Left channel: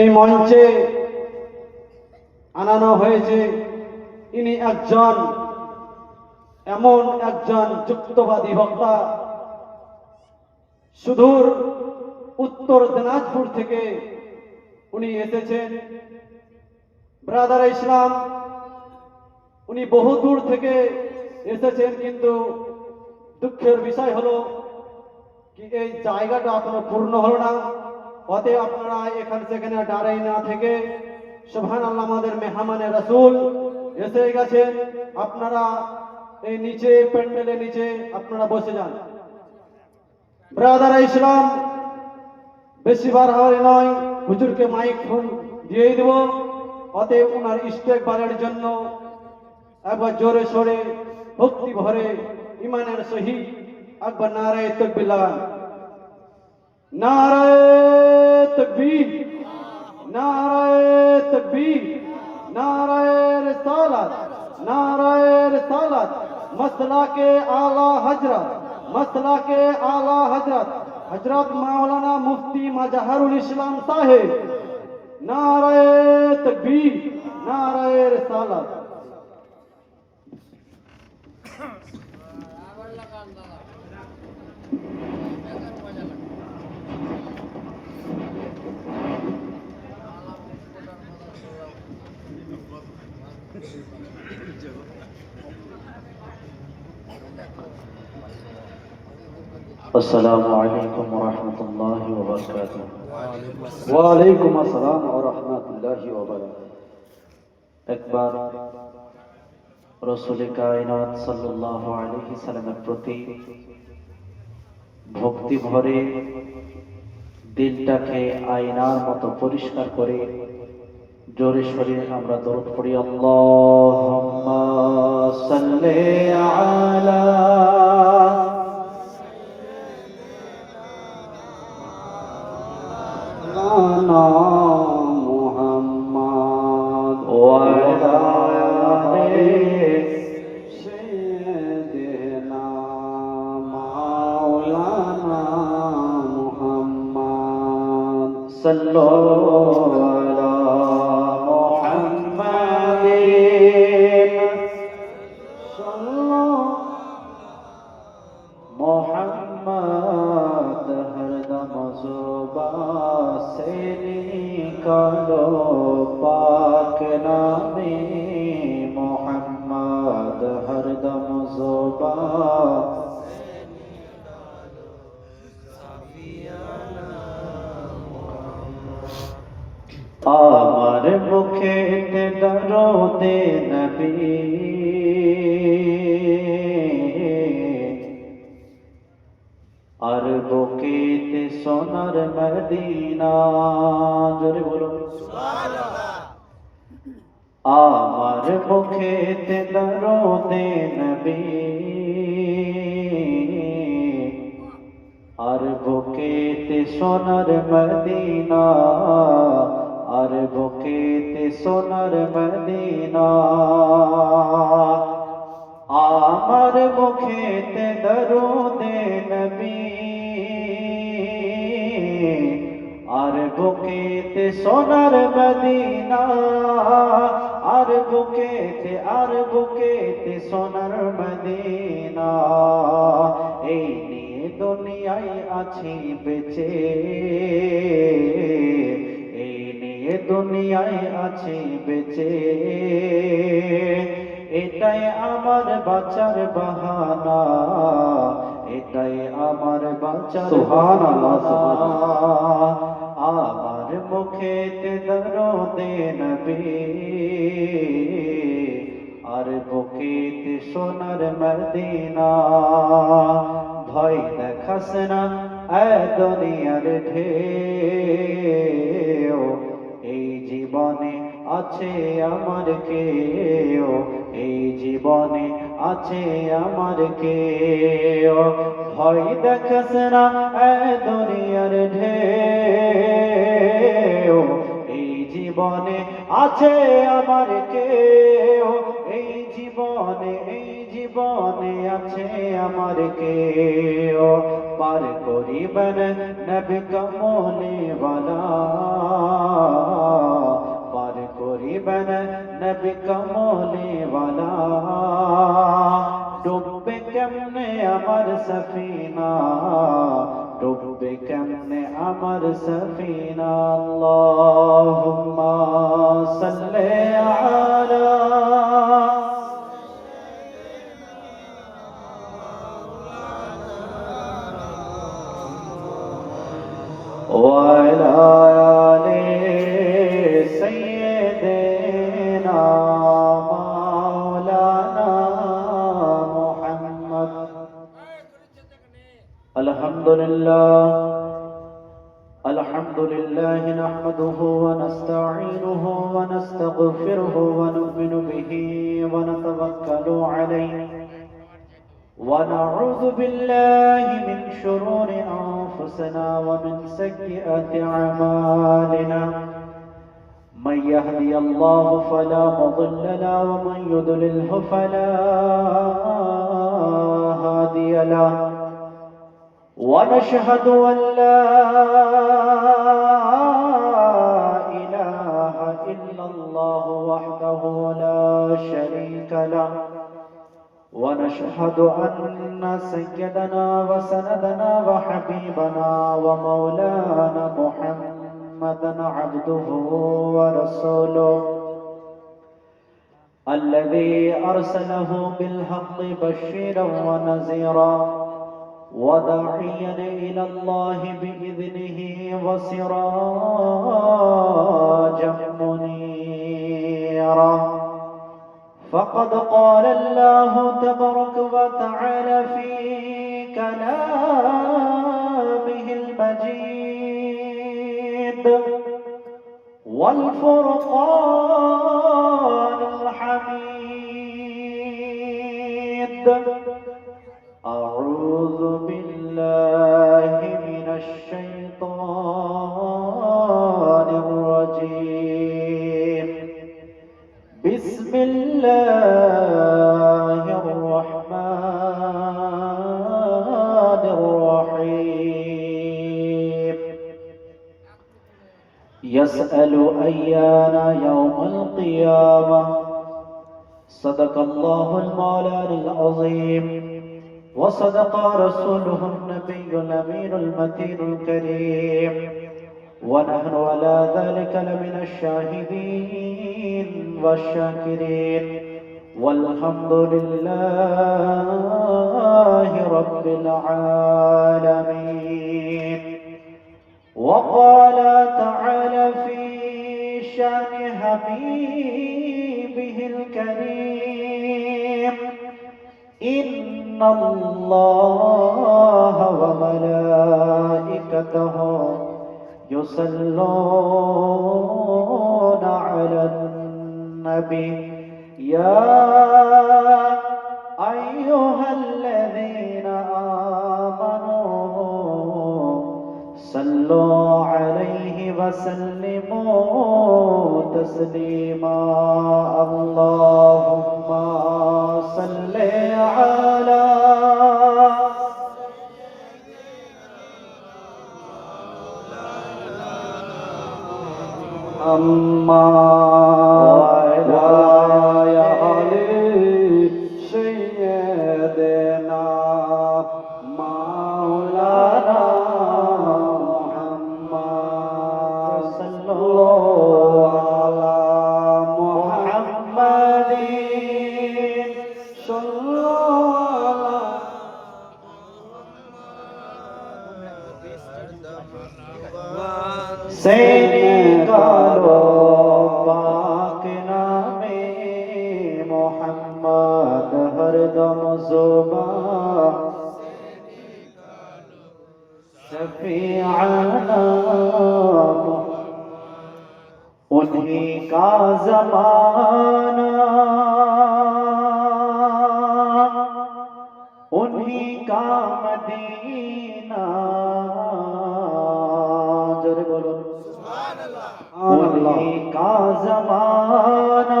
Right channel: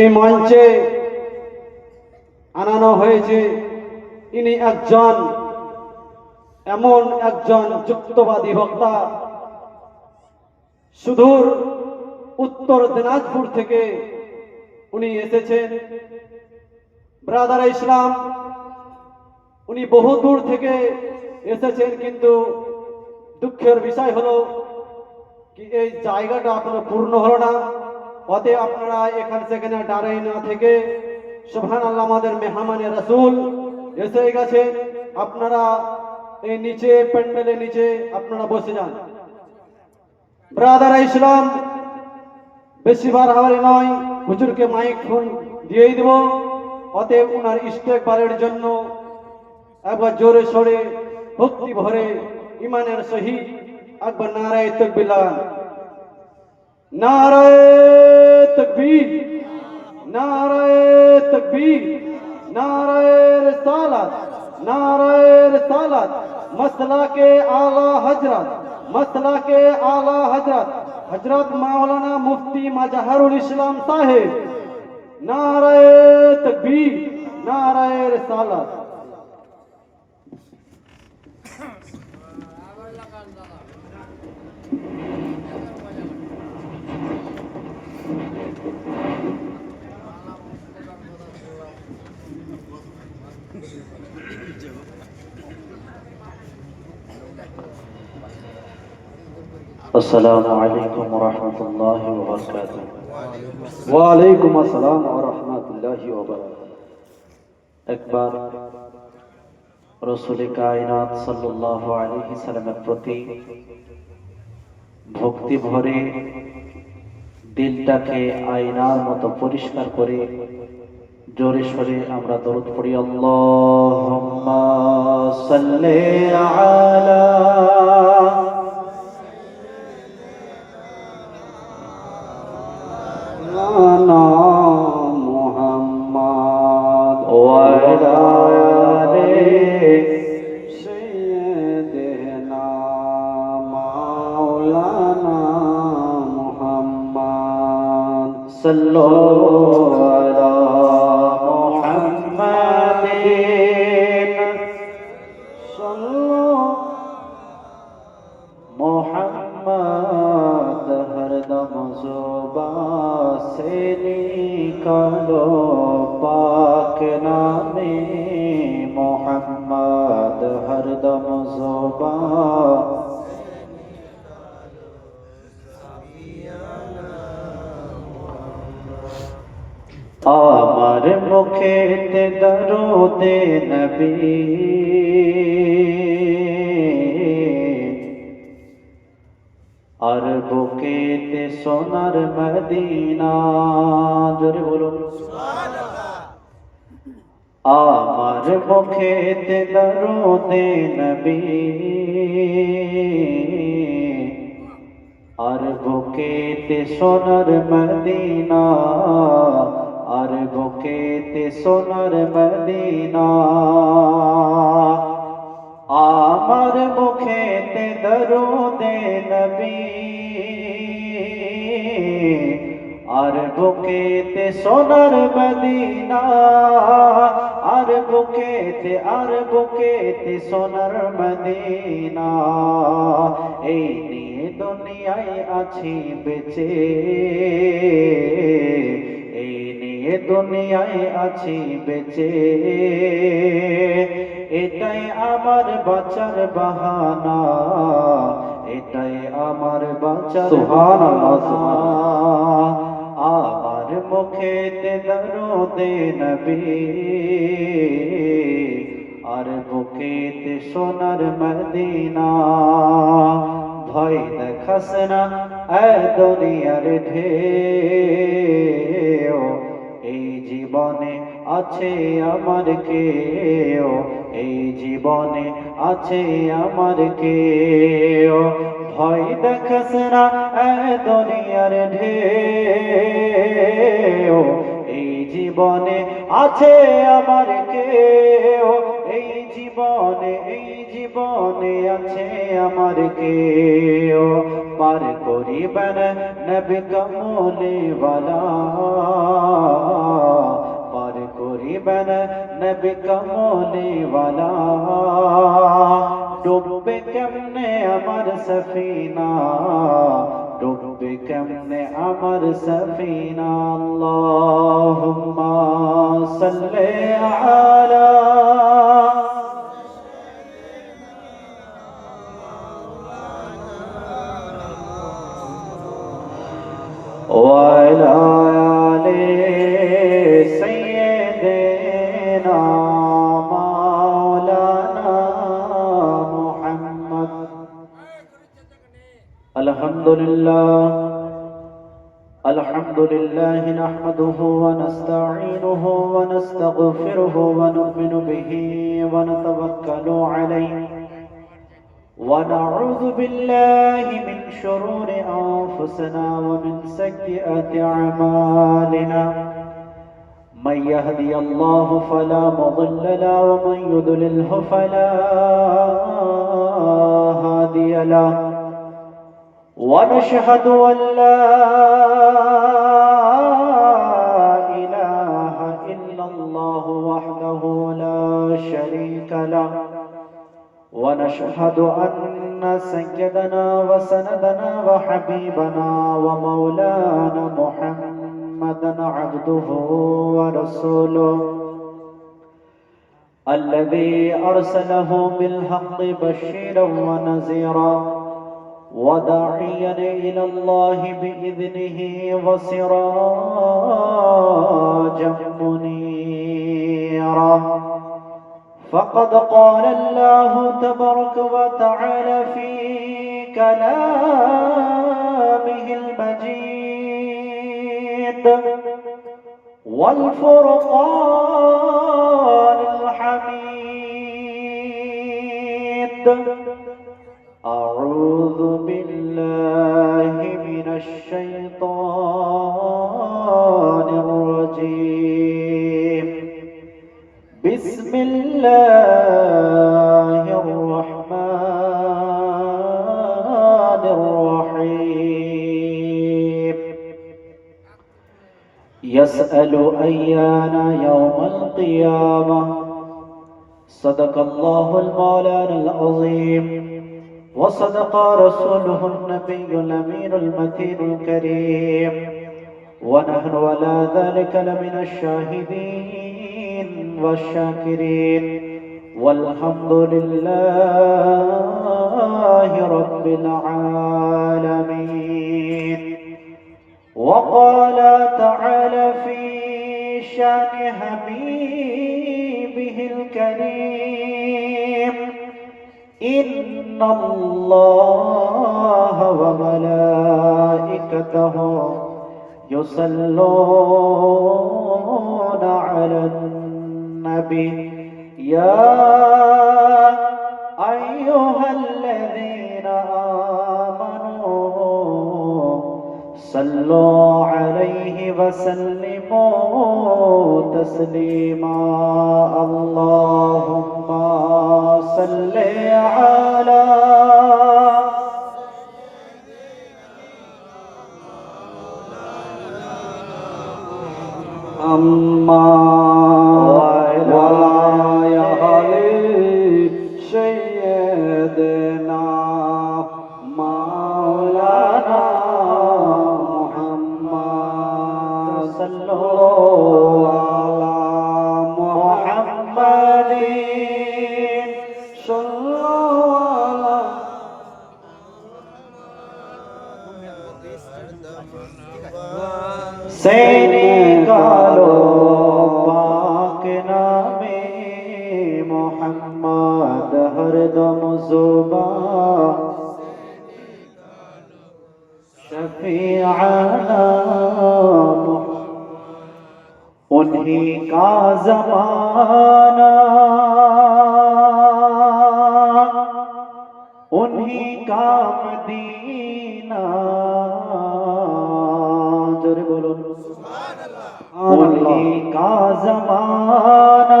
এই মঞ্চে আনানো হয়েছে। ইনি এমন একজন যুক্তবাদী বক্তা, সুদূর উত্তর দিনাজপুর থেকে উনি এসেছেন। ব্রাদার ইসলাম, উনি বহু দূর থেকে এসেছেন, কিন্তু দুঃখের বিষয় হলো কি এই জায়গাটা এখনো পূর্ণ হলো না। অতএব আপনারা এখানে সেখানে দাঁড়াই না থেকে সুবহানাল্লাহ, আমাদের মেহমানে রাসূল এসে গেছেন। আপনারা এই নিচে প্যান্ডেলের নিচে আপনারা বসে যান। ব্রাদার ইসলাম, বেশি বাড়াবাড়ি নয়, হুজুরকে মাইক ফোন দিয়ে দেব। অতএব ওনার ইস্তেকবারের জন্য একবার জোরে সোরে ভক্তি ভরে ইমানের সহিত একবার নারায়ে তাকবীর লাগান। নারায়ে তাকবীর, নারায়ে তাকবীর, নারায়ে রিসালাত, নারায়ে রিসালাত। মসলাকে আলা হযরত, মসলাকে আলা হযরত হযরত মাওলানা মুফতি মাজহারুল ইসলাম সাহেব। নারায়ে তাকবীর, নারায়ে রিসালাত। السلام عليكم ورحمة الله وبركاته. وعليكم السلام ورحمة الله وبركاته. একবার রাসূল কায়নাত সাল্লাল্লাহু আলাইহি সাল্লামের প্রতি ভক্তি ভরে দিলটাকে আয়নার মতো পরিষ্কার করে জোরে সোরে আমরা দরুদ পড়ি। আল্লাহুম্মা সাল্লি আলা صلوا على محمد صلوا محمد हरदम ज़ुबान से निकालो पाक नामे मोहम्मद हरदम ज़ुबान আমার মুখেতে দরুদে নবী আর বুকেতে সোনার মদিনা। জোরে বলুন সুবহানাল্লাহ। আমার মুখেতে দরুদে নবী আর বুকেতে সোনার মদিনা, আর বুকেতে সোনার মদিনা। আমার মুখেতে দরুদে নবী আর বুকেতে সোনার মদিনা, আর বুকেতে সোনার মদিনা। এই নিয়ে দুনিয়ায় আছি বেঁচে, এই নিয়ে দুনিয়ায় আছি বেঁচে। এটাই আমার বাঁচার বাহানা, এটাই আমার বাঁচার সুবহানাল্লাহ। আমার মুখেতে দরুদে নবী আর বুকেতে সোনার মদিনা। ভয় দেখাস না এ দুনিয়ার ঢেউ, এই জীবনে আছে আমার কেউ, এই জীবনে আছে আমার কেউ। ভয় দেখাস না এ দুনিয়ার ঢেউ, এই জীবনে আছে আমার কেউ, এই জীবনে আছে আমার কেউ। পার করিবেন নবী কমলে ওয়ালা कमले वाला डूबे केमने अमर सफीना डूबे केमने अमर सफीना अल्लाहुम्मा सल्ले अला وعلى آل سيدنا مولانا محمد الحمد لله نحمده ونستعينه ونستغفره ونؤمن به ونتوكل عليه ونعوذ بالله من شرور أنفسنا ومن سيئات أعمالنا من يهدي الله فلا مضل له ومن يضلله فلا هادي له ونشهد أن لا إله إلا الله وحده لا شريك له ونشهد أن سيدنا وسندنا وحبيبنا ومولانا محمدا عبده ورسوله الذي أرسله بالحق بشيرا ونذيرا وداعيا إلى الله بإذنه وسراجا منيرا فقد قال الله تبارك وتعالى في كلامه المجيد والفرقان الحميد أعوذ بالله من الشيطان الرجيم بسم الله الرحمن الرحيم يسأل أيان يوم القيامة صدق الله المولانا العظيم وصدق رسوله النبي الأمين المتين الكريم ونحن على ذلك لمن الشاهدين والشاكرين والحمد لله رب العالمين وقال تعالى في شأن حبيبه الكريم إن الله وملائكته يصلون على النبي يا أيها الذين آمنوا صلوا عليه وسلموا تسليما اللهم صل على أما وعلى آل سيدنا مولانا محمد صلى الله على محمد صلى सेनिकालो पाक नामे मोहम्मद हरदम जुबा शफीअना उन्हीं का ज़माना उन्हीं का मदीना जोरे बोलो उन्हीं का ज़माना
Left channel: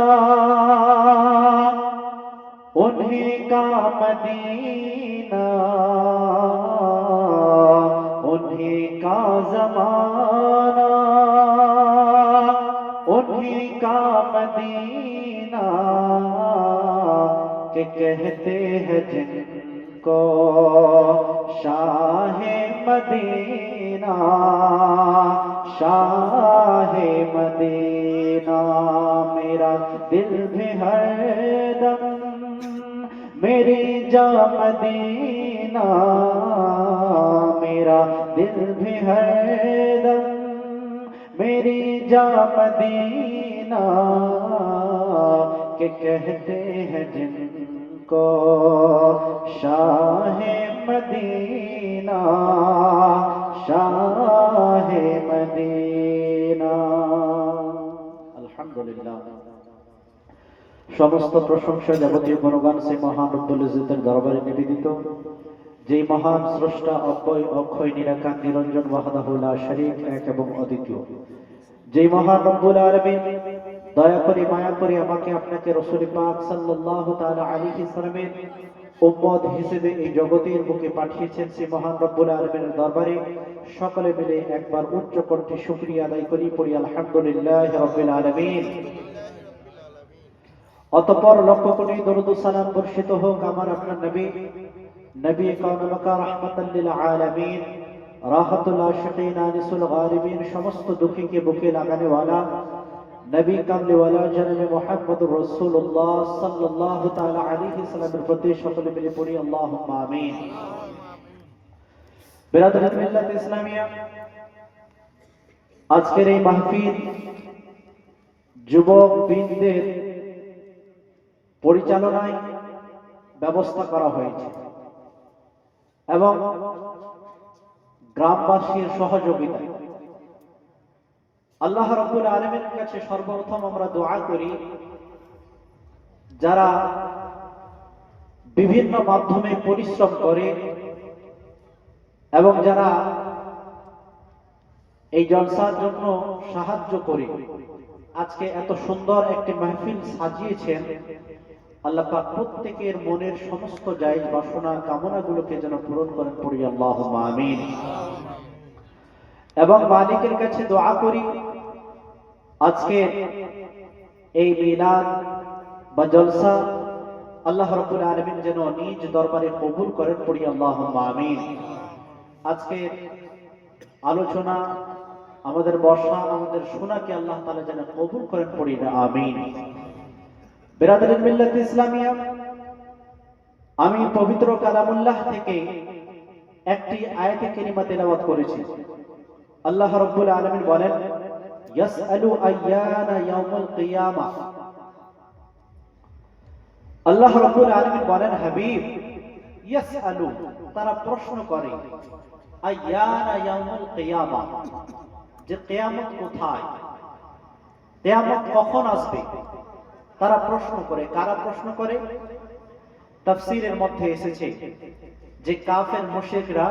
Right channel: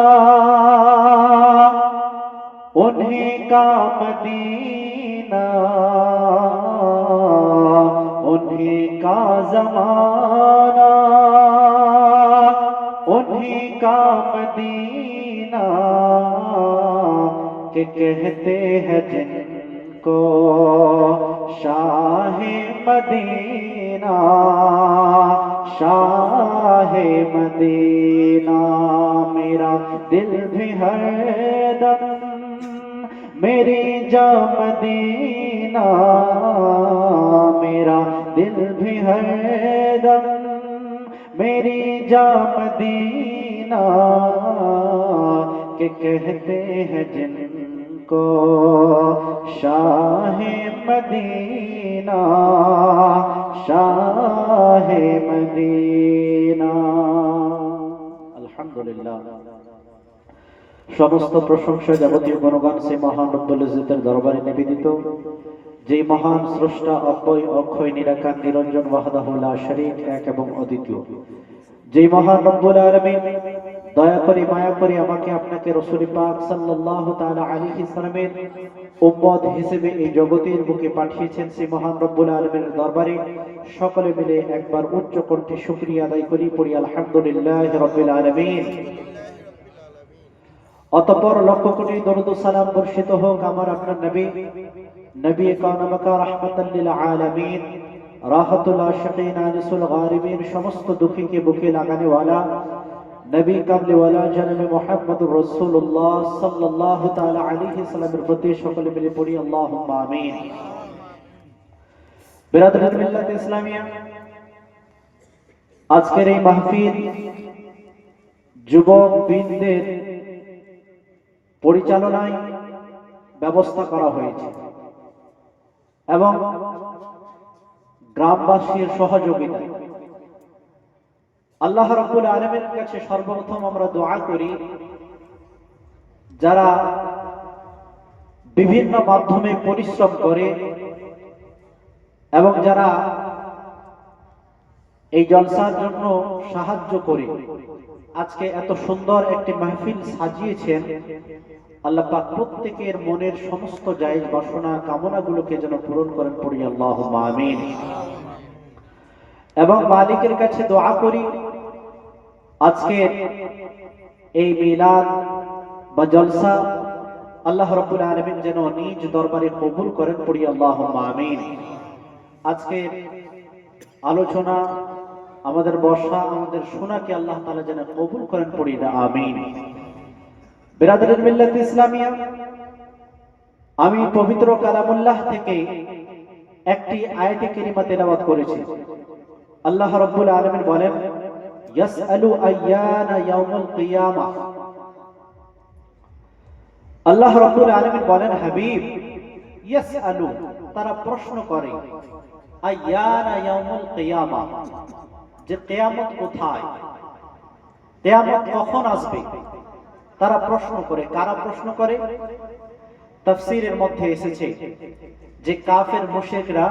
उन्हीं का मदीना उन्हीं का ज़माना उन्हीं का मदीना के कहते हैं जिनको शाह मदीना, शाह मदीना। मेरा दिल भी हरदम मेरी जा मदीना, मेरा दिल भी हरदम मेरी जा मदीना के कहते हैं जिनको शाह मदीना, शाह मदीना। अल्हम्दुलिल्लाह, সমস্ত প্রশংসা যাবতীয় গুণগান সে মহান রব্বুল ইজ্জতের দরবারে নিবেদিত, যে মহান স্রষ্টা অব্যয় অক্ষয় নিরাকার নিরঞ্জন ওয়াহদাহু লা শারীক এক এবং অদ্বিতীয়, যে মহান রব্বুল আলামিন দয়া করে মায়া করে আমাকে আপনাকে রাসূল পাক সাল্লাল্লাহু তাআলা আলাইহি সাল্লামের উম্মত হিসেবে এই জগতের বুকে পাঠিয়েছেন, সেই মহান রব্বুল আলামিনের দরবারে সকলে মিলে একবার উচ্চ কণ্ঠে শুকরিয়া আদায় করি, পড়ি আলহামদুলিল্লাহি রাব্বিল আলামিন। অতঃপর লক্ষ কোটি দরুদ ও সালাম বর্ষিত হোক আমার আপনার নবী, নবী কাওনাত মাকা রাহমাতাল লিল আলামিন, রাহতুল আশিকিন আনিসুল গারিবিন, সমস্ত দুঃখীকে বুকে লাগানে ওয়ালা নবী কামলি ওয়ালা জনাবে মুহাম্মদুর রাসূলুল্লাহ সাল্লাল্লাহু তাআলা আলাইহি সাল্লামের প্রতি সকলে মিলে পড়ি আল্লাহুম্মা আমিন। বিরাদরাত মিল্লাত ইসলামিয়া, আজকের এই মাহফিল যুবক বৃন্দের পরিচালনায় ব্যবস্থা করা হয়েছে এবং গ্রামবাসীর সহযোগিতায়। আল্লাহ রাব্বুল আলামিনের কাছে সর্বপ্রথম আমরা দোয়া করি, যারা বিভিন্ন মাধ্যমে পরিশ্রম করে এবং যারা এই জলসার জন্য সাহায্য করে আজকে এত সুন্দর একটি মাহফিল সাজিয়েছেন, আল্লাহ পাক প্রত্যেকের মনের সমস্ত জায়েজ বাসনা কামনাগুলোকে যেন পূরণ করেন, পড়ি আল্লাহুম্মা আমিন। এবং মালিকের কাছে দোয়া করি আজকে এই মিলাদ বা জলসা আল্লাহ রাব্বুল আলামিন যেন নিজ দরবারে কবুল করেন, পড়ি আল্লাহুম্মা আমিন। আজকে আলোচনা, আমাদের বর্ষা, আমাদের শোনাকে আল্লাহ তাআলা যেন কবুল করেন, পড়ি না আমিন। বিরাদরাত মিল্লাত ইসলামিয়া, আমি পবিত্র কালামুল্লাহ থেকে একটি আয়াতে কারিমা তেলাওয়াত করেছি। আল্লাহ রাব্বুল আলামিন বলেন, ইয়াসআলু আইয়ানা ইয়াউমুল কিয়ামা। আল্লাহ রাব্বুল আলামিন বলেন, হাবিব, ইয়াসআলু, তারা প্রশ্ন করে, আইয়ানা ইয়াউমুল কিয়ামা, যে কিয়ামত কোথায়, কিয়ামত কখন আসবে, তারা প্রশ্ন করে। কারা প্রশ্ন করে? তাফসীরের মধ্যে এসেছে যে কাফের মুশরিকরা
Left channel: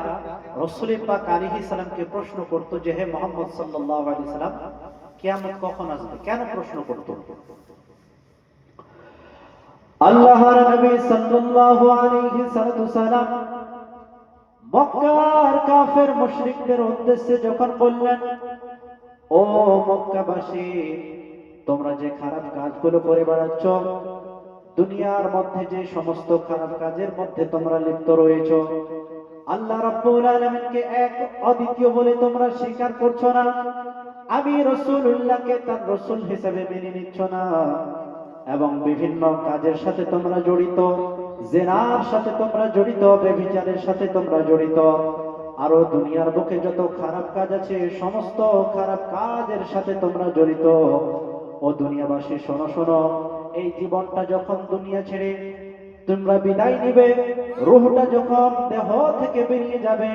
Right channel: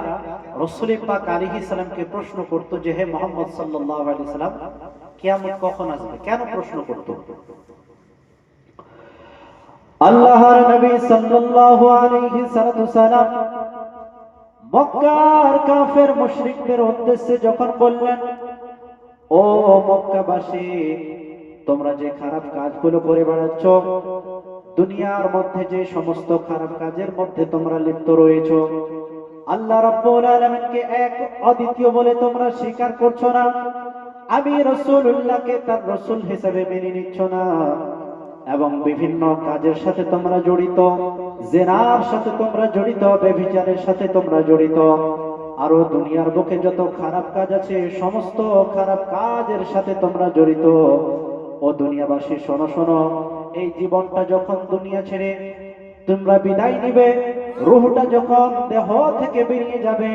রাসূল পাক আলাইহিস সালামকে প্রশ্ন করত যে হে মুহাম্মদ সাল্লাল্লাহু আলাইহি সাল্লাম, কিয়ামত কখন আসবে? কেন প্রশ্ন করত? আল্লাহর নবী সাল্লাল্লাহু আলাইহি সাল্লাম মক্কার কাফের মুশরিকদের উদ্দেশ্যে যখন বললেন, ও মক্কাবাসী, তোমরা যে খারাপ কাজগুলো করে বেড়াচ্ছ, দুনিয়ার মধ্যে যে সমস্ত খারাপ কাজের মধ্যে তোমরা লিপ্ত রয়েছো, আল্লাহ রাব্বুল আলামিনকে এক অদ্বিতীয় বলে তোমরা স্বীকার করছো না, আমি রাসূলুল্লাহকে তার রাসূল হিসেবে মেনে নিচ্ছ না, এবং বিভিন্ন কাজের সাথে তোমরা জড়িত, জিনার সাথে তোমরা জড়িত, ব্যভিচারের সাথে তোমরা জড়িত, আরো দুনিয়ার বুকে যত খারাপ কাজ আছে সমস্ত খারাপ কাজের সাথে তোমরা জড়িত। ও দুনিয়াবাসী, শোনো শোনো, এই জীবনটা যখন দুনিয়া ছেড়ে তোমরা বিদায় নিবে, রূহটা যখন দেহ থেকে বেরিয়ে যাবে,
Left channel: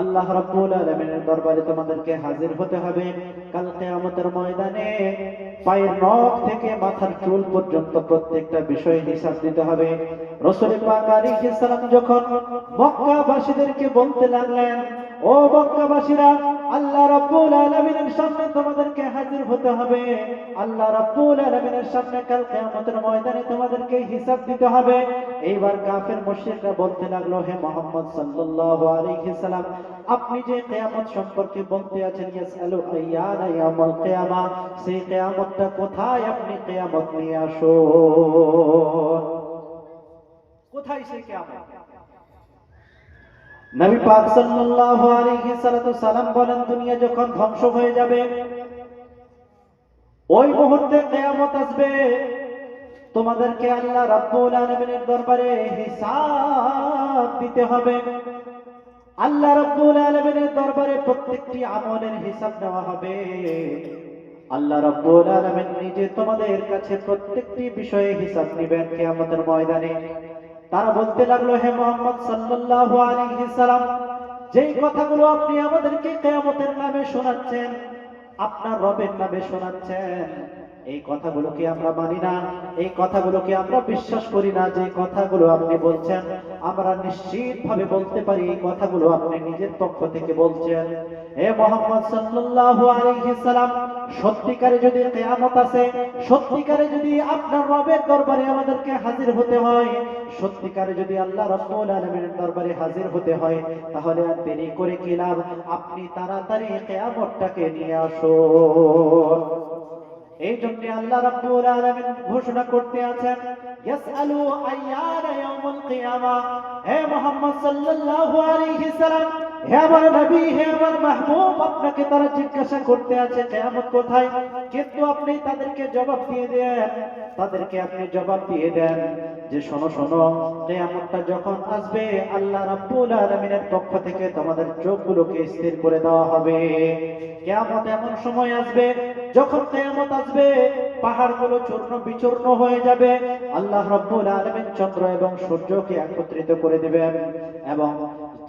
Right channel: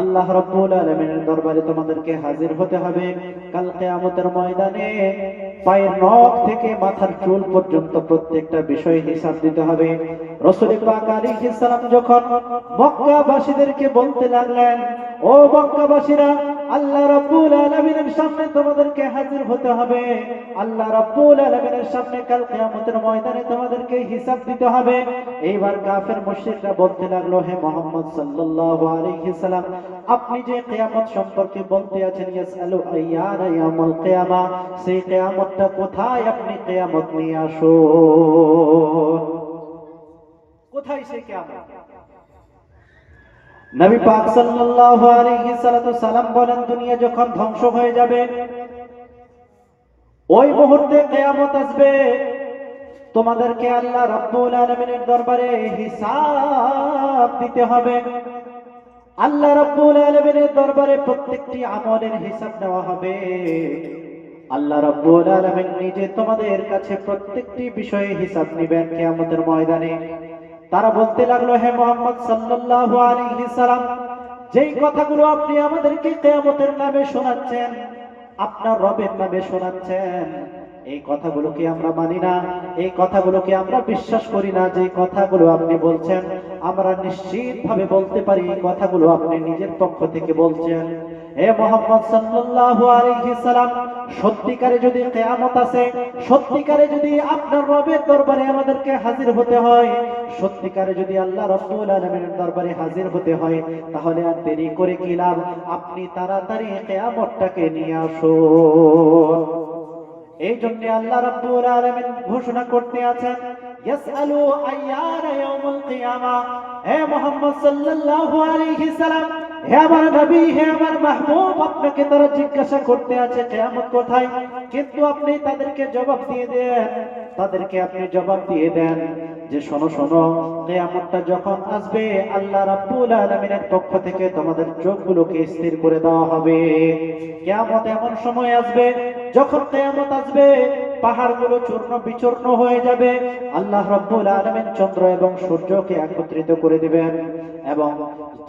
আল্লাহ রাব্বুল আলামিনের দরবারে তোমাদেরকে হাজির হতে হবে। কাল কিয়ামতের ময়দানে পায়ের নখ থেকে মাথার চুল পর্যন্ত প্রত্যেকটা বিষয় হিসাব দিতে হবে। রাসূল পাক আলাইহিস সালাম যখন মক্কাবাসীদেরকে বলতে লাগলেন, ও মক্কাবাসীরা, আল্লাহ রাব্বুল আলামিনের সামনে তোমাদেরকে হাজির হতে হবে, আল্লাহ রাব্বুল আলামিনের সামনে কাল কিয়ামতের ময়দানে তোমাদেরকে হিসাব দিতে হবে। এইবার কাফের মুশরিক মুশরিকরা বলতে লাগলো, হে মুহাম্মদ সাল্লাল্লাহু আলাইহি সাল্লাম, আপনি যে কিয়ামত সম্পর্কে বলতে আছেন, ইয়াসআলু আইয়ানা ইয়াউমুল কিয়ামা, সেই কিয়ামতটা কোথায়? আপনি কিয়ামত নিয়ে আসুন। কোথায় সেই কিয়ামত? নবী পাক সাল্লাল্লাহু আলাইহি সাল্লাম বলেন, দুনিয়া যখন ধ্বংস হয়ে যাবে, ওই মুহূর্তে কিয়ামত আসবে। তোমাদেরকে আল্লাহ রাব্বুল আলামিনের দরবারে হিসাব দিতে হবে। আল্লাহ রাব্বুল আলামিনের দরবারে প্রত্যেকটি আমলের হিসাব দেওয়া হবে। আল্লাহ রাব্বুল আলামিন নিজে তোমাদের কাছে প্রত্যেকটি বিষয়ে হিসাব নেবেন কিয়ামতের ময়দানে। তারা বলতে লাগলো, হে মুহাম্মদ সাল্লাল্লাহু আলাইহি সাল্লাম, যেই কথাগুলো আপনি আমাদেরকে কিয়ামতের নামে শোনাচ্ছেন, আপনার রবের নামে শোনাচ্ছেন, এই কথাগুলোকে আমরা মানি না, এই কথাগুলোকে আমরা বিশ্বাস করি না। যে কথাগুলো আপনি বলছেন, আমরা নিশ্চিতভাবে বলতে পারি এই কথাগুলো আপনি নিজের পক্ষ থেকে বলছেন। হে মুহাম্মদ সাল্লাল্লাহু আলাইহি সাল্লাম, সত্যিকারে যদি কিয়ামত আসে, সত্যিকারে যদি আপনার রবের দরবারে আমাদেরকে হাজির হতে হয়, সত্যিকারে যদি আল্লাহ রাব্বুল আলামিনের দরবারে হাজির হতে হয়, তাহলে আর দেরি করে কি লাভ? আপনি তাড়াতাড়ি কিয়ামতটাকে নিয়ে আসুন। এই জন্য আল্লাহ রাব্বুল আলামিন ঘোষণা করতে আছেন, ইয়াসআলু আইয়ানা ইয়াউমুল কিয়ামা। হে মুহাম্মদ সাল্লাল্লাহু আলাইহি সাল্লাম, হে আমার নবী, হে আমার মাহবুব, আপনাকে তারা জিজ্ঞাসা করতে আছে কিয়ামত কোথায়, কিন্তু আপনি তাদেরকে জবাব দিয়ে দেন, তাদেরকে আপনি জবাব দিয়ে দেন যে শোনো শোনো, কিয়ামতটা যখন আসবে, আল্লাহ রাব্বুল আলামিনের পক্ষ থেকে তোমাদের চোখগুলোকে স্থির করে দেওয়া হবে। কিয়ামত এমন সময় আসবে, যখন কিয়ামত আসবে, পাহাড়গুলো চূর্ণ বিচূর্ণ হয়ে যাবে। আল্লাহ রাব্বুল আলামিন চন্দ্র এবং সূর্যকে একত্রিত করে দিবেন, এবং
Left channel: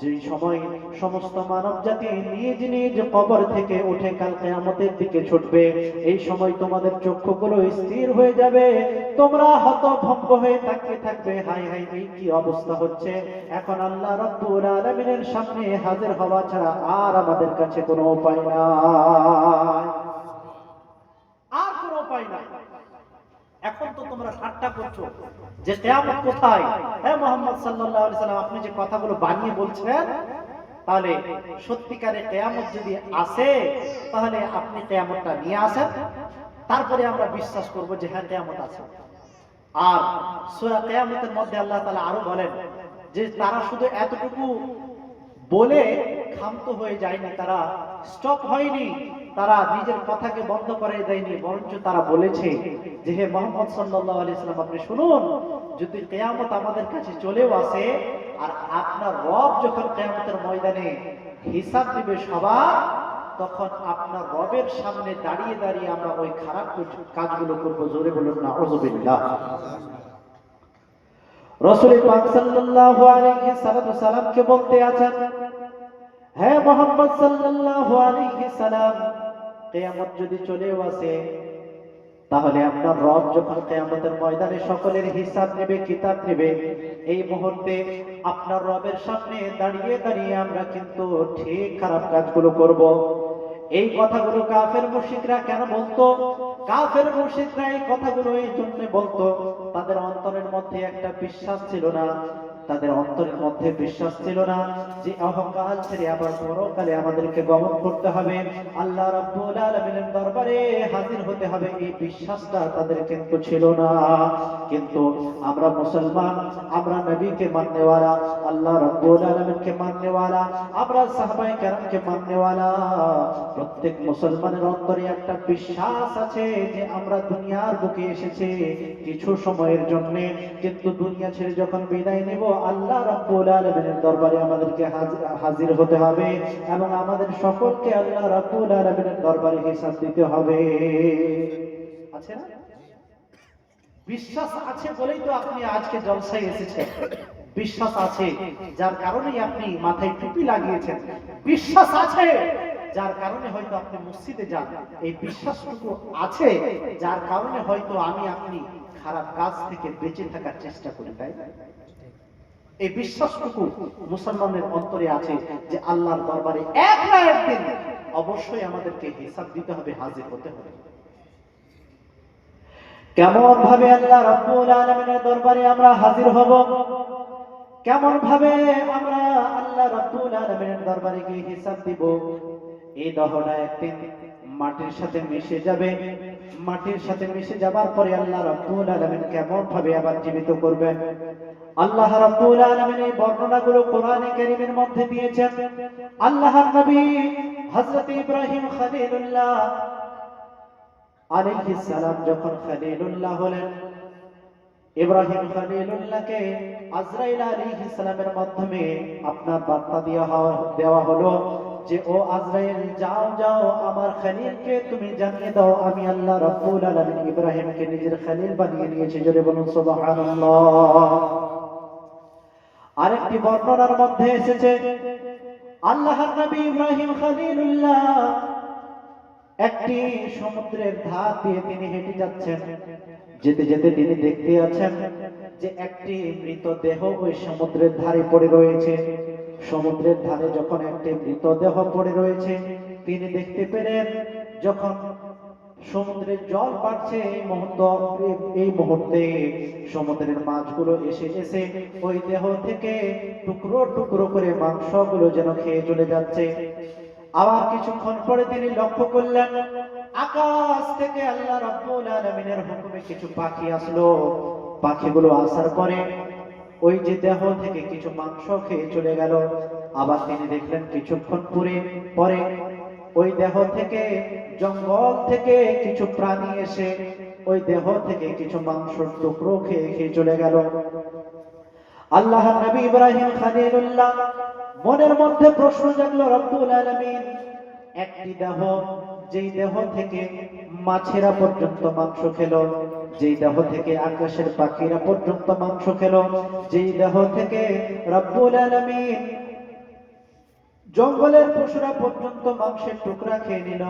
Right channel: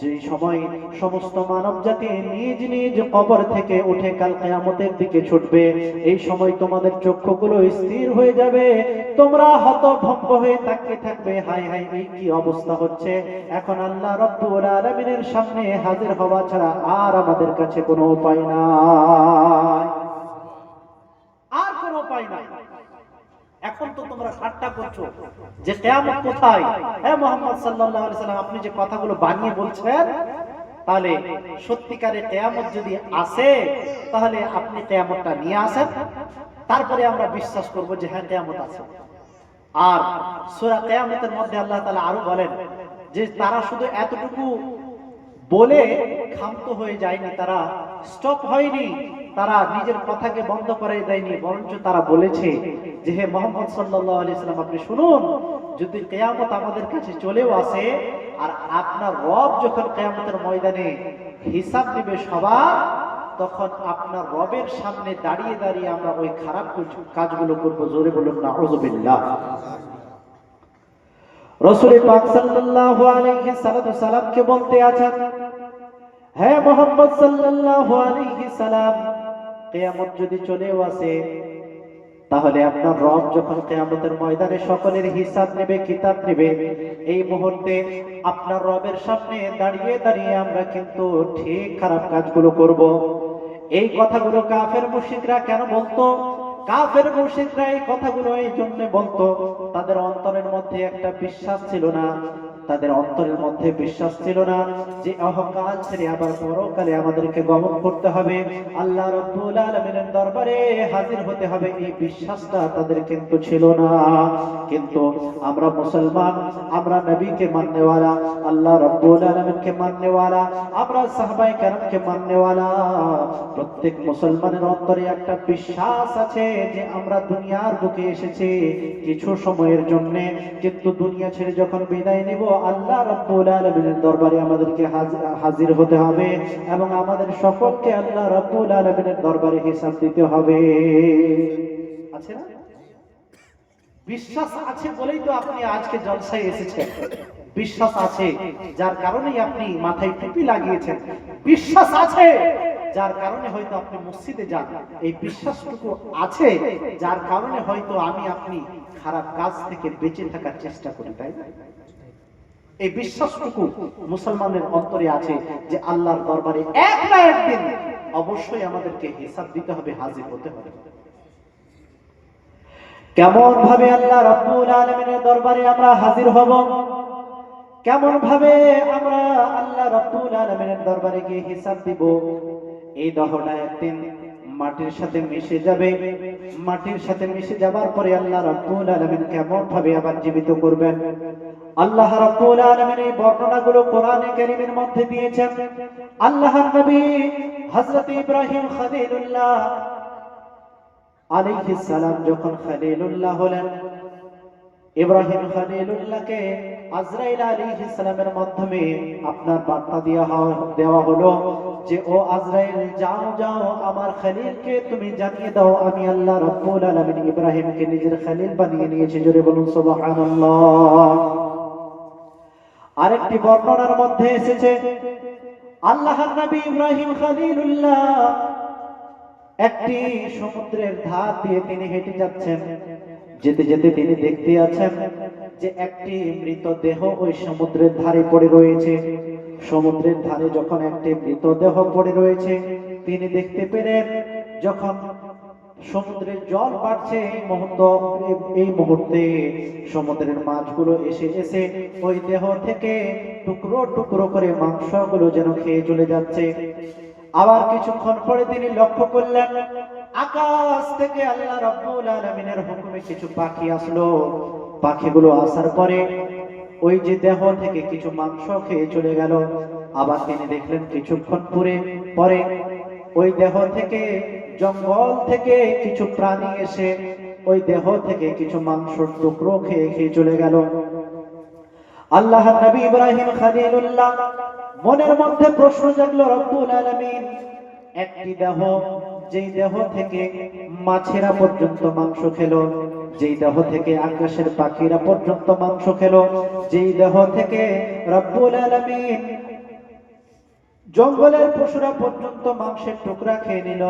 যে সময় সমস্ত মানব জাতি নিজ নিজ কবর থেকে উঠে কাল কিয়ামতের দিকে ছুটবে, এই সময় তোমাদের চক্ষুগুলো স্থির হয়ে যাবে। তোমরা হতভম্ব হয়ে তাকিয়ে থাকবে, হায় হায়, এই কি অবস্থা হচ্ছে? এখন আল্লাহ রাব্বুল আলামিনের সামনে হাজির হওয়া ছাড়া আর আমাদের কাছে কোনো উপায় নাই, আর কোনো উপায় নাই। এখন তো তোমরা ঠাট্টা করছো যে কিয়ামত কোথায়। হে মুহাম্মদ সাল্লাল্লাহু আলাইহি সাল্লাম, আপনি যে কথাগুলো বানিয়ে বলছেন, তাহলে সত্যিকারে কিয়ামত যদি আসে, তাহলে আপনি কিয়ামতটা নিয়ে আসেন, তারপরে আমরা বিশ্বাস করব যে হ্যাঁ কিয়ামত আছে। আর সূরা কিয়ামতের মধ্যে আল্লাহ তাআলা আরো বলেন যে তারা শুধু এতটুকু বলে ক্ষান্ত হয়ে যায়নি, তারা স্টপ হয়নি, তারা নিজের কথাকে বন্ধ করে দেয়নি, বরঞ্চ তারা বলেছে যে হে মুহাম্মদ সাল্লাল্লাহু আলাইহি সাল্লাম, আপনি শুনুন, যদি কিয়ামত আমাদের কাছে চলেও আসে, আর আপনার রব যখন কিয়ামতের ময়দানে হিসাব নেবে সবার, তখন আপনার রবের সামনে দাঁড়িয়ে দাঁড়িয়ে আমরা ওই খারাপ কাজগুলো করবো। জোরে বলুন না আউযুবিল্লাহ। রাসূল পাক সাল্লাল্লাহু আলাইহি সাল্লামকে বলতে আছেন, হে মুহাম্মদ সাল্লাল্লাহু আলাইহি সাল্লাম, কিয়ামত যদি চলেও আসে, তাহলে আপনার রব যখন কিয়ামতের ময়দানে সকলের হিসাব নেবে, কিতাব নেবে, এই মুহূর্তে আপনার রবের সামনে দাঁড়িয়ে দাঁড়িয়ে আমরা কিন্তু ঠিক খারাপ কাজগুলো করব। এই কথাগুলো কাফের মুশরিকরা কেন বলতো? কাফের মুশরিকরা এই কথাগুলো এই জন্য বলতো, তাদের অন্তরের মধ্যে একটা বিশ্বাস ছিল না, তাদের অন্তরের মধ্যে বিশ্বাস ছিল না যে অহংকার ছেড়ে আবার পরকালে আমাদেরকে গমন করতে হবে, আল্লাহ রাব্বুল আলামিনের দরবারে হাজির হতে হবে, এই বিশ্বাসটা তাদের কিন্তু ছিল না। কিন্তু আমরা মুসলমান, আমরা নবীকে মাননেওয়ালা, আল্লাহ রাব্বুল আলামিনকে মাননেওয়ালা, আমরা সাহাবায়ে কেরামকে মাননেওয়ালা, প্রত্যেক মুসলমানের অন্তরে একটা বিশ্বাস আছে যে আমরা দুনিয়ার বুকে এসেছি কিছু সময়ের জন্য, কিন্তু দুনিয়া ছেড়ে যখন বিদায় নেব, আল্লাহ রাব্বুল আলামিনের দরবারে আমাদেরকে হাজির হতে হবে, এবং আমাদের সকলকে আল্লাহ রাব্বুল আলামিনের দরবারে হিসাব দিতে হবে। আছে না? বিশ্বাস আছে বলেই তো আপনি আজকে জলসায় এসেছেন। বিশ্বাস আছে যার কারণেই আপনি মাথায় টুপি লাগিয়েছেন। বিশ্বাস আছে যার কারণে হয়তো আপনি মসজিদে যান। এই বিশ্বাসটুকু আছে যার কারণে হয়তো আমি আপনি খারাপ কাজ থেকে বেঁচে থাকার চেষ্টা করি, তাই না? এই বিশ্বাসটুকু মুসলমানের অন্তরে আছে যে আল্লাহর দরবারে এক না একদিন অবশ্যই আমাদেরকে হিসাব দিতে হবে, হাজির হতে হবে। কেমন ভাবে আল্লাহ রাব্বুল আলামিনের দরবারে আমরা হাজির হব? কেমন ভাবে আমরা আল্লাহ রাব্বুল আলামিনের দরবারে গিয়ে হিসাব দিব। এই দেহটা একদিন মাটির সাথে মিশে যাবে। মাটির সাথে মিশে যাবার পরে আল্লাহ রাব্বুল আলামিন কেমন ভাবে আবার জীবিত করবেন। আল্লাহ রাব্বুল আলামিন এই বর্ণনাগুলো কোরআনে কারীমের মধ্যে দিয়েছেন। আল্লাহর নবী হযরত ইব্রাহিম খলিলুল্লাহ আলাইহিস সালাম যখন খলিলুল্লাহ হলেন, ইব্রাহিম খলিলুল্লাহকে আজরাইল আলাইহিস সালামের মাধ্যমে আপনার বার্তা দেওয়া হলো যে ও আজরাইল, যাও যাও আমার খলিলকে তুমি জানিয়ে দাও আমি আল্লাহ রাব্বুল আলামিন ইব্রাহিমকে নিজের খলিল বানিয়ে নিয়েছি। জোরে বলুন সুবহানাল্লাহ। আরেকটি বর্ণনার মধ্যে এসেছে আল্লাহর নবী ইব্রাহিম খলিলুল্লাহ একটি সমুদ্রের ধার দিয়ে তিনি হেঁটে যাচ্ছেন। যেতে যেতে তিনি দেখতে আছেন যে একটি মৃতদেহ ওই সমুদ্রের ধারে পড়ে রয়েছে। সমুদ্রের ধারে যখন একটি মৃতদেহ পড়ে রয়েছে, তিনি দেখতে পেলেন যখন সমুদ্রের জল বাড়ছে এই মুহূর্তে সমুদ্রের মাছগুলো এসে এসে ওই দেহ থেকে টুকরো টুকরো করে মাংসগুলো যেন খেয়ে চলে যাচ্ছে। আবার কিছুক্ষণ পরে তিনি লক্ষ্য করলেন আকাশ থেকে আল্লাহ রাব্বুল আলামিনের হুকুমে কিছু পাখি আসলো। পাখিগুলো আসার পরে ওই যে দেহ থেকে কিছু মাংস খেয়ে চলে গেল। আবার তিনি দেখলেন কিছুক্ষণ পরে ওই দেহ থেকে জঙ্গল থেকে কিছু প্রাণী এসে ওই দেহ থেকে কিছু মাংসের টুকরো খেয়ে চলে গেল। আল্লাহর নবী ইব্রাহিম খলিলুল্লাহ মনের মধ্যে প্রশ্ন জাগলো, রব্বুল আলামিন একটি দেহ, যেই দেহ থেকে মাছেরা পর্যন্ত মাংস খেলো, যেই দেহ থেকে আকাশের পাখিরা পর্যন্ত মাংস খেলো, যেই দেহ থেকে রব্বুল আলামিন জঙ্গলের পশুরা পর্যন্ত মাংসের টুকরা খেয়ে নিল,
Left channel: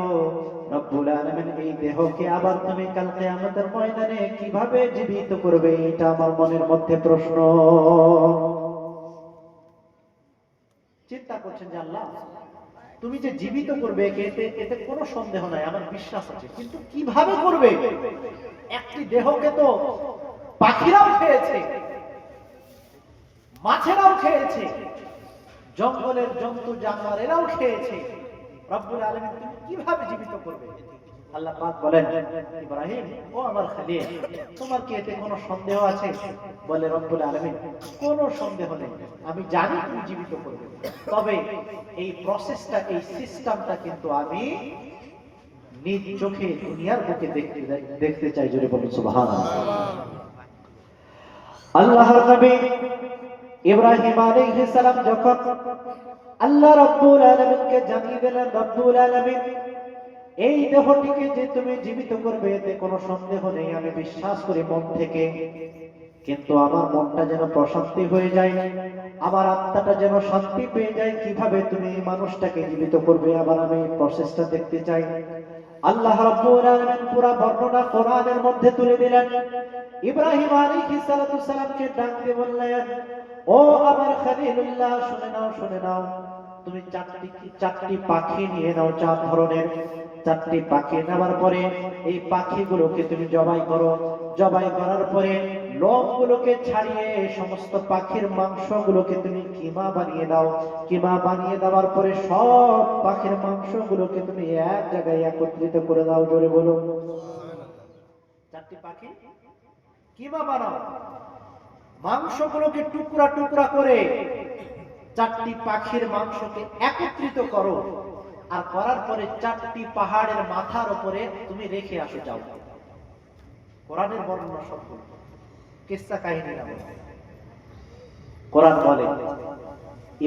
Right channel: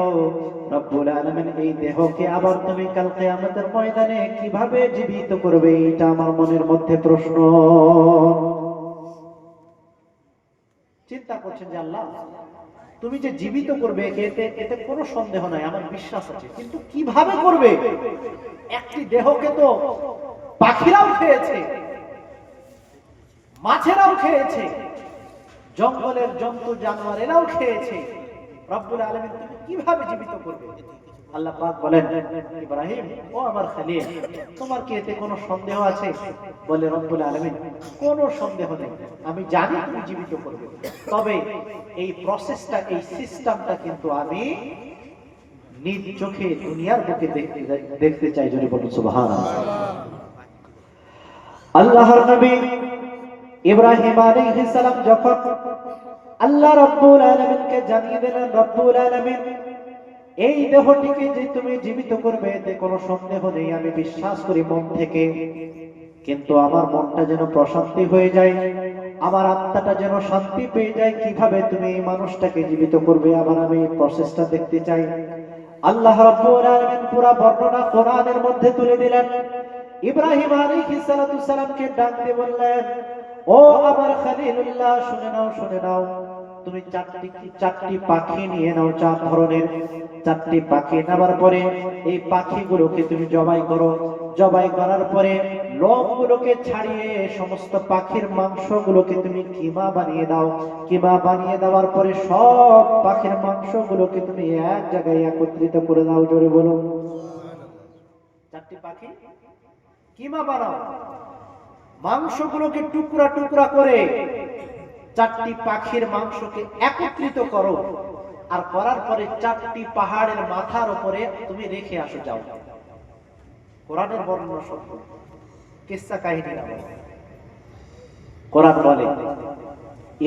রব্বুল আলামিন এই দেহকে আবার তুমি কাল কিয়ামতের ময়দানে কিভাবে জীবিত করবে? এটা আমার মনের মধ্যে প্রশ্ন। চিন্তা করছেন যে আল্লাহ তুমি যে জীবিত করবে এতে কোনো সন্দেহ নাই, আমার বিশ্বাস আছে, কিন্তু কিভাবে করবে? একটি দেহকে তো পাখিরাও খেয়েছে, মাছেরাও খেয়েছে, জঙ্গলের জন্তু জানোয়ারেরাও খেয়েছে, রব্বুল আলামিন তুমি কিভাবে জীবিত করবে? আল্লাহ পাক বলেন, ইব্রাহিম ও আমার খলিল, তোমার কি এতে কোনো সন্দেহ আছে? বলে রব্বুল আলামিন, কোনো সন্দেহ নেই, আমি জানি তুমি জীবিত করবে, তবে এই প্রসেসটা, এই সিস্টেমটা কিন্তু আমি নিজ চোখে দুনিয়ার বুকে দেখতে চাই। জোরে বলুন সুবহানাল্লাহ। আল্লাহর নবী ইব্রাহিম আলাইহিস সালাম যখন আল্লাহ রাব্বুল আলামিনকে জানিয়ে দিলেন, রব্বুল আলামিন এই দেহটিকে যে তুমি জীবিত করবে এতে কোনো সন্দেহ নেই, আমি বিশ্বাস করি মন থেকে, কিন্তু আমার মনটা যেন প্রশান্তি হয়ে যায়, আমার আত্মাটা যেন শান্তি পেয়ে যায়, কিভাবে তুমি এই মানুষটাকে জীবিত করবে, আবার আমি এই প্রসেসটা দেখতে চাই। আল্লাহ রাব্বুল আলামিন পুরো বর্ণনা কোরআনের মধ্যে তুলে দিলেন। ইব্রাহিম আলাইহিস সালামকে ডাক দিয়ে বললেন, ও আমার খলিলুল্লাহ, শুনে নাও, শুনে নাও, তুমি চারটি পাখি নিয়ে নাও, 4 ধরনের 4টি পাখি নেওয়ার পরে এই পাখিগুলোকে তুমি জবাই করো। জবাই করার পরে লোমগুলোকে ছাড়িয়ে সমস্ত পাখির মাংসগুলোকে তুমি কিমা বানিয়ে দাও। কিমা বানিয়ে দেওয়ার পরে সব পাখির মাংসগুলোকে তুমি এক জায়গায় একত্রিত করে দাও। জোরে বলুন, 4টি পাখি কিমা বানাও, মাংসগুলোকে টুকরা টুকরা করে 4টি পাখির মাংসকে একত্রিত করো, আর করার পরে 4টি পাহাড়ের মাথার উপরে তুমি রেখে আসো। যাও, কোরআনের বর্ণনা সব কিসসা কাহিনী না, কোরআন বলে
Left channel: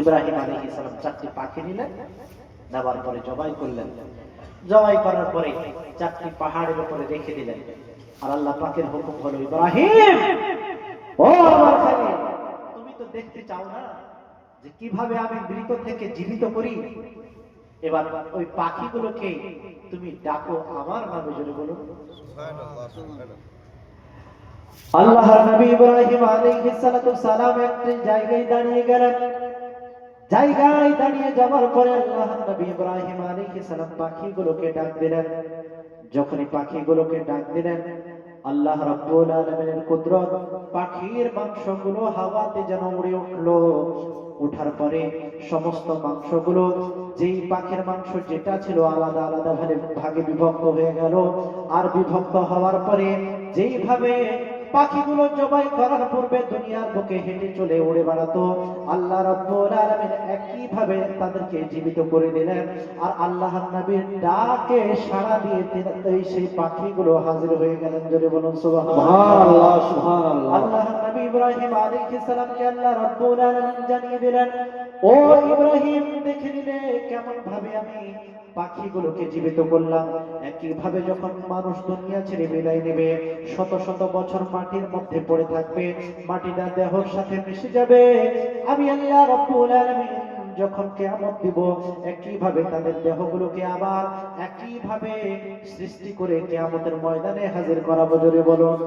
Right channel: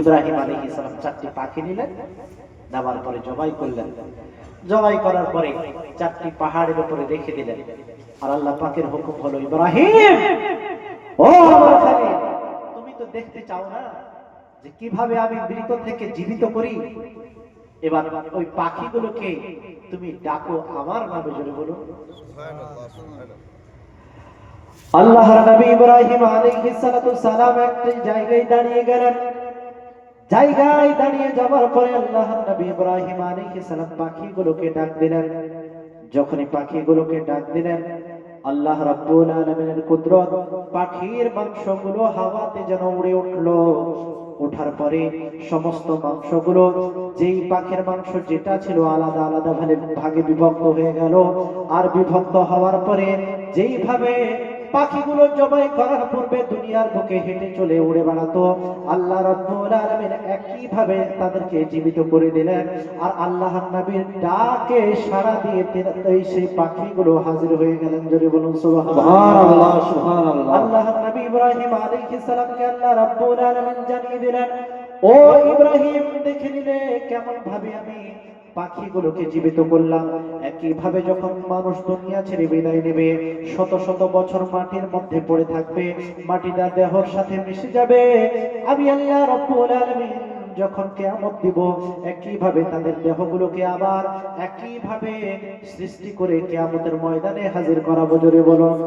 ইব্রাহিম আলাইহিস সালাম 4টি পাখি নিলেন, নেওয়ার পরে জবাই করলেন, জবাই করার পরে 4টি পাহাড়ের উপরে রেখে দিলেন। আর আল্লাহ পাকের হুকুম হলো, ইব্রাহিম ও আমার খলিল, তুমি তো দেখতে চাও না যে কিভাবে আমি মৃত থেকে জীবিত করি, এবার ওই পাখিগুলোকে তুমি ডাকো আমার নামে। জোরে বলুন সুবহানাল্লাহ, সুবহানাল্লাহ। আল্লাহর নবী ইব্রাহিম আলাইহিস সালাম একটি জায়গায় দাঁড়িয়ে গেলেন। জায়গায় দাঁড়িয়ে যাওয়ার পরে আল্লাহর নবী ইব্রাহিম আলাইহিস সালাম পাখিগুলোকে ডাক দিলেন। যখনই পাখিগুলোকে ডাক দিলেন, আল্লাহ রাব্বুল আলামিনের কুদরত, পাখির মাংসগুলো হাওয়াতে যেন উড়ে উঠলো। ওঠার পরে সমস্ত মাংসগুলো, যেই পাখির মাংস যেটা ছিল আলাদা আলাদা ভাগে বিভক্ত হয়ে গেল। আর বিভক্ত হওয়ার পরে যেইভাবে পাখিগুলো জবাই করার পূর্বে দুনিয়ার বুকে হেঁটে চলে উড়ে বেড়াতো, আল্লাহ রাব্বুল আলামিন একই ভাবে তাদেরকে জীবিত করে দিলেন। আর আল্লাহর নবীর ডাকে সাড়া দিয়ে সেই পাখিগুলো হাজির হয়ে গেলেন। জোরে বলুন সুবহানাল্লাহ, সুবহানাল্লাহ। আল্লাহর নবী ইব্রাহিম আলাইহিস সালামকে আল্লাহ রাব্বুল আলামিন জানিয়ে দিলেন, ও ইব্রাহিম, দেখে নিলে কেমন ভাবে আমি পাখিগুলোকে জীবিত করলাম। একই ভাবে যখন মানুষ দুনিয়া ছেড়ে বিদায় নেবে, শত শত বছর মাটির মধ্যে পড়ে থাকবে, মাটিটা দেহর সাথে মিশে যাবে। আমি আল্লাহ রাব্বুল আলামিন যখন কিয়ামত দিব, একই ভাবে তাদের দেহগুলোকে আবার একই ভাবে সৃষ্টি করে কিয়ামতের ময়দানে হাজির করাবো। জোরে বলুন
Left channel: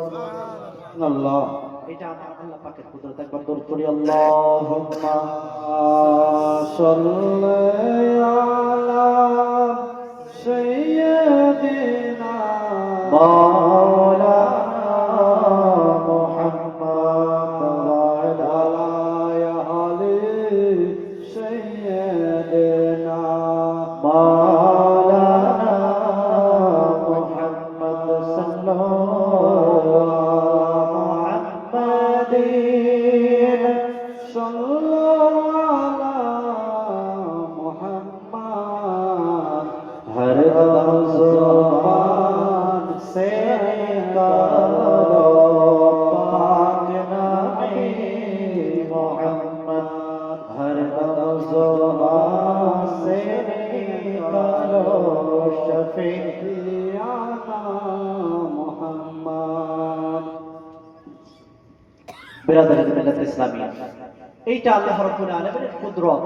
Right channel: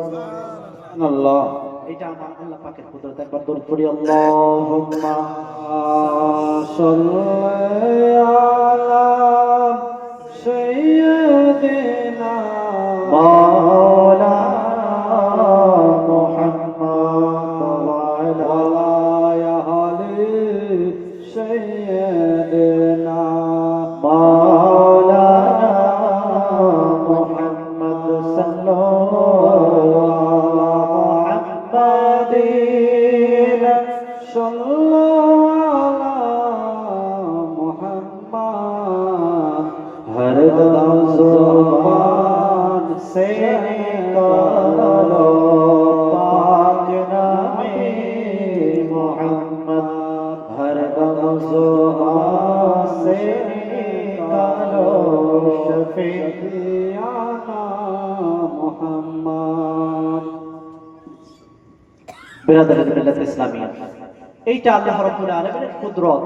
আল্লাহ। এটা আমার আল্লাহ পাকের কুদরত। একবার দরুদ পড়ি, আল্লাহুম্মা সাল্লি আলা সাইয়্যিদিনা মাওলানা মুহাম্মদ ওয়া আলা আলি সাইয়্যিদিনা মাওলানা মুহাম্মদ সাল্লাল্লাহু মুহাম্মাদিন हर ज़ुबान से निकालो पाक नामे मोहम्मद, हर ज़ुबान से निकालो शफीआना मोहम्मद। बिरादर मिल्लत इस्लामिया, এইটা আল্লাহ রাব্বুল আলামিনের কুদরত,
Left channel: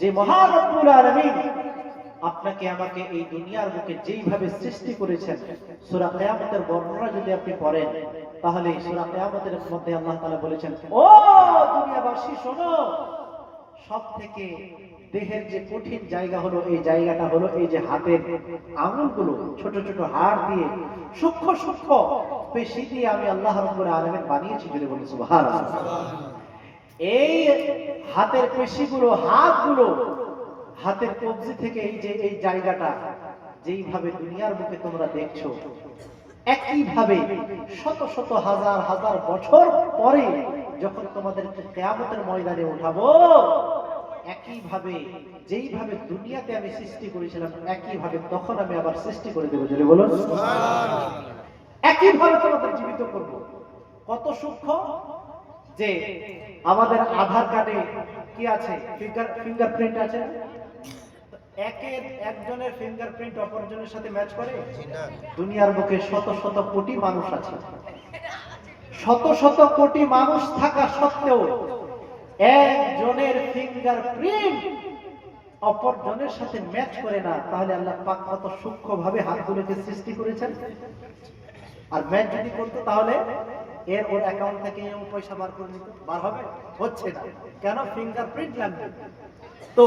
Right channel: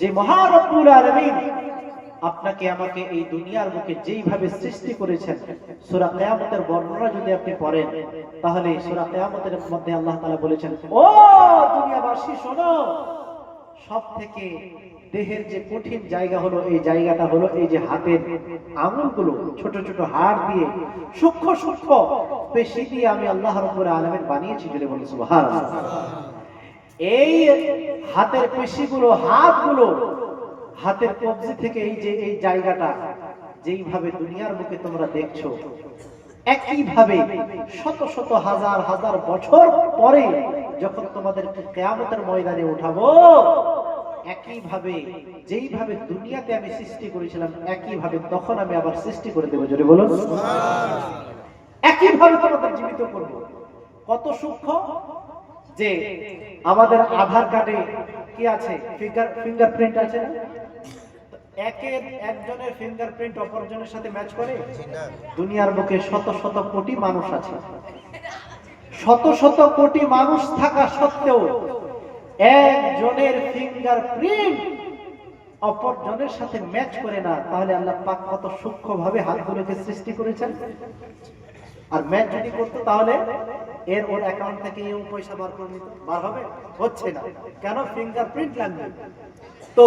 যে মহা রব্বুল আলামিন আপনাকে আমাকে এই দুনিয়ার বুকে যেইভাবে সৃষ্টি করেছেন। সূরা কিয়ামতের বর্ণনা যদি আপনি পড়েন, তাহলে সূরা কিয়ামতের মধ্যে আল্লাহ তাআলা বলেছেন, ও দুনিয়াবাসী শোনো, সবথেকে দেহের যে কঠিন জায়গা হলো, এই জায়গাটা হলো এই যে হাতের আঙুলগুলো, ছোট ছোট হাড় দিয়ে, সূক্ষ্ম সূক্ষ্ম পেশি দিয়ে আমি আল্লাহ রাব্বুল আলামিন বানিয়েছি। যদি বলি সুবহানাল্লাহ। এই হাতের পেশিগুলো, হাতগুলো, হাতের কবজি থেকে এই যে এই জায়গাটা যেইভাবে দুনিয়ার বুকে তোমরা দেখছো, একই ভাবে শত শত হাজার হাজার বছর পরে যখন তোমাদেরকে কিয়ামতের ময়দানে উঠাবো, একই ভাবে যেইভাবে দুনিয়াতে আমি সৃষ্টি করেছিলাম, একই ভাবে তখন আমি আবার সৃষ্টি করে দেবো। যদি বলুন সুবহানাল্লাহ। একই ভাবে তোমাদের জীবিত করব। কত সূক্ষ্ম যে আমাদের আধার কার্ডে কি আছে, ফিঙ্গারপ্রিন্ট আছে না? একজনের ফিঙ্গারপ্রিন্ট অপরজনের সাথে ম্যাচ করে? দুনিয়ার বুকে শত শত কোটি মানুষ আছে, শত শত কোটি মানুষ থাকা সত্ত্বেও একজনের ফিঙ্গারপ্রিন্ট অপরজনের সাথে ম্যাচ করে না। তাহলে আল্লাহ পাক কত সূক্ষ্মভাবে হাতগুলোকে সৃষ্টি করেছেন। আর ম্যাচ যদি করতো, তাহলে ওর অ্যাকাউন্ট থেকে পয়সা বার করে নিত, বার হবে? হচ্ছে না কেন? ফিঙ্গারপ্রিন্ট লাগবে। তো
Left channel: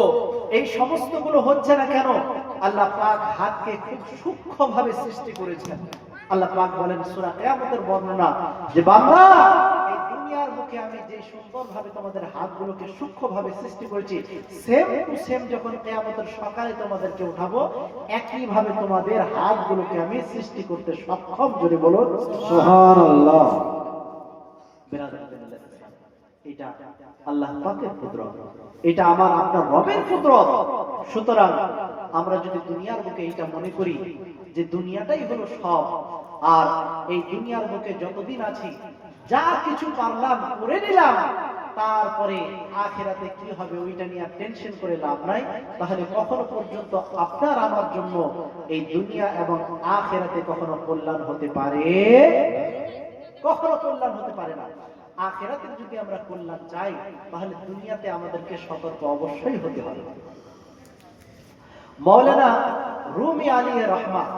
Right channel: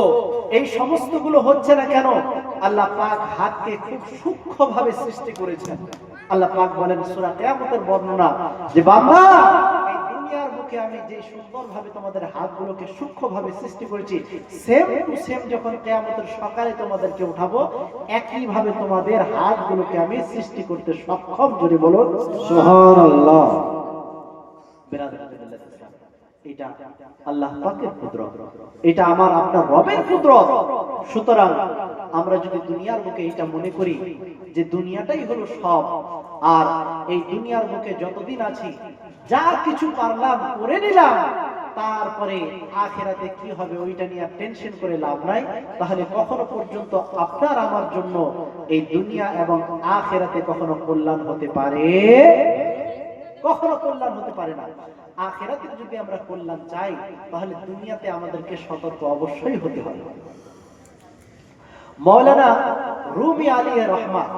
এই সমস্তগুলো হচ্ছে না কেন? আল্লাহ পাক হাতকে খুব সূক্ষ্মভাবে সৃষ্টি করেছেন। আল্লাহ পাক বলেন সূরা কিয়ামতের বর্ণনা, যে বান্দা, এই দুনিয়ার বুকে আমি যে সুন্দরভাবে তোমাদের হাতগুলোকে সূক্ষ্মভাবে সৃষ্টি করেছি, সেম টু সেম যখন কিয়ামতের সকালে তোমাদেরকে উঠাবো, একই ভাবে তোমাদের হাতগুলোকে আমি সৃষ্টি করতে সক্ষম। যদি বলো সুবহানাল্লাহ। এটা আল্লাহ পাকের কুদরত, এটা আমার আপনার রবের কুদরত। সুতরাং আমরা যদি দুনিয়ার বুকে এটা মনে করি যে দুনিয়াটাই হলো সব, আর এই দুনিয়ার বুকে যতদিন আছি যা কিছু পারলাম করে নিলাম, তারপরে আখিরাতে কি হবে ওইটা নিয়ে টেনশন করে লাভ নাই, তাহলে কখনো পর্যন্ত আপনার আমার জন্য এই দুনিয়া এবং আখিরাতে কখনো কল্যাণ হতে পারে? কখনো কল্যাণ হতে পারে না। আখিরাতে যদি আমরা কল্যাণ চাই, তাহলে দুনিয়াতে আমাদেরকে সতর্ক অবশ্যই হতে হবে। মাওলানা রুমি আলাইহির রহমান,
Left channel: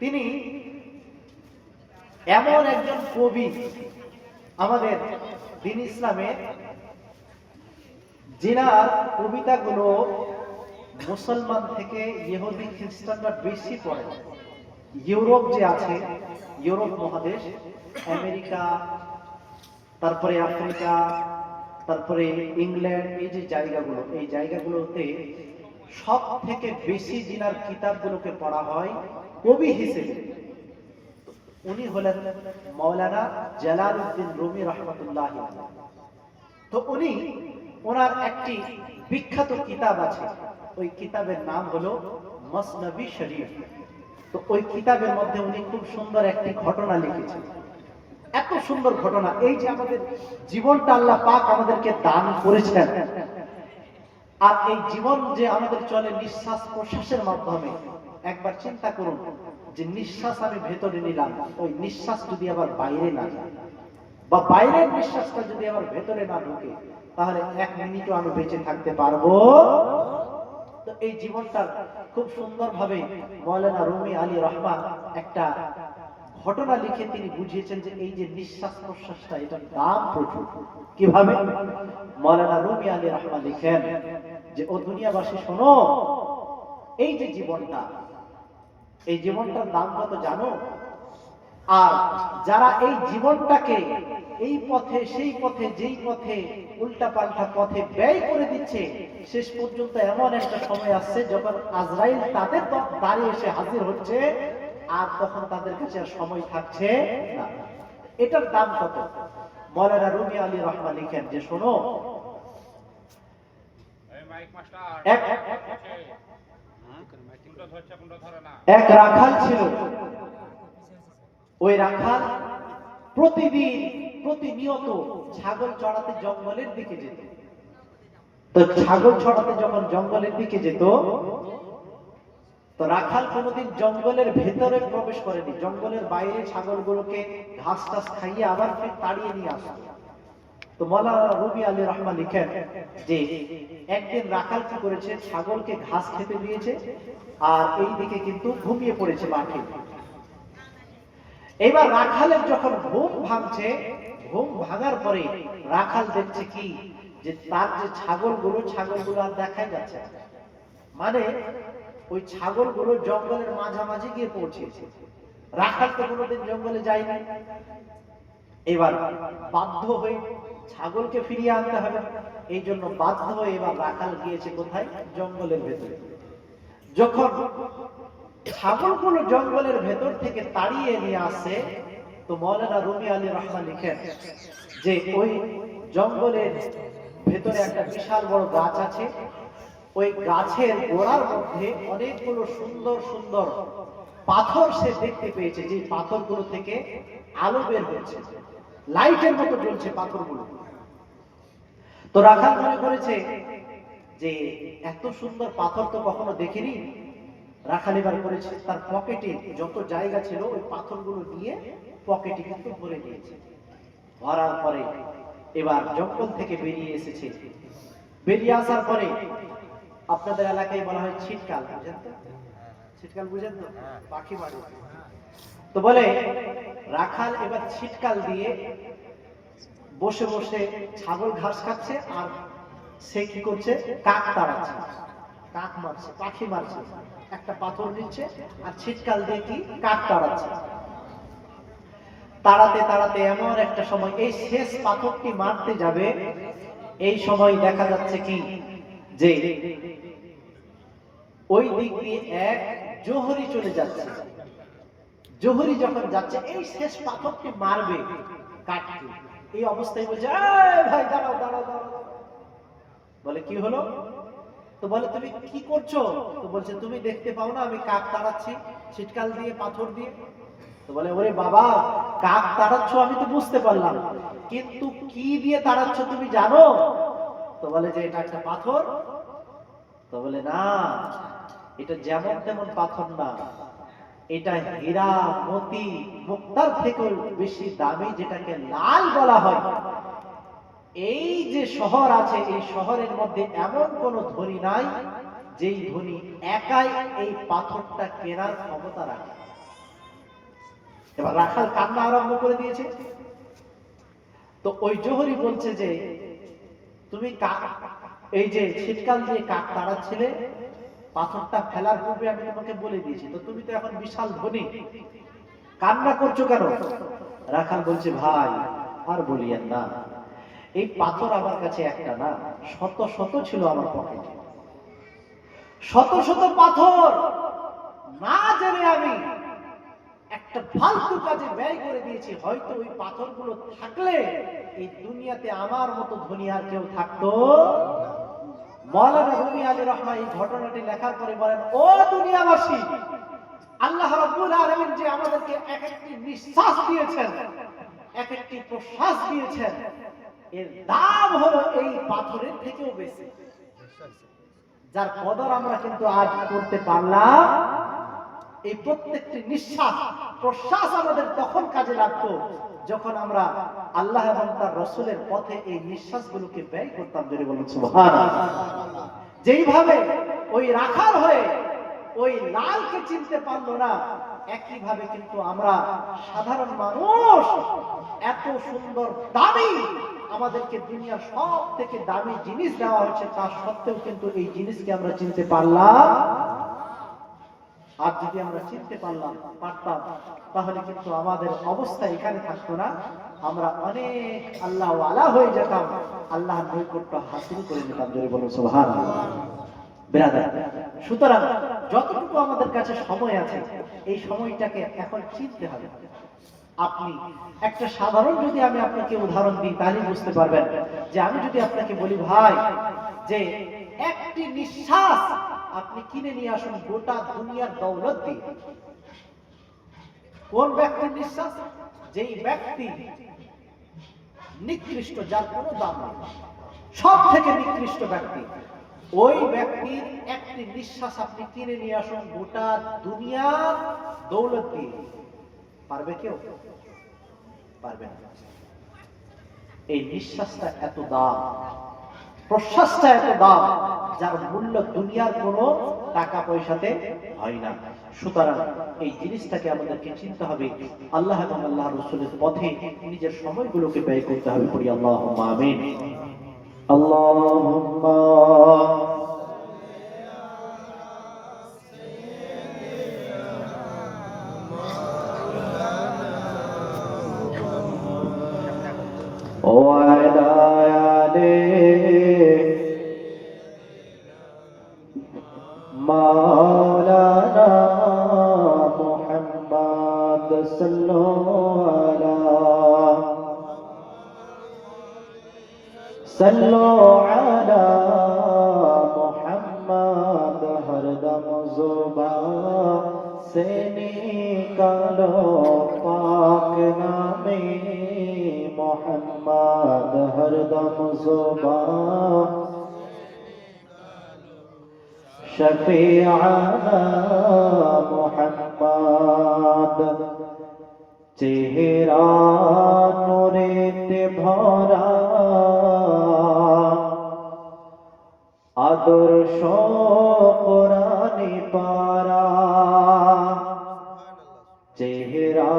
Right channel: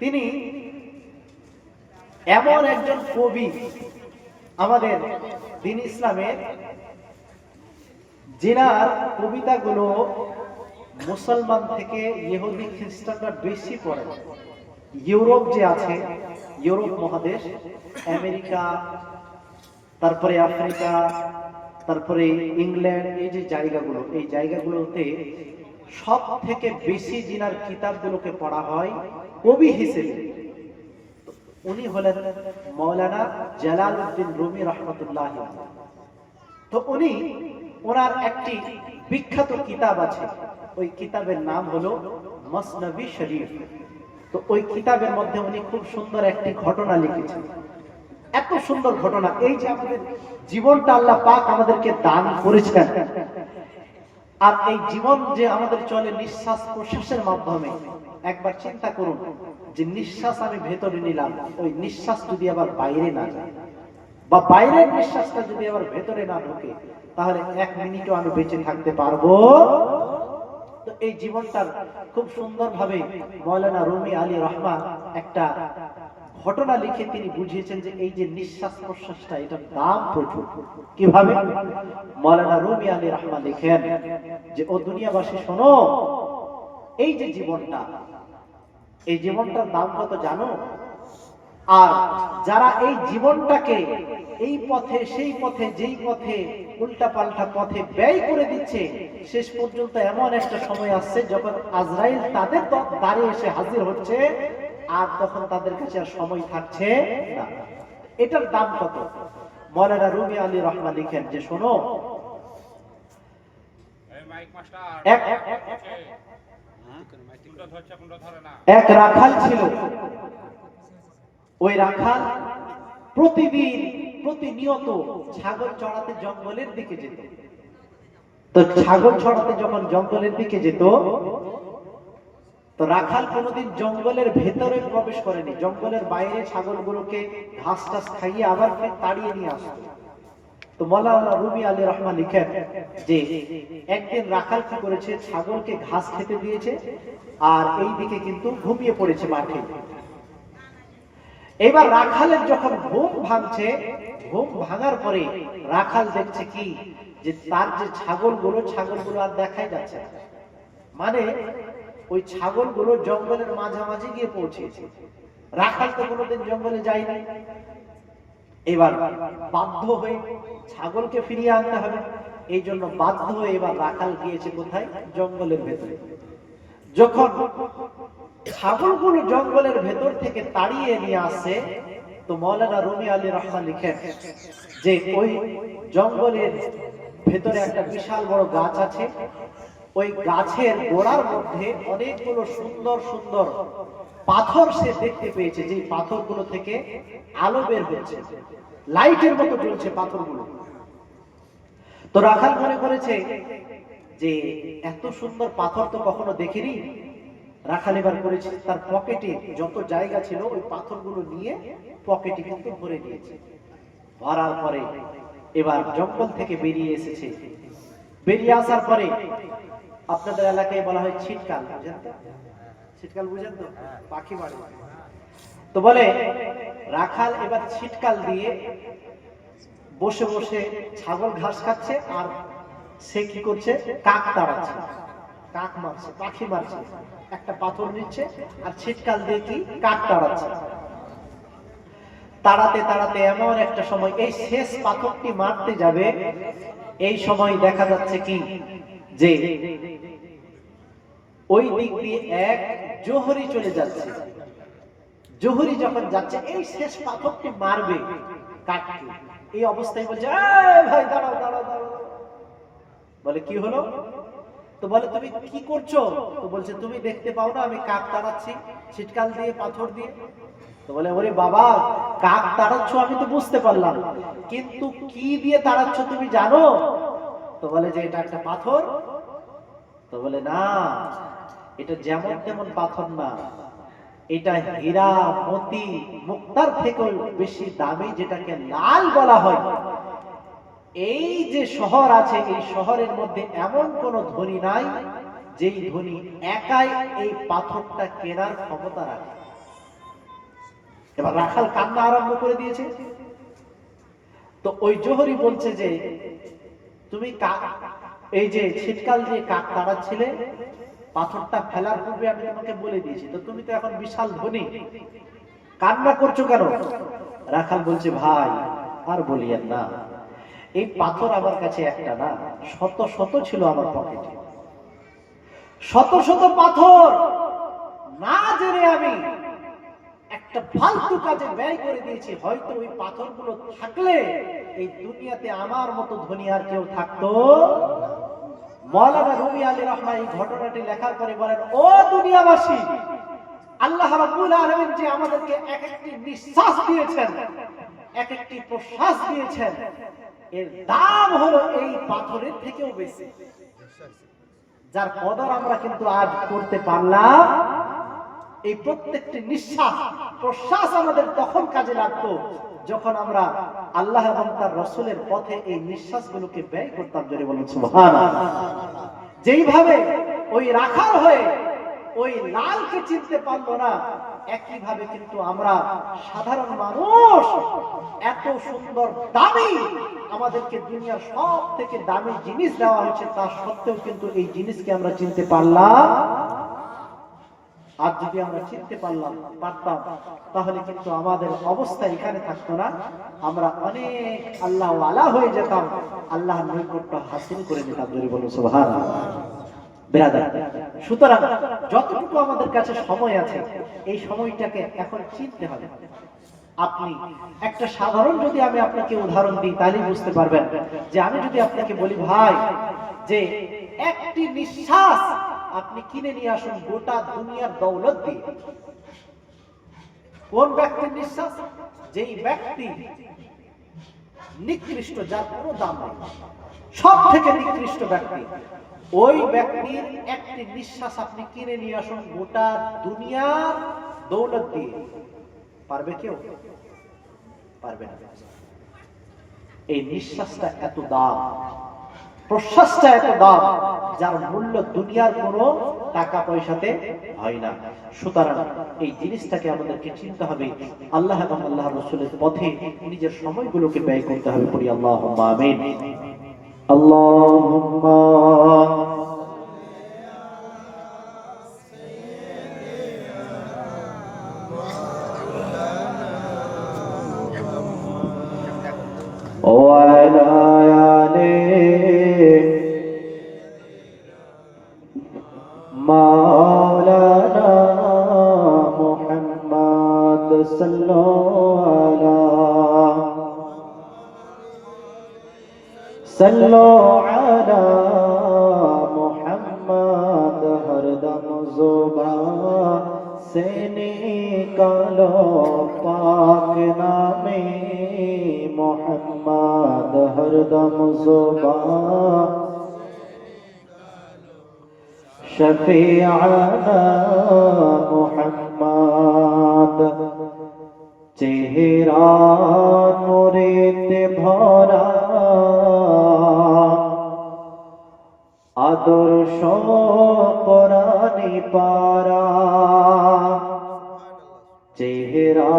তিনি এমন একজন কবি আমাদের দ্বীন ইসলামের, যিনার কবিতাগুলো মুসলমান থেকে ইহুদি খ্রিস্টানরা বেশি পড়ে। ইউরোপ যে আছে, ইউরোপ মহাদেশ, আমেরিকা, তারপরে আফ্রিকা, তারপরে ইংল্যান্ড, এই যে জায়গাগুলো, এই জায়গাগুলোতে সব থেকে বেশি যিনার কিতাবগুলোকে পড়া হয় কবি হিসেবে, উনি হলেন মৌলানা জালালউদ্দিন রুমি রহমতুল্লাহ আলাইহি। তো উনি, ওনার একটি বিখ্যাত কিতাব আছে, ওই কিতাবের নাম হলো মসনবী শরীফ। তো ওই কিতাবের মধ্যে উনি খুব সুন্দর একটি ঘটনা লিখেছেন। এত সুন্দর ঘটনা, এই যে আমাদের জীবনটা আল্লাহ পাক আমাদেরকে দান করেছেন, আর এই জীবন যে আমাদের চলে নিঃশ্বাস প্রশ্বাসের মাধ্যমে, একবার চিন্তা করুন যে নিঃশ্বাস আমি ভেতরে নিলাম, ওই নিঃশ্বাস যদি আবার বাইরে না যায়, বা বাইরের নিঃশ্বাসটা যদি আবার ভেতরে না ঢোকে, তাহলে 1 মিনিটও আমি বেঁচে থাকতে পারবো? তো এই জীবনটার খুব সুন্দরভাবে মৌলানা রুমি আলী রহমান একটা ঘটনা লিখে তিনি বুঝিয়েছেন যে এই যে নিঃশ্বাস প্রশ্বাসটা, এটার দাম প্রচুর। কিভাবে? মৌলানা রুমি আলী রহমান লিখেন যে, ও দুনিয়াবাসী শোনো, এই যে জীবনটা, এই জীবনটার দাম কত জানো? আর যারা এই জীবনটাকে এই পথে সেই পথে, যেই পথে উল্টা পাল্টা পথে ব্যয় করে দিচ্ছে, শেষ পর্যন্ত এমন একটা সময় আসছে যখন আজরাইল তাদের দ্বারে এসে হাজির হচ্ছে, আর তখন তাদের কাছে আর সময় থাকছে না। এটার দাম কত? মৌলানা রুমি আলী রহমান লিখেন যে, শোনো, এক রাখাল ছিল। ওই রাখাল প্রতিদিন প্রতিনিয়ত ছাগল চড়াতে জঙ্গলের দিকে যেত। তো ছাগল চড়াতে যখন জঙ্গলের দিকে যেত, তো রাখাল কোনোদিন জঙ্গলের ভেতরে প্রবেশ করেনি, জঙ্গলের বাইরে ছাগলগুলোকে ঘাস টাস খাইয়ে আবার তাড়িয়ে নিয়ে আসত। তো মৌলানা রুমি আলী রহমান লিখেন যে একদিন রাখাল কি করেছে, ছাগলকে ঘাস খেতে দিয়েছে, আর এই দিকে কিন্তু ঘুমিয়ে পড়েছে মাঠে। এবার রাখালের যখন ঘুম ভাঙছে, ঘুম ভাঙার পরে রাখাল দেখছে কি, যে তার যে ছাগলগুলো আর দেখাই যাচ্ছে না। মানে ওই ছাগলগুলো জঙ্গলের মাঝামাঝি গিয়ে পৌঁছেছে। রাখাল তো কোনোদিন জঙ্গলে যায় নাই। এবার বাধ্য হয়ে ছাগলকে ফিরিয়ে আনতে হবে, এই জন্য বাধ্য হয়ে এবার রাখাল গিয়েছে কোথায়? জঙ্গলের ভেতরে। যখন ছাগলগুলো জঙ্গলের ভেতর থেকে তাড়িয়ে নিয়ে আসে, তো মৌলানা রুমি আলী রহমান লিখেন যে ওই জঙ্গলের ভেতরে একটা বিশাল বড় গাছ আছে। ওই গাছের গোড়ার মধ্যে অনেকগুলো সুন্দর সুন্দর পাথর সে দেখতে পেয়েছে, যে পাথরগুলো থেকে আলো বের হচ্ছে, লাইটের মতো জ্বলছে পাথরগুলো। তো রাখাল মনে করেছে যে এত সুন্দর পাথর তো কখনো দেখিনি। রাখাল এবার করেছে, তার পকেটে যত জায়গা ছিল ওই পাথরগুলো নিয়ে পকেটে কিন্তু ভরে নিয়েছে। ভরার পরে এবার জঙ্গল থেকে বেরিয়ে এসেছে। বেরিয়ে আসার পরে, আপনাদের এলাকায় বলা হয় ছিটকাল, বুঝেন তো? ছিটকাল বুঝেন তো? পাখি মারে। তো বলে রাখাল এবার ছিটকাল দিয়ে বসে বসে ছাগল ঘাস খাচ্ছে, আর সে কি করছে? কাক তাড়াচ্ছে, কাক মারছে, পাখি মারছে, একটা পাথর নিচ্ছে আর ছিটকাল দিয়ে কি কাক তাড়াচ্ছে। তাড়াতে তাড়াতে এমন একটা সময়, এই শেষ পাথরটি মারতে যাবে, এই সময় দেখা যাচ্ছে কি যে ওই দিক দিয়ে এক জোহরি চলে যাচ্ছে। জোহরি যখন যাচ্ছে, এই শেষ পাথরটি মারবে কাককে, এই অবস্থায় বলছে, ভাই দাঁড়াও দাঁড়াও দাঁড়াও। বলে কি হলো? তো বলে তুমি কি করছো? তো বলছে তুমি দেখতে পাও না আমি কাক তাড়াচ্ছি ছিটকাল দিয়ে, পাথর দিয়ে। তো বলে ওরে বাবা, কাক তাড়াচ্ছ আমি তো বুঝতে পারলাম, কিন্তু কি দিয়ে তাড়াচ্ছ তুমি জানো? তো বলে যে এটা একটা পাথর। তো বলে না, এটা যেমন তেমন পাথর না, এটা হীরা মতি মুক্তার থেকে বেশি দামি, যেটাকে লাল বলা হয়। এই যে শহর আছে, এই শহরের মধ্যে এমন কোন ধনী নাই যেই ধনী একাই এই পাথরটা কেনার ক্ষমতা রাখে। এবার রাখাল কান্না আরম্ভ করে দিয়েছে। তো ওই জোহরি বলছে যে তুমি এই যে ছিটকাল দিয়ে কাক তাড়াচ্ছিলে, পাথরটা ফেলার পূর্বে আমি তোমাকে বলে দিয়েছি, তো তুমি তো এখন বিশাল ধনী, কান্না করছো কেন? রাখাল বলছে, ভাই আর বলিয়েন না, এই পাথর আমার কাছে একটা না, শত শত ছিল আমার পকেটে, শত শত পাথর না জেনে আমি একটা ফালতু কাজে ব্যয় করে দিয়েছি। হয়তো ওই পাথরগুলো থাকলে এই দুনিয়াতে আমার মতো ধনী আর কেউ থাকতো। মাওলানা রুমি আলী রহমান এই ঘটনাটি লেখার পরে বলেন, ও দুনিয়াবাসী, আল্লাহ রাব্বুল আলামিন যে আমাদেরকে এক একটি নিঃশ্বাস দিয়েছেন, এক একটি প্রশ্বাস দিয়েছেন, এর দাম হলো এই পাথরের থেকেও বেশি, যার কদর আমরা কিন্তু আজ করতে পারলাম। এই প্রত্যেকটি নিঃশ্বাস প্রশ্বাস আমাদের তখন কাজে লাগতো যখন আমরা আল্লাহ এবং তার রাসূলের পথে এই নিঃশ্বাসগুলোকে ব্যয় করতাম। জোরে বলুন সুবহানাল্লাহ। যেইভাবে ওই রাখাল হয়ে ওই লালকে চিনতে পারলো না, একইভাবে কিন্তু আমরা সাধারণ মানুষ এত সুন্দর দামি, আমাদেরকে দুনিয়ার সব থেকে দামি জিনিস দেওয়া হয়েছে, তা সত্ত্বেও কিন্তু এই জিনিসকে আমরা চিনতে পারলাম। আর যদি আমরা চিনতে পারতাম তাহলে কিন্তু আমাদের অবস্থা এখানে থাকতো না, আমরা অনেক আল্লাহ ওয়ালা হয়ে যেতাম, আল্লাহর নৈকট্য হাসিল করে যেতাম। জোরে বলুন সুবহানাল্লাহ। ব্রাদার, সুতরাং যতটুকু আমাদের কাছে সময় আছে এই সময়টাকে এখন চিনতে হবে। আপনি একটা সাধারণ যদি আমি আপনাকে উদাহরণ দিই তাহলে বুঝতে পারবেন যে আমি যদি আপনাকে বলি, ভাই যে একটি নিঃশ্বাস আপনি কিনে নিয়ে আসুন গোটা দুনিয়ার দৌলত দিয়ে, কোন ব্যক্তির নিঃশ্বাস? যেই ব্যক্তি নিকৃষ্ট, যার কোনো দাম নেই, সব থেকে নিকৃষ্ট ব্যক্তি, ওই ব্যক্তির একটি নিঃশ্বাস আপনি কিনে নিয়ে আসুন গোটা দুনিয়ার দৌলত দিয়ে, পারবে কেউ? পারবে না। এই নিঃশ্বাসটা এত দাম, প্রশ্বাসটা এত দাম, যার মূল্য দুনিয়ার কোনো টাকা পয়সাতে হয় না। সুতরাং এই জিনিসটাকে আমাদেরকে চিনতে হবে, আল্লাহ এবং আল্লাহর রাসূলের পথে নিজের সময়গুলোকে ব্যয় করতে হবে। পড়ি আল্লাহুম্মা আমিন। আল্লাহুম্মা وعلى آله مولانا محمد صلى على محمد हर दम ज़ुबान से निकालो पाक नामे मोहम्मद, हर दम ज़ुबान शफीआना मोहम्मद। चेहरा नूरेते भरा आदर्श কোরআনে পারা, চেহারা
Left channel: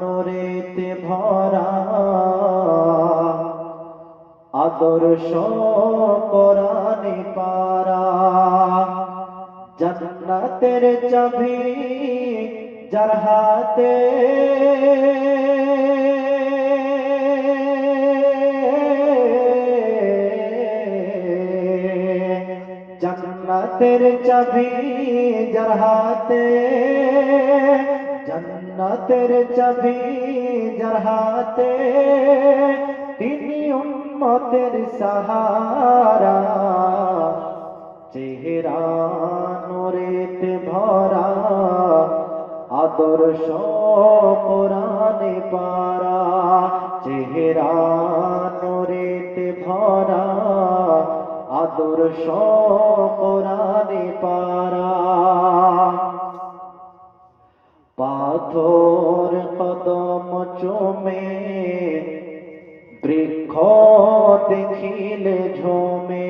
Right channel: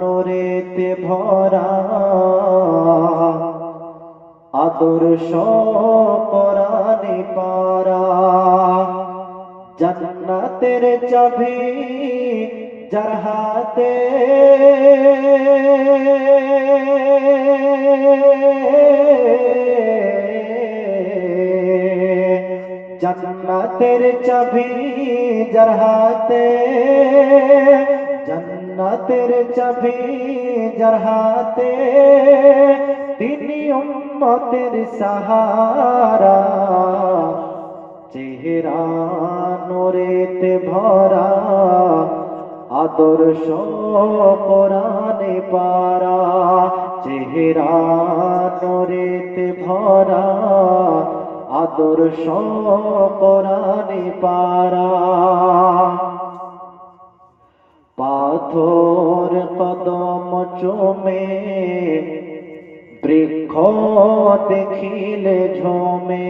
নূরেতে ভরা আদর্শ কোরআনে পারা। জান্নাতের চাবি যার হাতে, জান্নাতের চাবি যার হাতে, জান্নাতের চাবি যার হাতে, তিনি উম্মতের সাহারা। চেহারা নূরেতে ভরা আদর্শ কোরআনে পারা, চেহারা নূরেতে ভরা আদর্শ কোরআনে পারা। পাথর কদম চুমে বৃক্ষ দেখিলে ঝুমে,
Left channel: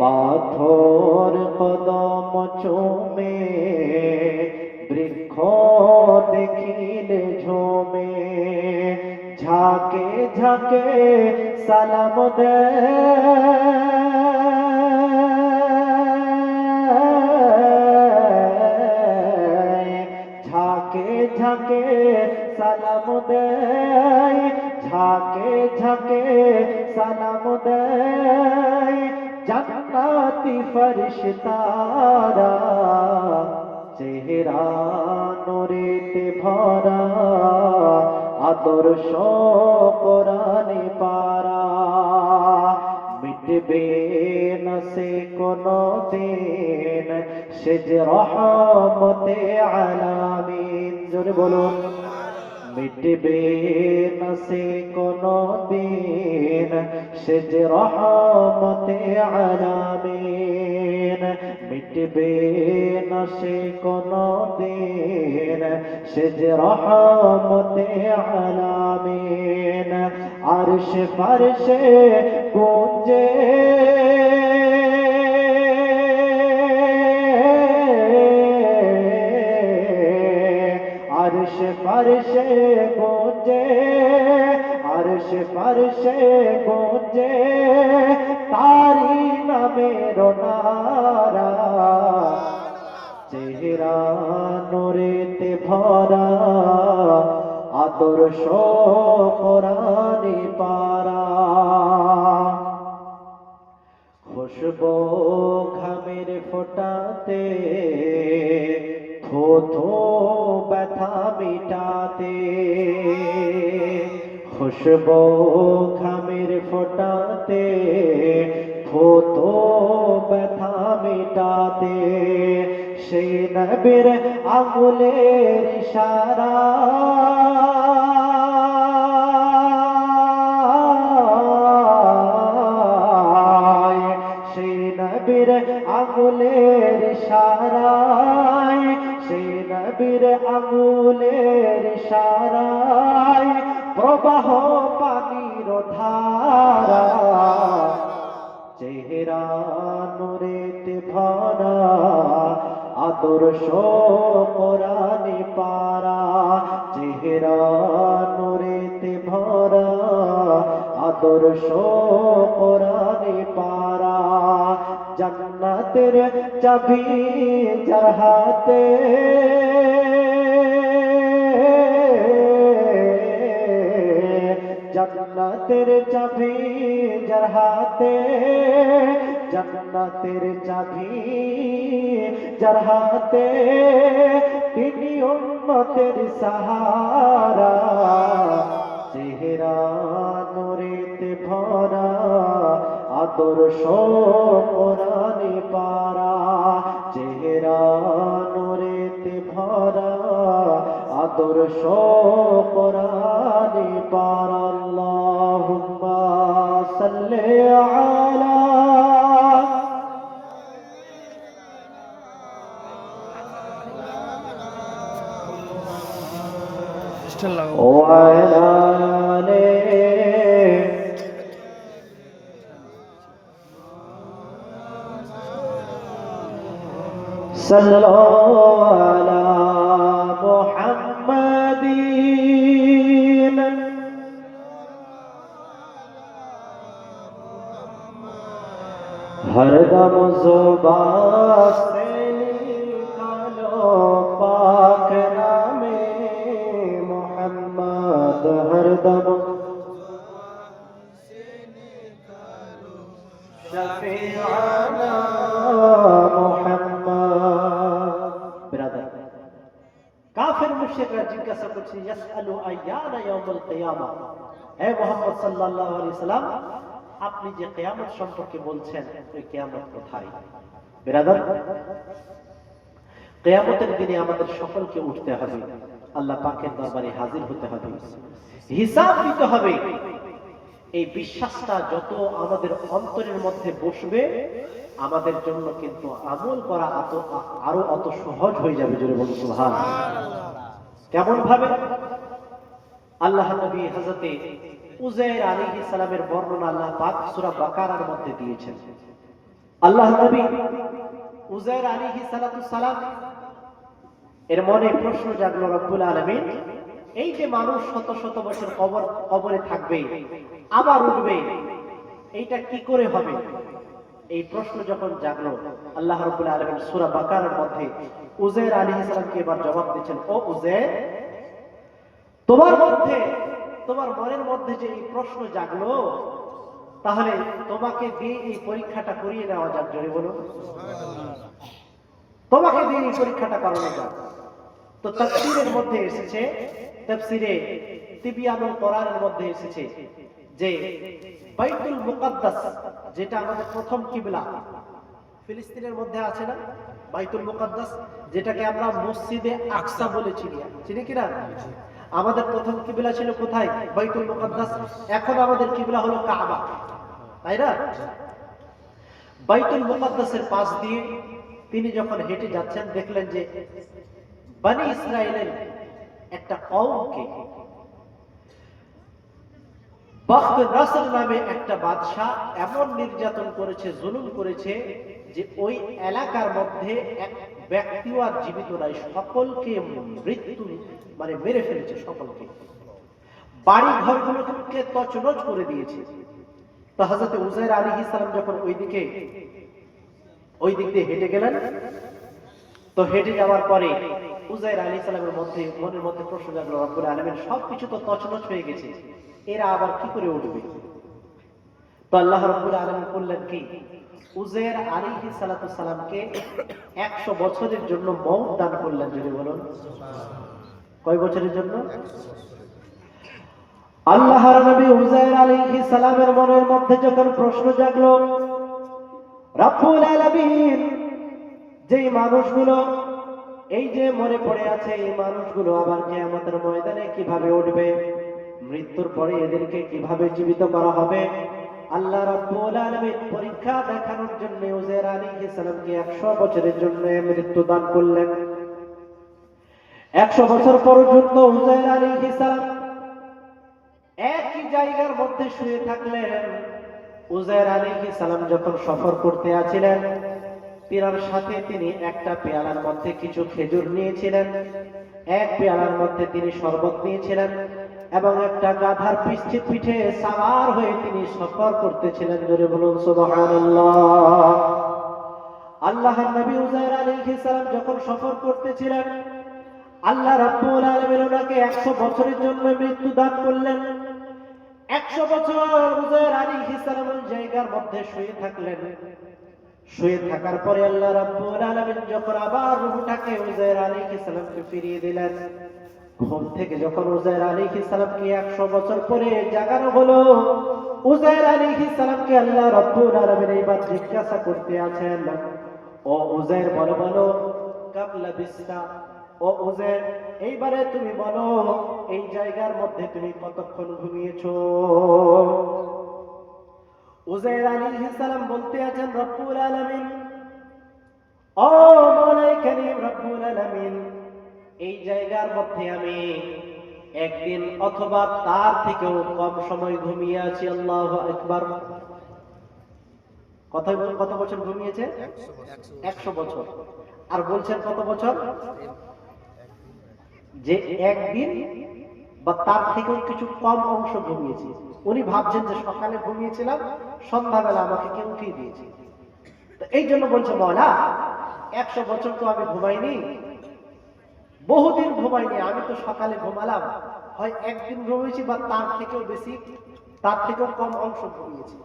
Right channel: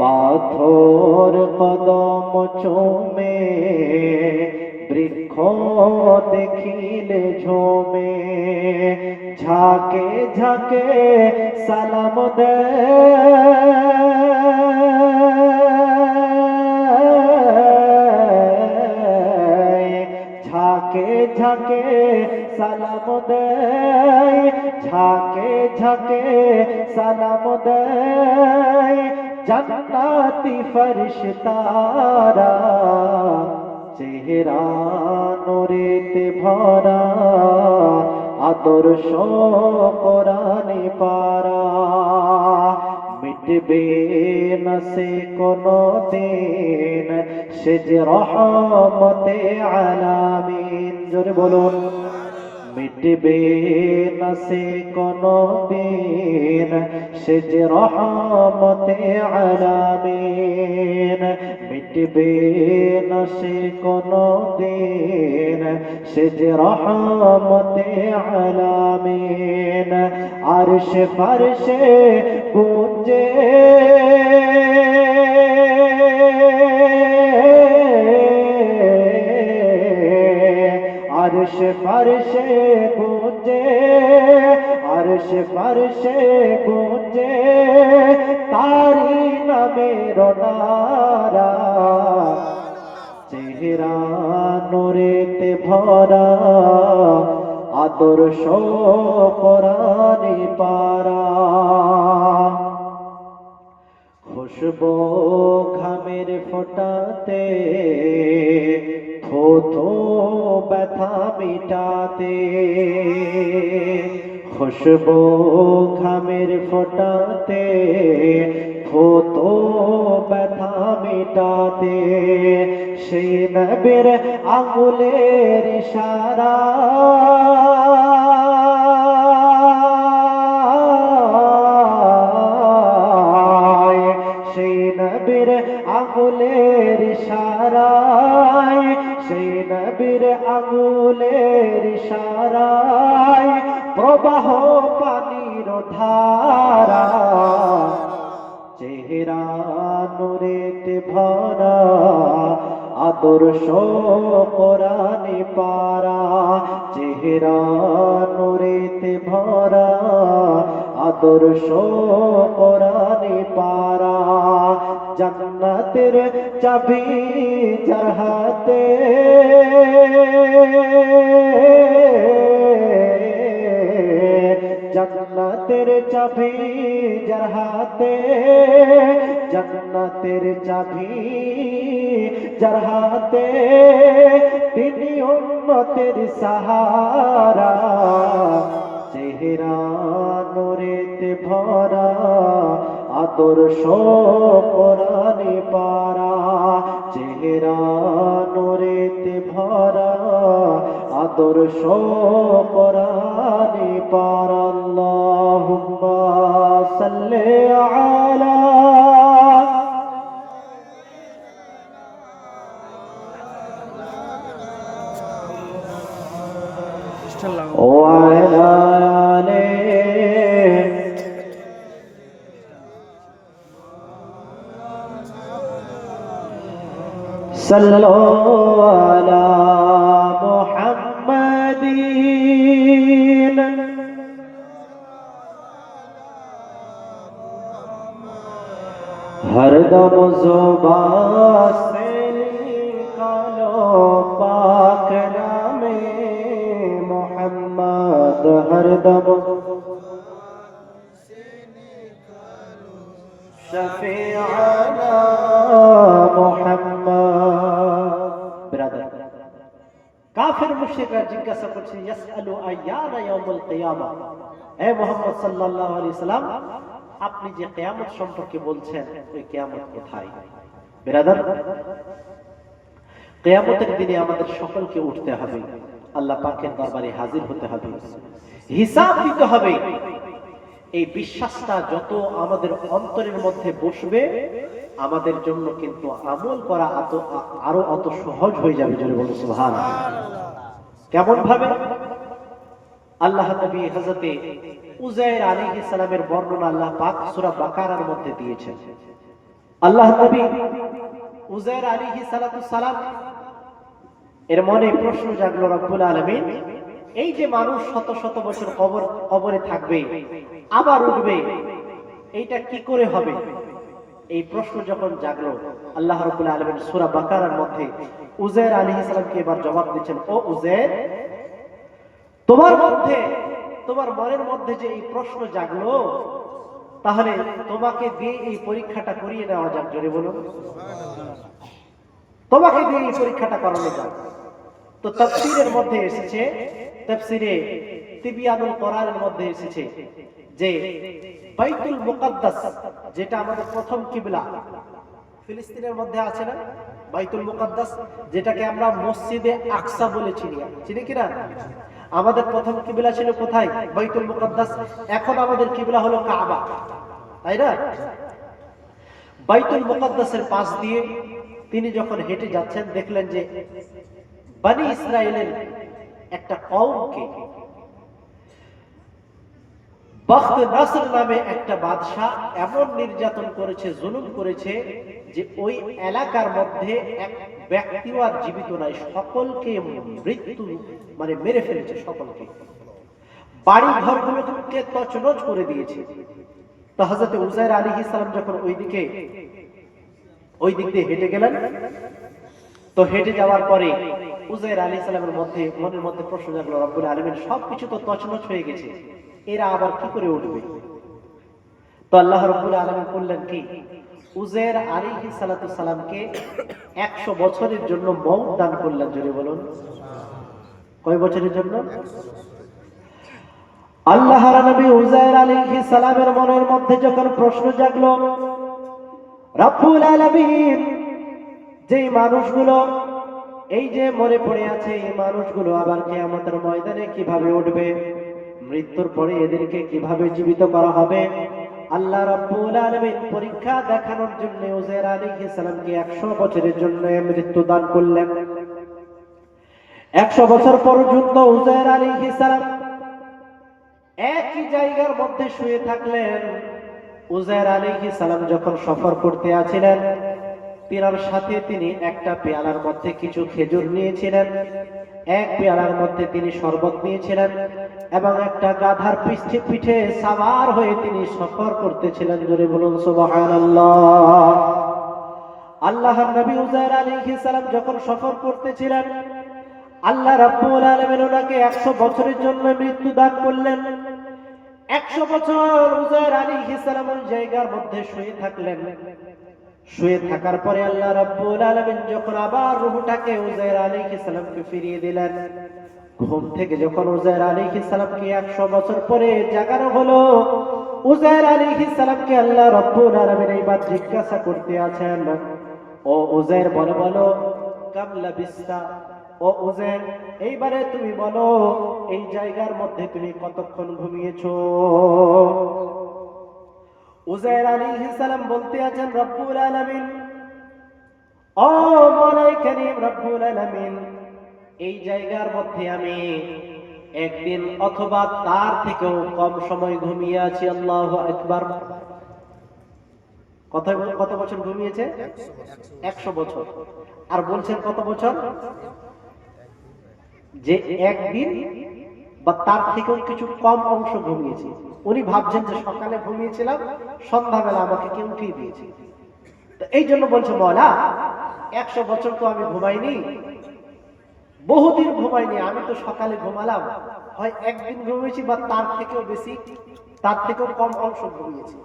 পাথর কদম চুমে বৃক্ষ দেখিলে ঝুমে। ঝাঁকে ঝাঁকে সালাম দেয় ঝাঁকে ঝাঁকে সালাম দেয়, ঝাঁকে ঝাঁকে সালাম দেয় জান্নাতি ফরিশতারা, চেহারা নূরেতে ভরা আদর্শ কোরআনে পারা। মিটবে না সে কোনো দিন সে যে রহমতে আলামিন, জোরে বলুন। মিটবে না সে কোনো দিন সে যে রহমতে আলামিন, মিটবে না সে কোনো দিন সে যে রহমতে আলামিন। আরশে ফারশে গুঞ্জে আরশে ফারশে গুঞ্জে, আরশে ফারশে গুঞ্জে তারি নামের নারা, চেহারা নূরেতে ভরা আদর্শ কোরআনে পারা। খুশবু ঘামের ফোঁটাতে থো থো ব্যথা মিটাতে, খুশবু ঘামের ফোঁটাতে থো থো ব্যথা মিটাতে, সেই নবীর আঙুলের ইশারা সেই নবীর আঙুলের ইশারায়, সেই নবীর আঙুলের ইশারায় প্রবাহ পানির ধারা, চেহারা নূরেতে ভরা আদর্শ কোরআনে পারা, চেহারা নূরেতে ভরা আদর্শ কোরআনে পারা। জান্নাতের চাবি যার হাতে, জান্নাতের চাবি যার হাতে, জান্নাতের চাবি যার হাতে, তিনি উম্মতের সাহারা, চেহারা নূরেতে ভরা আদর্শ কোরআনে পারা, চেহারা নূরেতে ভরা আদর্শ কোরআনে পারা। আল্লাহুম্মা সাল্লি আলা وعلى آله صلوا على محمد हर दम ज़ुबान से निकालो पाक नामे मोहम्मद, हर दम शफीअना मोहम्मद। बिरादर, काफिर मुशरिकরা জিজ্ঞাসা করছে ইয়াসআলু আইয়ানা ইয়াউমুল কিয়ামা, হে মুহাম্মদ সাল্লাল্লাহু আলাইহি সাল্লাম আপনি যে কিয়ামত সম্পর্কে বলছেন ওই কিয়ামত কোথায়? বিরাদর, কিয়ামতের দিনে আমাদের সকলকে উঠতে হবে, আল্লাহ পাকের দরবারে হাজির হতে হবে, হিসাব দিতে হবে। এই বিশ্বাসটা যত আমাদের অন্তরের মধ্যে বসবে আমাদের জন্য কিন্তু আমল করা আরো অত সহজ হয়ে যাবে। জোরে বলুন সুবহানাল্লাহ। কেমন ভাবে? আল্লাহ নবী হযরতে উযাইর আলাইহিস সালামের বর্ণনা আল্লাহ পাক সূরা বাকারার মধ্যে দিয়েছেন। আল্লাহ নবী উযাইর আলাইহিস সালাম এর মনে প্রশ্ন জাগলো, রব্বুল আলামিন এই যে মানুষ শত শত বছর কবরে থাকবে আবার উঠবে, এইটা কি করে হবে? এই প্রশ্ন যখন জাগলো, আল্লাহ রাব্বুল আলামিন সূরা বাকারার মধ্যে উযায়ের আলাইহিস সালামকে এবার জবাব দিচ্ছেন, ও উযায়ের, তোমার মনের মধ্যে যে এই প্রশ্ন জাগলো, তাহলে তোমাকে দিয়ে এই পরীক্ষাটা করিয়ে দেওয়া যাক। জোরে বলুন, তোমাকে দিয়ে এই পরীক্ষাটা করানো যাক। তো তাফসীরের মধ্যে এসেছে, তাফসীরে তিবিয়ানুল কোরআনের মধ্যে এসেছে যে বাইতুল মুকাদ্দাস, যেটা আমাদের প্রথম কিবলা, ফিলিস্তিনের মধ্যে আছে না বাইতুল মুকাদ্দাস, যেটাকে আমরা মসজিদে আকসা বলে চিনি কিনা? আমাদের প্রথম কিবলা ছিল কোথায়? বাইতুল মুকাদ্দাস। এখন আমাদের কিবলা হলো কাবা, তাই না? বাইতুল মুকাদ্দাসের পাশ দিয়ে তিনি যখন হেঁটে যাচ্ছেন, দেখলেন যে বনি ইসরায়েলের একটা কওমকে বখত নসর নামে একটা বাদশা এমন নির্যাতন করেছে, জুলুম করেছে, যে ওই এলাকার মধ্যে এক ব্যক্তিও আর জীবিত নাই, সকলকে মৃত্যু মেরে ফেলেছে, সকলকে, বাড়ি ঘরগুলোকে তছনছ করে দিয়েছে। তো হযরত উযায়ের আলাইহিস সালাম যখন ওই দিক দিয়ে হেঁটে গেলেন, তো হেঁটে যাওয়ার পরে উযায়ের আলাইহিস সালামের মনের মধ্যে প্রশ্ন জাগলো, রব্বুল আলামিন সবকিছু তো তছনছ হয়ে গেছে, এরা আবার কি করে উঠবে? তো আল্লাহ রাব্বুল আলামিন বললেন কি, উযায়ের আলাইহিস সালাতু সালামকে 100 বছরের জন্য মওত দান করলেন। জোরে বলুন, কয় বছরের জন্য? আল্লাহর নবী উযায়ের আলাইহিস সালামের মনের মধ্যে যখন প্রশ্ন জাগলো, রব্বুল আলামিন যেই মানুষগুলো এই যে মরে পড়ে আছে, এই মানুষগুলো আবার কিয়ামতের ময়দানে কিভাবে উঠবে, মৃত্যুর পরে এদেরকে কিভাবে জীবিত করা হবে, আল্লাহ রাব্বুল আলামিন পরীক্ষা দেখানোর জন্য উযায়ের আলাইহিস সালামকে 100 বছরের জন্য মৃত্যু দান করলেন। 100 বছর পর্যন্ত উযায়ের আলাইহিস সালাম একই জায়গার মধ্যে শুয়ে থাকলেন। উযায়ের আলাইহিস সালাম যখন সফর করতে আছিলেন, পেয়ালার সাথে তিনি একটা পেয়ালার মধ্যে কিছু খেজুর নিয়েছিলেন, এক পেয়ালার মধ্যে তিনি শরবত নিয়েছিলেন, এবং একটা গাধার পিঠে সাওয়ার হয়ে তিনি সফর করতেছিলেন। জোরে বলুন সুবহানাল্লাহ। আল্লাহর নবী উযায়ের আলাইহিস সালাম যখন সফর করতেছিলেন, আল্লাহ রাব্বুল আলামিন ওনাকে 100 বছরের জন্য মৃত্যু দান করলেন। 100 বছর উযায়ের আলাইহিস সালাম ওই জায়গার মধ্যে শুয়ে থাকলেন। শুয়ে থাকার পরে আল্লাহ রাব্বুল আলামিন যখন আবার রূহটাকে উযায়ের আলাইহিস সালামকে ফিরিয়ে দিলেন, ঘুম থেকে যখন উযায়ের আলাইহিস সালামকে 100 বছর পরে জাগানো হলো, উযায়ের আলাইহিস সালামকে আল্লাহ রাব্বুল আলামিন এইবার জিজ্ঞাসা করতে আছেন, ও উযায়ের, বলো কাম লাবিস্তা, ও উযায়ের, এইবারে তুমি বলো এই জায়গার মধ্যে তুমি কতক্ষণ ঘুমিয়েছো? উযায়ের আলাইহিস সালাম বলতে আছেন, রব্বুল আলামিন, ও মওলাই কারীম রব্বুল আলামিন, এই জায়গার মধ্যে আমি একদিন অথবা তার থেকেও কম সময় ঘুমিয়ে আছি। আল্লাহু আকবার। কত বছর ঘুমিয়েছে? 100 বছর। আর বলছেন কত বছর? যে একদিন বা তার থেকেও কিছু কম অংশ ঘুমিয়েছি। উনি ভাবছেন যে সকালে ঘুমিয়েছিলাম, সন্ধ্যাবেলা আমাকে কেউ উঠিয়ে দিয়েছে। তো এই জন্য বলছে, মওলা 100 বছর তো আমি ঘুমাইনি, বহুদিন ঘুমাইনি, আমি তো সকালে ঘুমালাম, হয় একদিন ঘুমিয়েছি বা তার থেকেও বেশি, তার থেকেও কম অংশ ঘুমিয়েছি।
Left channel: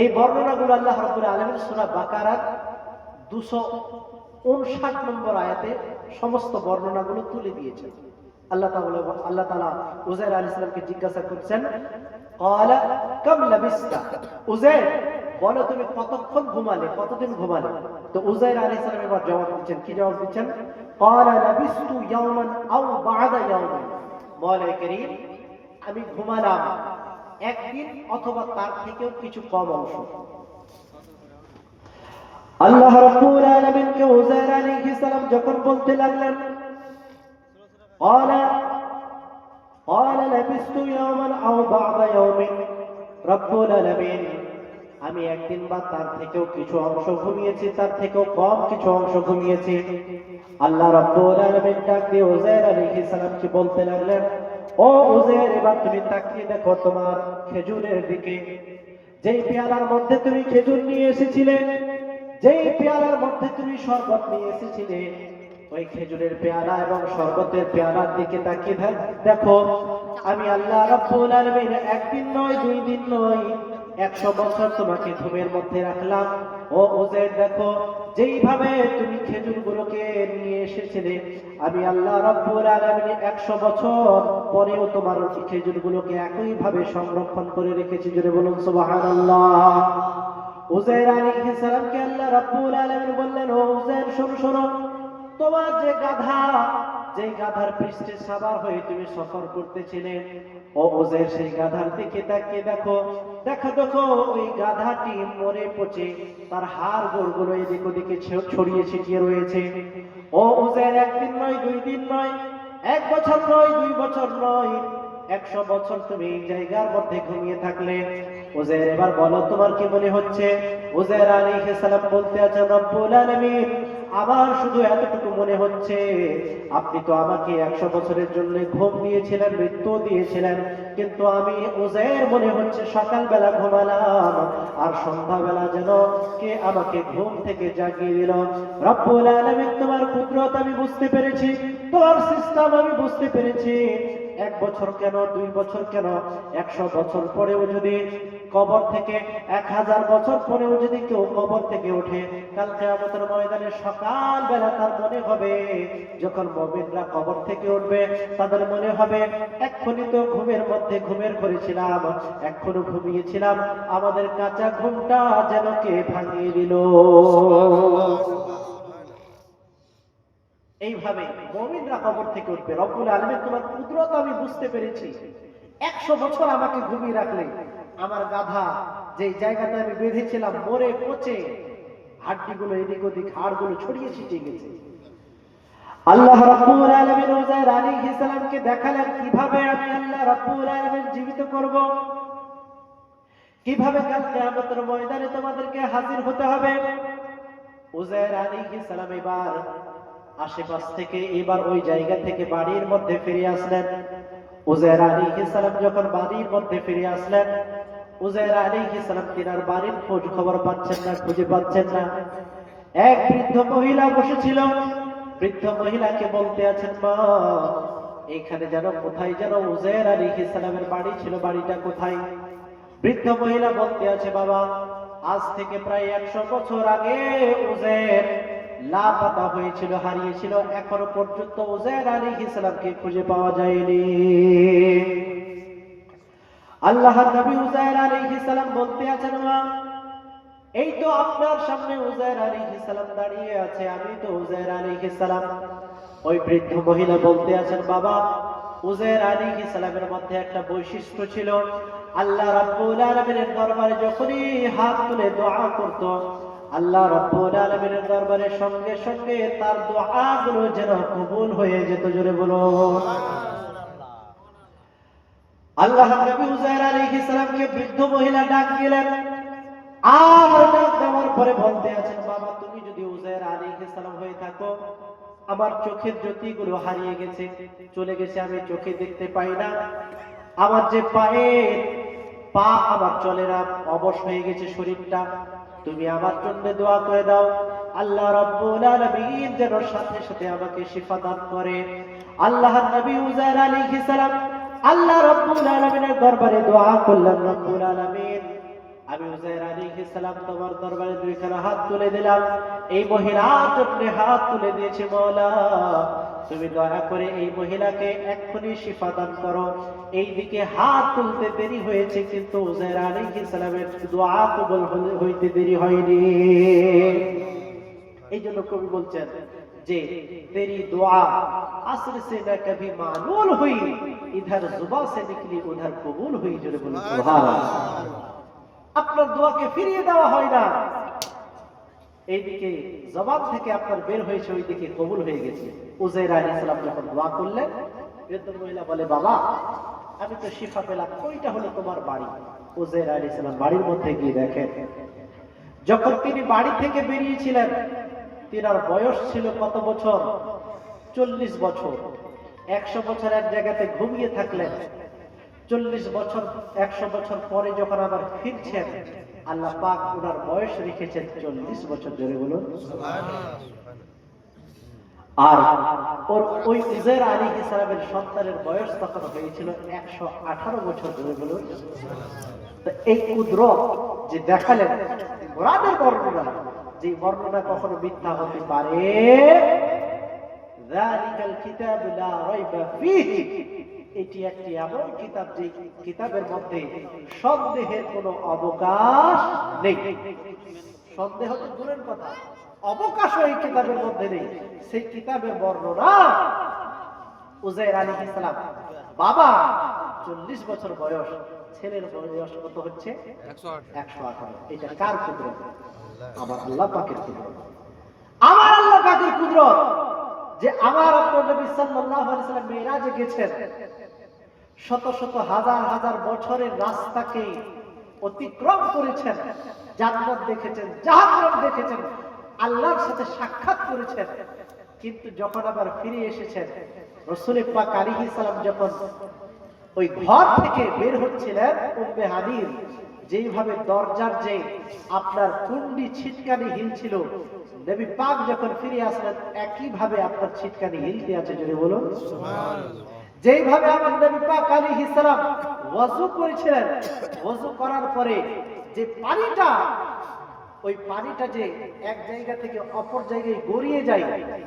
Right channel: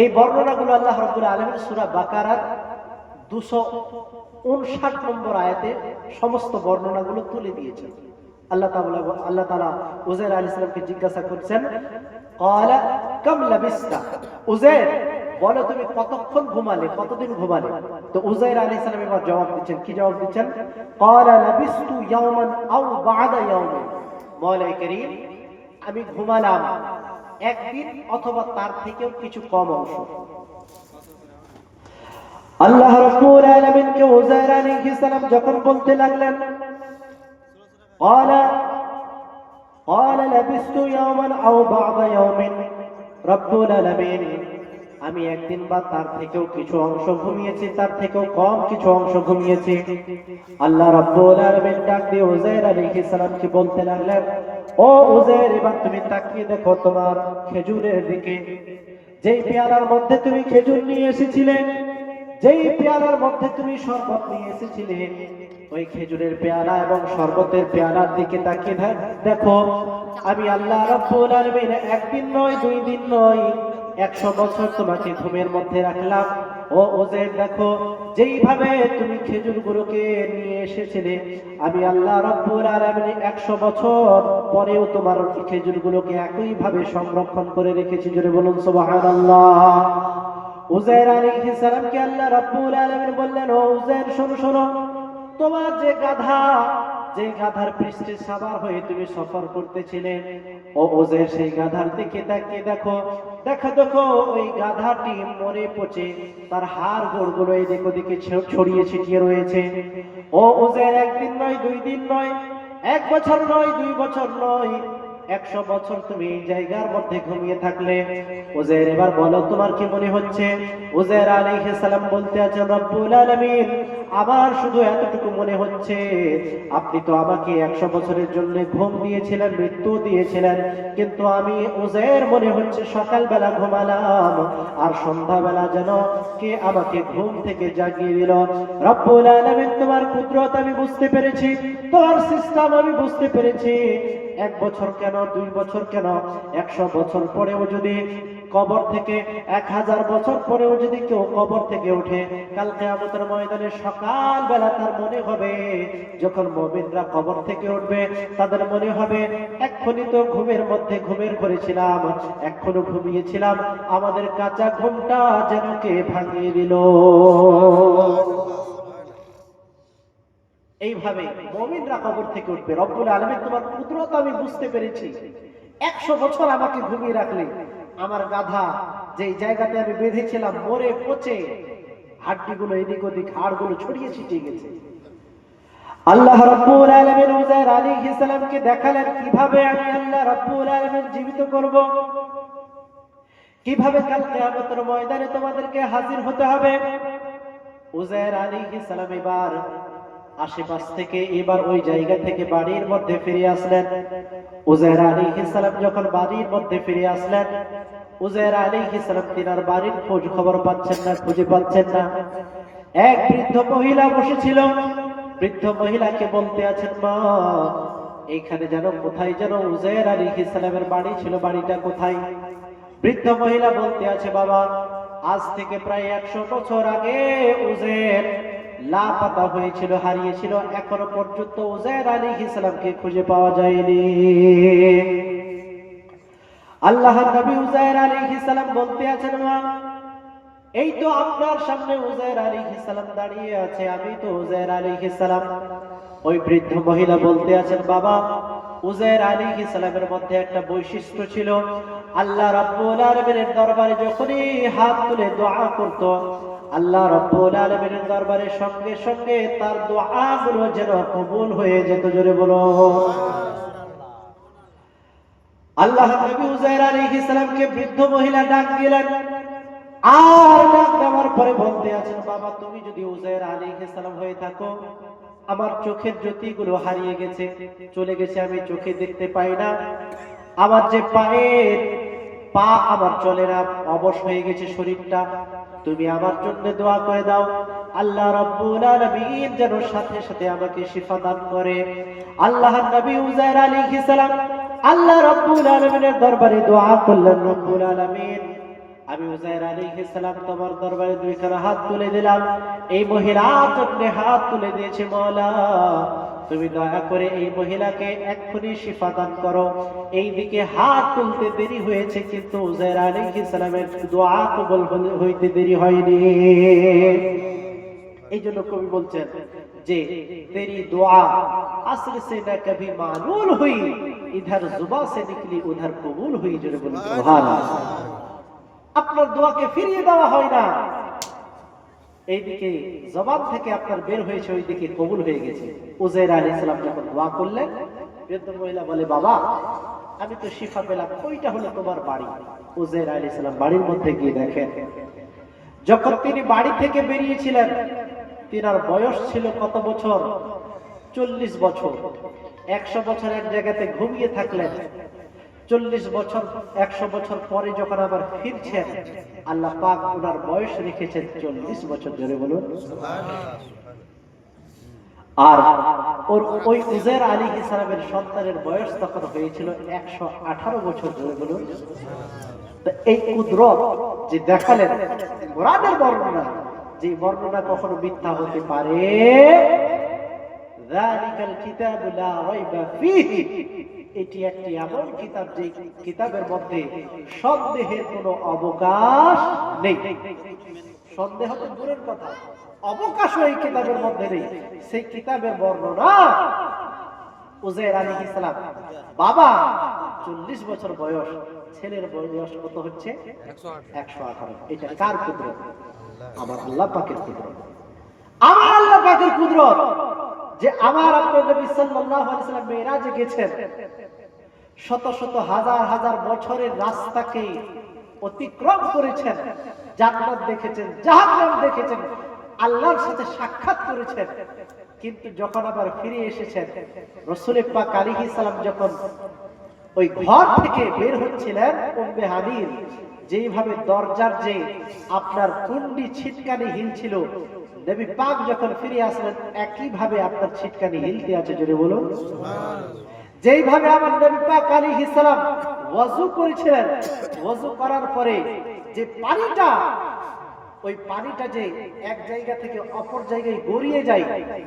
এই বর্ণনাগুলো আল্লাহ রাব্বুল আলামিন সূরা বাকারার 259 নম্বর আয়াতে সমস্ত বর্ণনাগুলো তুলে দিয়েছেন। আল্লাহ তাআলা উযায়ের আলাইহিস সালামকে জিজ্ঞাসা করছেন, ক্বালা কাম লাবিস্তা, উযায়ের বলো তুমি কতক্ষণ ঘুমালে, কতদিন ঘুমালে? তো উযায়ের আলাইহিস সালাম এবার জবাব দিচ্ছেন, কি জবাব দিচ্ছেন? ক্বালা লাবিস্তু ইয়াওমান আও বা'দা ইয়াওমিন, মওলাই কারীম, আমি ঘুমালাম একদিন অথবা তার থেকেও কিছু কম অংশ। আল্লাহ রাব্বুল আলামিন কে উযায়ের আলাইহিস সালাম যখন বলতে লাগলেন, ক্বালা লাবিস্তু ইয়াওমান আও বা'দা ইয়াওমিন, রব্বুল আলামিন, আমি একদিন বা তার থেকেও কিছু অংশ ঘুমিয়েছি, তার থেকেও কম কিছু অংশ ঘুমিয়েছি। আল্লাহ রাব্বুল আলামিন ডাক দিয়ে উযায়ের আলাইহিস সালামকে বলতে লাগলেন, ও উযায়ের, এবার তুমি তাকিয়ে দেখো তোমার খেজুরের দিকে, যেই পেয়ালার মধ্যে তুমি খেজুর নিয়ে এসেছিলে, যেই পেয়ালার মধ্যে তুমি শরবত নিয়ে এসেছিলে, ওই খেজুরের পেয়ালা এবং শরবতের পেয়ালার দিকে তাকিয়ে দেখো, আমি আল্লাহ রাব্বুল আলামিন একদিন নয়, 2 দিন নয়, 100 বছর তোমাকে ঘুমের মধ্যে রাখলাম। ও উযাইর, দেখো যেইভাবে তুমি খেজুরগুলোকে নিয়ে এসেছিলে, আমি আল্লাহ রাব্বুল আলামিন 100 বছর পরেও তোমার খেজুরগুলোকে একইভাবে সংরক্ষণ করে রেখেছি। জোরে বলুন সুবহানাল্লাহ। উযাইর আলাইহিস সালামকে আল্লাহ রাব্বুল আলামিন বললেন, ও উযাইর, শোনো শোনো, তোমার যে গাধা, যে গাধার পৃষ্ঠে সাবার হয়ে তুমি সফর করতেছিলে, ও উযাইর, সেই গাধার দিকে তাকিয়ে দেখো, দেখো দেখো ওই গাধাটি মরে পচে তার হাড় গোড়গুলো এদিক ওদিকে ছড়িয়ে ছিটিয়ে রয়েছে। ও উযাইর, একদিন নয়, 2 দিন নয়, 1 বছর নয়, 2 বছর নয়, 100 বছর তুমি এই জায়গার মধ্যে ঘুমিয়ে থাকলে। উযাইর, এবার বলো তোমার কি মনে হচ্ছে? উযাইর আলাইহিস সালাম বলতে আছেন, রব্বুল আলামিন, আমার শুধু এতটুকু মনে হচ্ছে, আপনি তো আমাকে 100 বছরের জন্য ঘুম দিয়েছিলেন, মৃত্যু দিয়েছিলেন, কিন্তু আমি উযাইর মনে হচ্ছে সকালবেলা ঘুমালাম আর সন্ধ্যাবেলা যেন কে আমাকে ঘুম থেকে জাগিয়ে দিল। রব্বুল আলামিন, তোমার কুদরত আমি বুঝতে পেরেছি, তোমার সিস্টেম আমি বুঝতে পেরেছি। 1 বছর কেন, 2 বছর কেন, 100 বছর পরেও যদি কবর থেকে, 1000 বছর পরেও যদি কেউ কবর থেকে ওঠে, কাল কিয়ামতের ময়দানে সকালবেলা তার মনে হবে, যখন মুমিনরা কবর থেকে উঠবে, তাদের মনে হবে, এক্ষুনি তো ঘুমের মধ্যে ঘুমের করেছিলাম, এখনো ঘুমিয়েছিলাম, আমাদের কাঁচা ঘুমটা যেন কে ভাঙিয়ে দিল। এইভাবে মুমিনরা কবর থেকে উঠবে। রব্বুল আলামিন, তোমার কুদরত আমি বুঝতে পেরেছি, 100 বছর আমাকে ঘুমিয়ে রাখলে, আমার গাধা যেই জায়গাতে আমি বেঁধেছিলাম মরে পচে হাড্ডিগুলো এদিক ওদিক, হাড়গুলো ছড়িয়ে ছিটিয়ে গেছে। আল্লাহ রাব্বুল আলামিন উযাইর আলাইহিস সালামকে দেখালেন কিভাবে আমি আল্লাহ রাব্বুল আলামিন জীবিত করব, কিভাবে কাল কিয়ামতের ময়দানে তোমাদেরকে হাজির হতে হবে। উযাইর আলাইহিস সালাম এবার আশেপাশ থেকে, এবার ওই জায়গা থেকে বাড়ির মধ্যে ফিরে আসলেন। উযাইর আলাইহিস সালাম যখন বাড়ির মধ্যে ফিরে আসলেন, উযাইর আলাইহিস সালাম তিনার বাড়ির খোঁজ খবর পাচ্ছেন না, খুঁজে পাচ্ছেন না। এক বৃদ্ধ মহিলা বসেছিল, বৃদ্ধ মহিলাকে বলতে আছেন, মা, এইখানে যেন কোথায় যেন উযাইর আলাইহিস সালামের বাড়ি ছিল, বাড়িটা কোথায়? বৃদ্ধ মহিলা বলতে আছে, বাবা, আজ থেকে প্রায় 100 বছর আগে উযাইর লাপাতা হয়েছিল, হারিয়েছিল, এখনো পর্যন্ত উযাইর আলাইহিস সালামকে খুঁজে পাওয়া যায়নি। আল্লাহর নবী উযাইর আলাইহিস সালাম বলতে আছেন, মা, এই তো আপনার সামনে উযাইর আলাইহিস সালাম দাঁড়িয়ে আছে, আমি তো উযাইর আলাইহিস সালাম। ওই বৃদ্ধ মহিলা বলতে আছেন, বাবা, উযাইর আলাইহিস সালামের মধ্যে একটা বৈশিষ্ট্য ছিল, আল্লাহ রাব্বুল আলামিনের দরবারে যখনই হাত তুলে দোয়া করত, আল্লাহ রাব্বুল আলামিনের দরবারে সঙ্গে সঙ্গে তার দোয়াগুলো যেন কবুল হয়ে যেত। জোরে বলো। আল্লাহ নবী উযাইর আলাইহিস সালামকে বৃদ্ধ মহিলা ডাক দিলেন, আর ডাক দেওয়ার পরে বলতে আছেন, বাবা, তুমি যদি উযাইর আলাইহিস সালাম হয়ে থাকো, আমার চোখের জ্যোতিগুলো হারিয়ে গেছে, চলে গেছে, আমি চোখে দেখতে পাই না, আমার যে পায়ের পা আমার চলে না, অবশ হয়ে গেছে শরীরটা, তুমি আমার জন্য দোয়া করে দাও, আল্লাহ রাব্বুল আলামিন যেন সাথে সাথে আমাকে শিফা দান করে। আল্লাহর নবী উযাইর আলাইহিস সালাম আল্লাহ রাব্বুল আলামিনের দরবারে দোয়া করলেন, রব্বুল আলামিন, আমি উযাইর আলাইহিস সালাম তোমার দরবারে 2 খানা হাত তুলে দিলাম, এই মহিলার জন্য হাত তুলে দিয়েছে, মাওলা, তুমি দয়া করে এই মহিলাকে এক্ষুনি শিফা দান করো। এইদিকে হাত তুলতে দেরি হয়েছে, কিন্তু উযাইর আলাইহিস সালামের দোয়া কবুল হইতে দেরি হয়নি। এই জন্য কবি বলছেন যে, তেরি দোয়া আসর সে না কবি মালুল হুই, ইধর জুবা সে নিকলি উধর কবুল হুই। জোরে বলুন সুবহানাল্লাহ। আপনার দোয়াকে ফিরিয়ে দেওয়া হয় না, এইদিকে জবান থেকে আপনার বের হয়েছে, ওইদিকে কবুল হয়ে গেছে। উযাইর আলাইহিস সালাম যখন দোয়া করলেন, বৃদ্ধ মহিলা বলে, বাবা, আমি তো শিফা পেলাম, ওইটা হলো তোমার বাড়ি। উযাইর আলাইহিস সালাম বাড়ির মধ্যে গিয়ে দেখেন, যখন তিনি বাড়ি থেকে বেরিয়েছিলেন, তিনার বয়স ছিল কত বছর? 40 বছর। 100 বছর এক জায়গাতে ঘুমিয়ে থাকলেন, 40 বছর 100 বছর পরে যখন আবার ফিরছেন, আল্লাহ পাক ওনার বয়স রেখেছেন 40 বছর ধরে, বলুন। আর ওর ওই উজাইর আলাইহিস সালামের সন্তানের বয়স তখন হয়েছিল 118 বছর ধরে, বলুন। তো এই কুদরত যে দেখালেন, কোরআনের বর্ণনা, যে বর্ণনা কখনো মিথ্যা হতে পারে? যালিকাল কিতাবু লা রাইবা ফীহি, এটি একটি এমন কিতাব যে কিতাবের মধ্যে সন্দেহের কোনো অবকাশ নেই। সন্দেহ তো দূরের কথা, অবকাশও এই কিতাবের মধ্যে নেই। সেই কিতাবের বর্ণনা, উজাইর আলাইহিস সালাম বাবা 40 বছর বয়স, ছেলের বয়স কত হচ্ছে? 118। এটা কার কুদরত? আমার আল্লাহ পাকের কুদরত। আমার আল্লাহ পাকের কুদরত যে আমার আপনার নবী সাল্লাল্লাহু আলাইহি ওয়াসাল্লাম মেরাজে গেছেন, শত শত হাজার হাজার বছরের রাস্তাকে অতিক্রম করেছেন, জান্নাত দেখেছেন, জাহান্নাম দেখেছেন, আল্লাহর সাথে সাক্ষাৎ করেছেন। কিন্তু যখন আবার ফিরে এসেছেন, রাসূল পাক আলাইহিস সালাম যখন ওই ঘর থেকে বের হচ্ছিলেন, উম্মে হানির যেইভাবে দরজার যে আপনার কুণ্ডি ছিটকানি হিলছিল, নবী পাক যখন ফিরে আসলেন একই ভাবে আপনার ছিটকানি হিলতে আছে, যদি বলুন সুবহানাল্লাহ। যেইভাবে আমার নবী পাক আলাইহিস সালাম ওযু করেছিলেন, ওযু করার পরে যে পানিটা, ওই পানিটা যে এক জায়গা থেকে অপর জায়গায় গড়িয়ে যায়,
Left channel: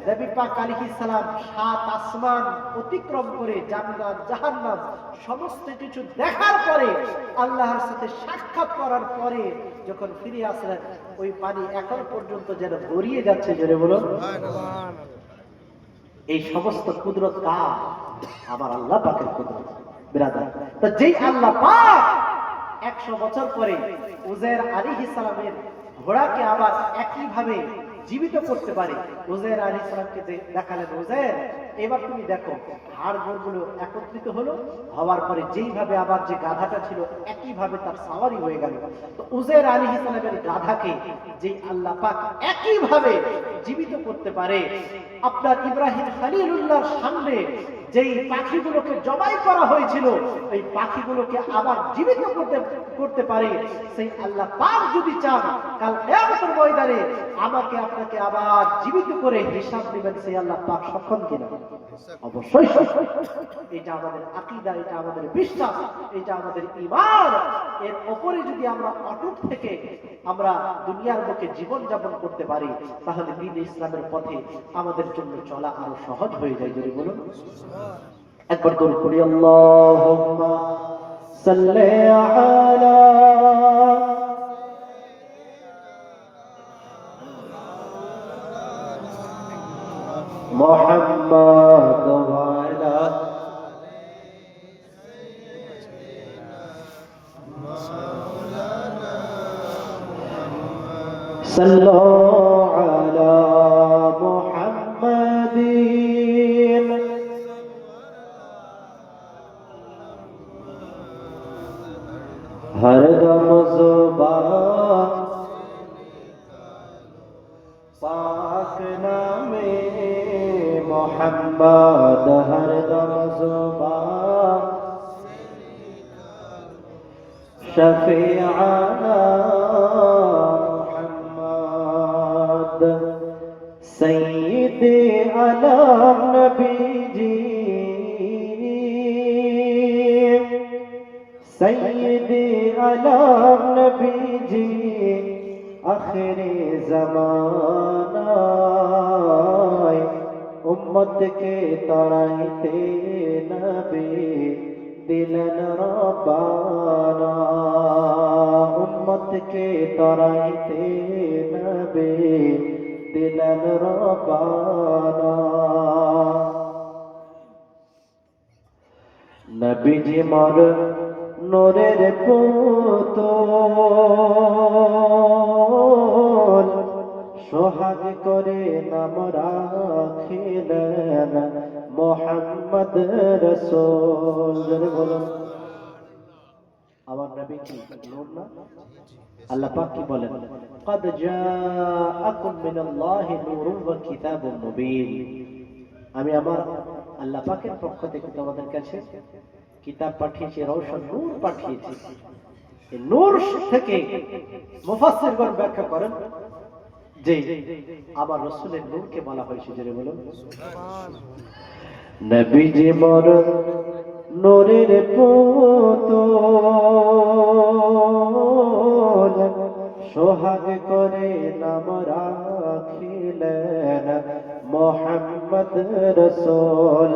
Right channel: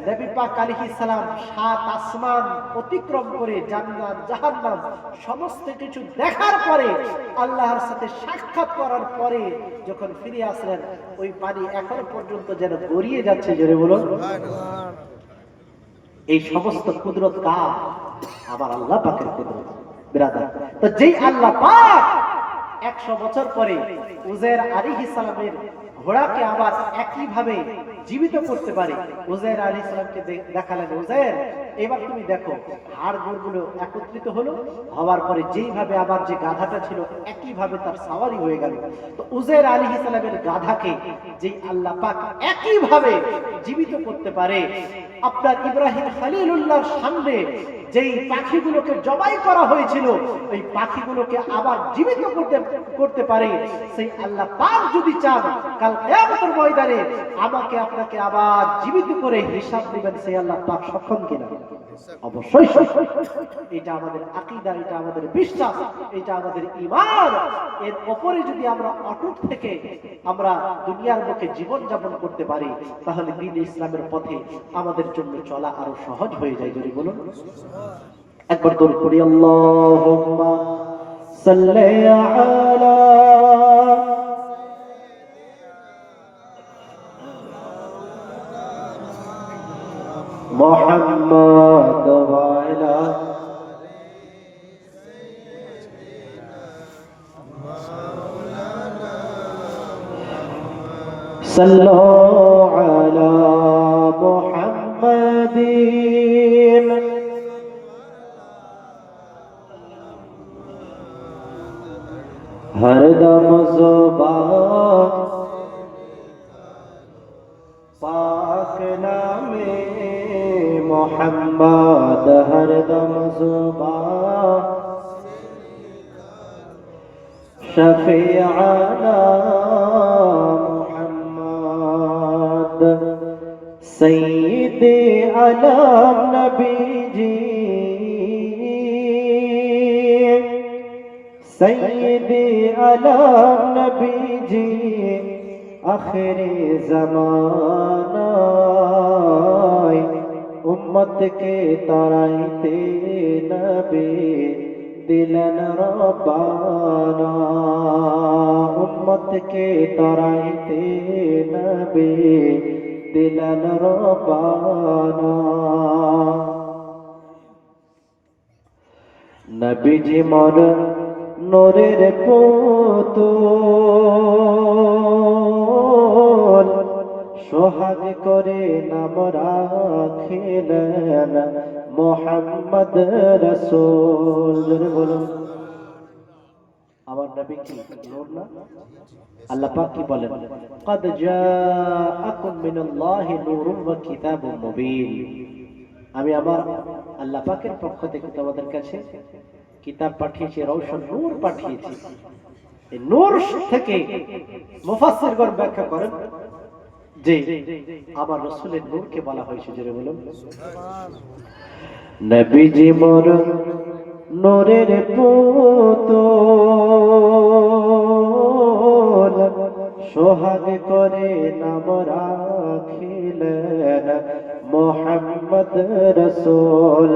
নবী পাক আলাইহিস সালাম 7 আসমান অতিক্রম করে জান্নাত জাহান্নাম সমস্ত কিছু দেখার পরে, আল্লাহর সাথে সাক্ষাৎ করার পরে যখন ফিরে আসলেন, ওই পানি এখন পর্যন্ত যেন গড়িয়ে যাচ্ছে, জোরে বলুন সুবহানাল্লাহ। এই সমস্ত কুদরত কার? আমার আল্লাহ পাকের কুদরত, বিরাদার। তো যেই আল্লাহ পাক 100 বছর পরে উজাইর আলাইহিস সালামের ঘোড়াকে আবার একই ভাবে জীবিত করতে পারে, উজাইর আলাইহিস সালামকে দেখালেন, উজাইর এবার তুমি দেখো, হাড়গুলো একত্রিত হলো, হওয়ার পরে যেইভাবে আমার যে গাধাটা ছিল একই ভাবে তার সাওয়ারি হয়ে গেল। তো উজাইর আলাইহিস সালামের গাধাকে যেই আল্লাহ পাক একই ভাবে জীবিত করতে পারে, আপনার ইব্রাহিম খলিলুল্লাহর সামনে যেই পাখিগুলোকে জবাই করা হয়েছিল, ওই পাখিগুলোকে আবার জীবিত করতে পারে, সেই আল্লাহ পাক যদি চান, কাল কিয়ামতের ময়দানে আমাকে আপনাকে আবার জীবিত করে হিসাব দিবেন, সেই আল্লাহ পাক সক্ষম কিনা? অবশ্যই সক্ষম। এটা আমাদের আকীদা, এটা আমাদের বিশ্বাস, এটা আমাদের ঈমান। এর উপরে যদি আমরা অটুট থেকে আমরা দুনিয়ার বুকে জীবন যাপন করতে পারি, তাহলে দ্বীন ইসলামের পথে আমাদের জন্য চলা আরো সহজ হয়ে যায়, যদি বলুন একবার দরুদ পড়ি, আল্লাহুম্মা সাল্লি আলা মুহাম্মাদ ওয়া আলা সাল্লু আলা মুহাম্মাদিন হরদম ज़ुबान पाक नामे मोहम्मद, हरदम ज़ुबान शफीआना मोहम्मद, सय्यदे आलम नबी जी, सय्यदे आलम नबी जी, आखिरी ज़माना उम्मत के ताइते नबी दिलन रब्बाना, उम्मत के ताइते नबी दिलन रब्बाना। नबी जी मोर नूरेर पुतुल, সোহাগ করে নাম রাখিলেন মুহাম্মদ রাসূল, বলুন আমার নবী কি নূর না? আল্লাহ পাক কি বলেন, قد جاءكم من الله نور وكتاب مبين, আমি আমার আল্লাহ পাকের পক্ষ থেকে তোমাদের কাছে কি কিতাব পাঠিয়েছি, রওশন নূর পাঠিয়েছি। এই নূর থেকে মুফাসসিরগণ ব্যাখ্যা করেন যে আমার রাসূলের নূরকে বলা হয়েছে, যেটা বলুন নবীজি মোর নূরের পুতুল, সোহাগ করে নাম রাখিলেন মোহাম্মদ রসূল।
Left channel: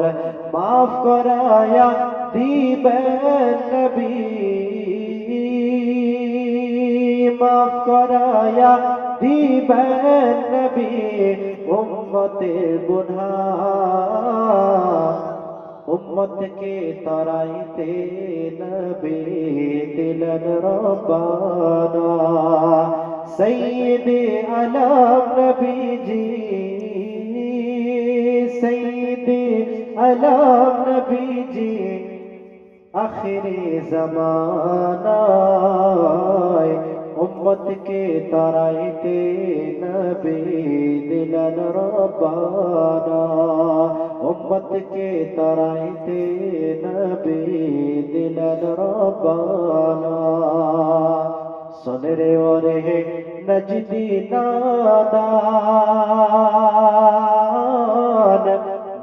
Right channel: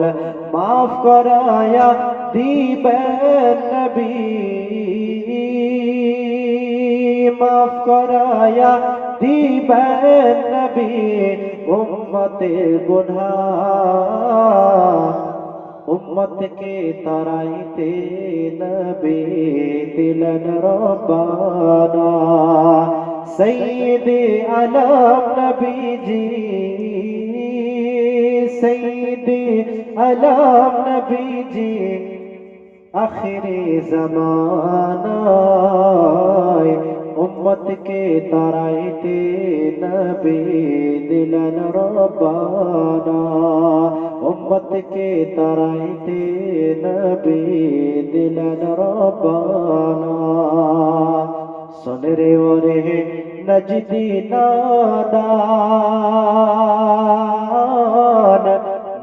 মাফ করায়া দিবেন নবী, মাফ করায়া দিবেন নবী উম্মতের গুনাহ। উম্মতকে তারাইতে নবী দিলেন রব্বানা। সৈয়দে আলম নবীজি, সৈয়দে আলম নবীজি আখিরে জামানায় উম্মতকে তারাইতে নবী দিলেন রব্বানা। উম্মতকে তারাইতে নবী দিলেন রব্বানা। সুনরে ওরে নজদি নাদান,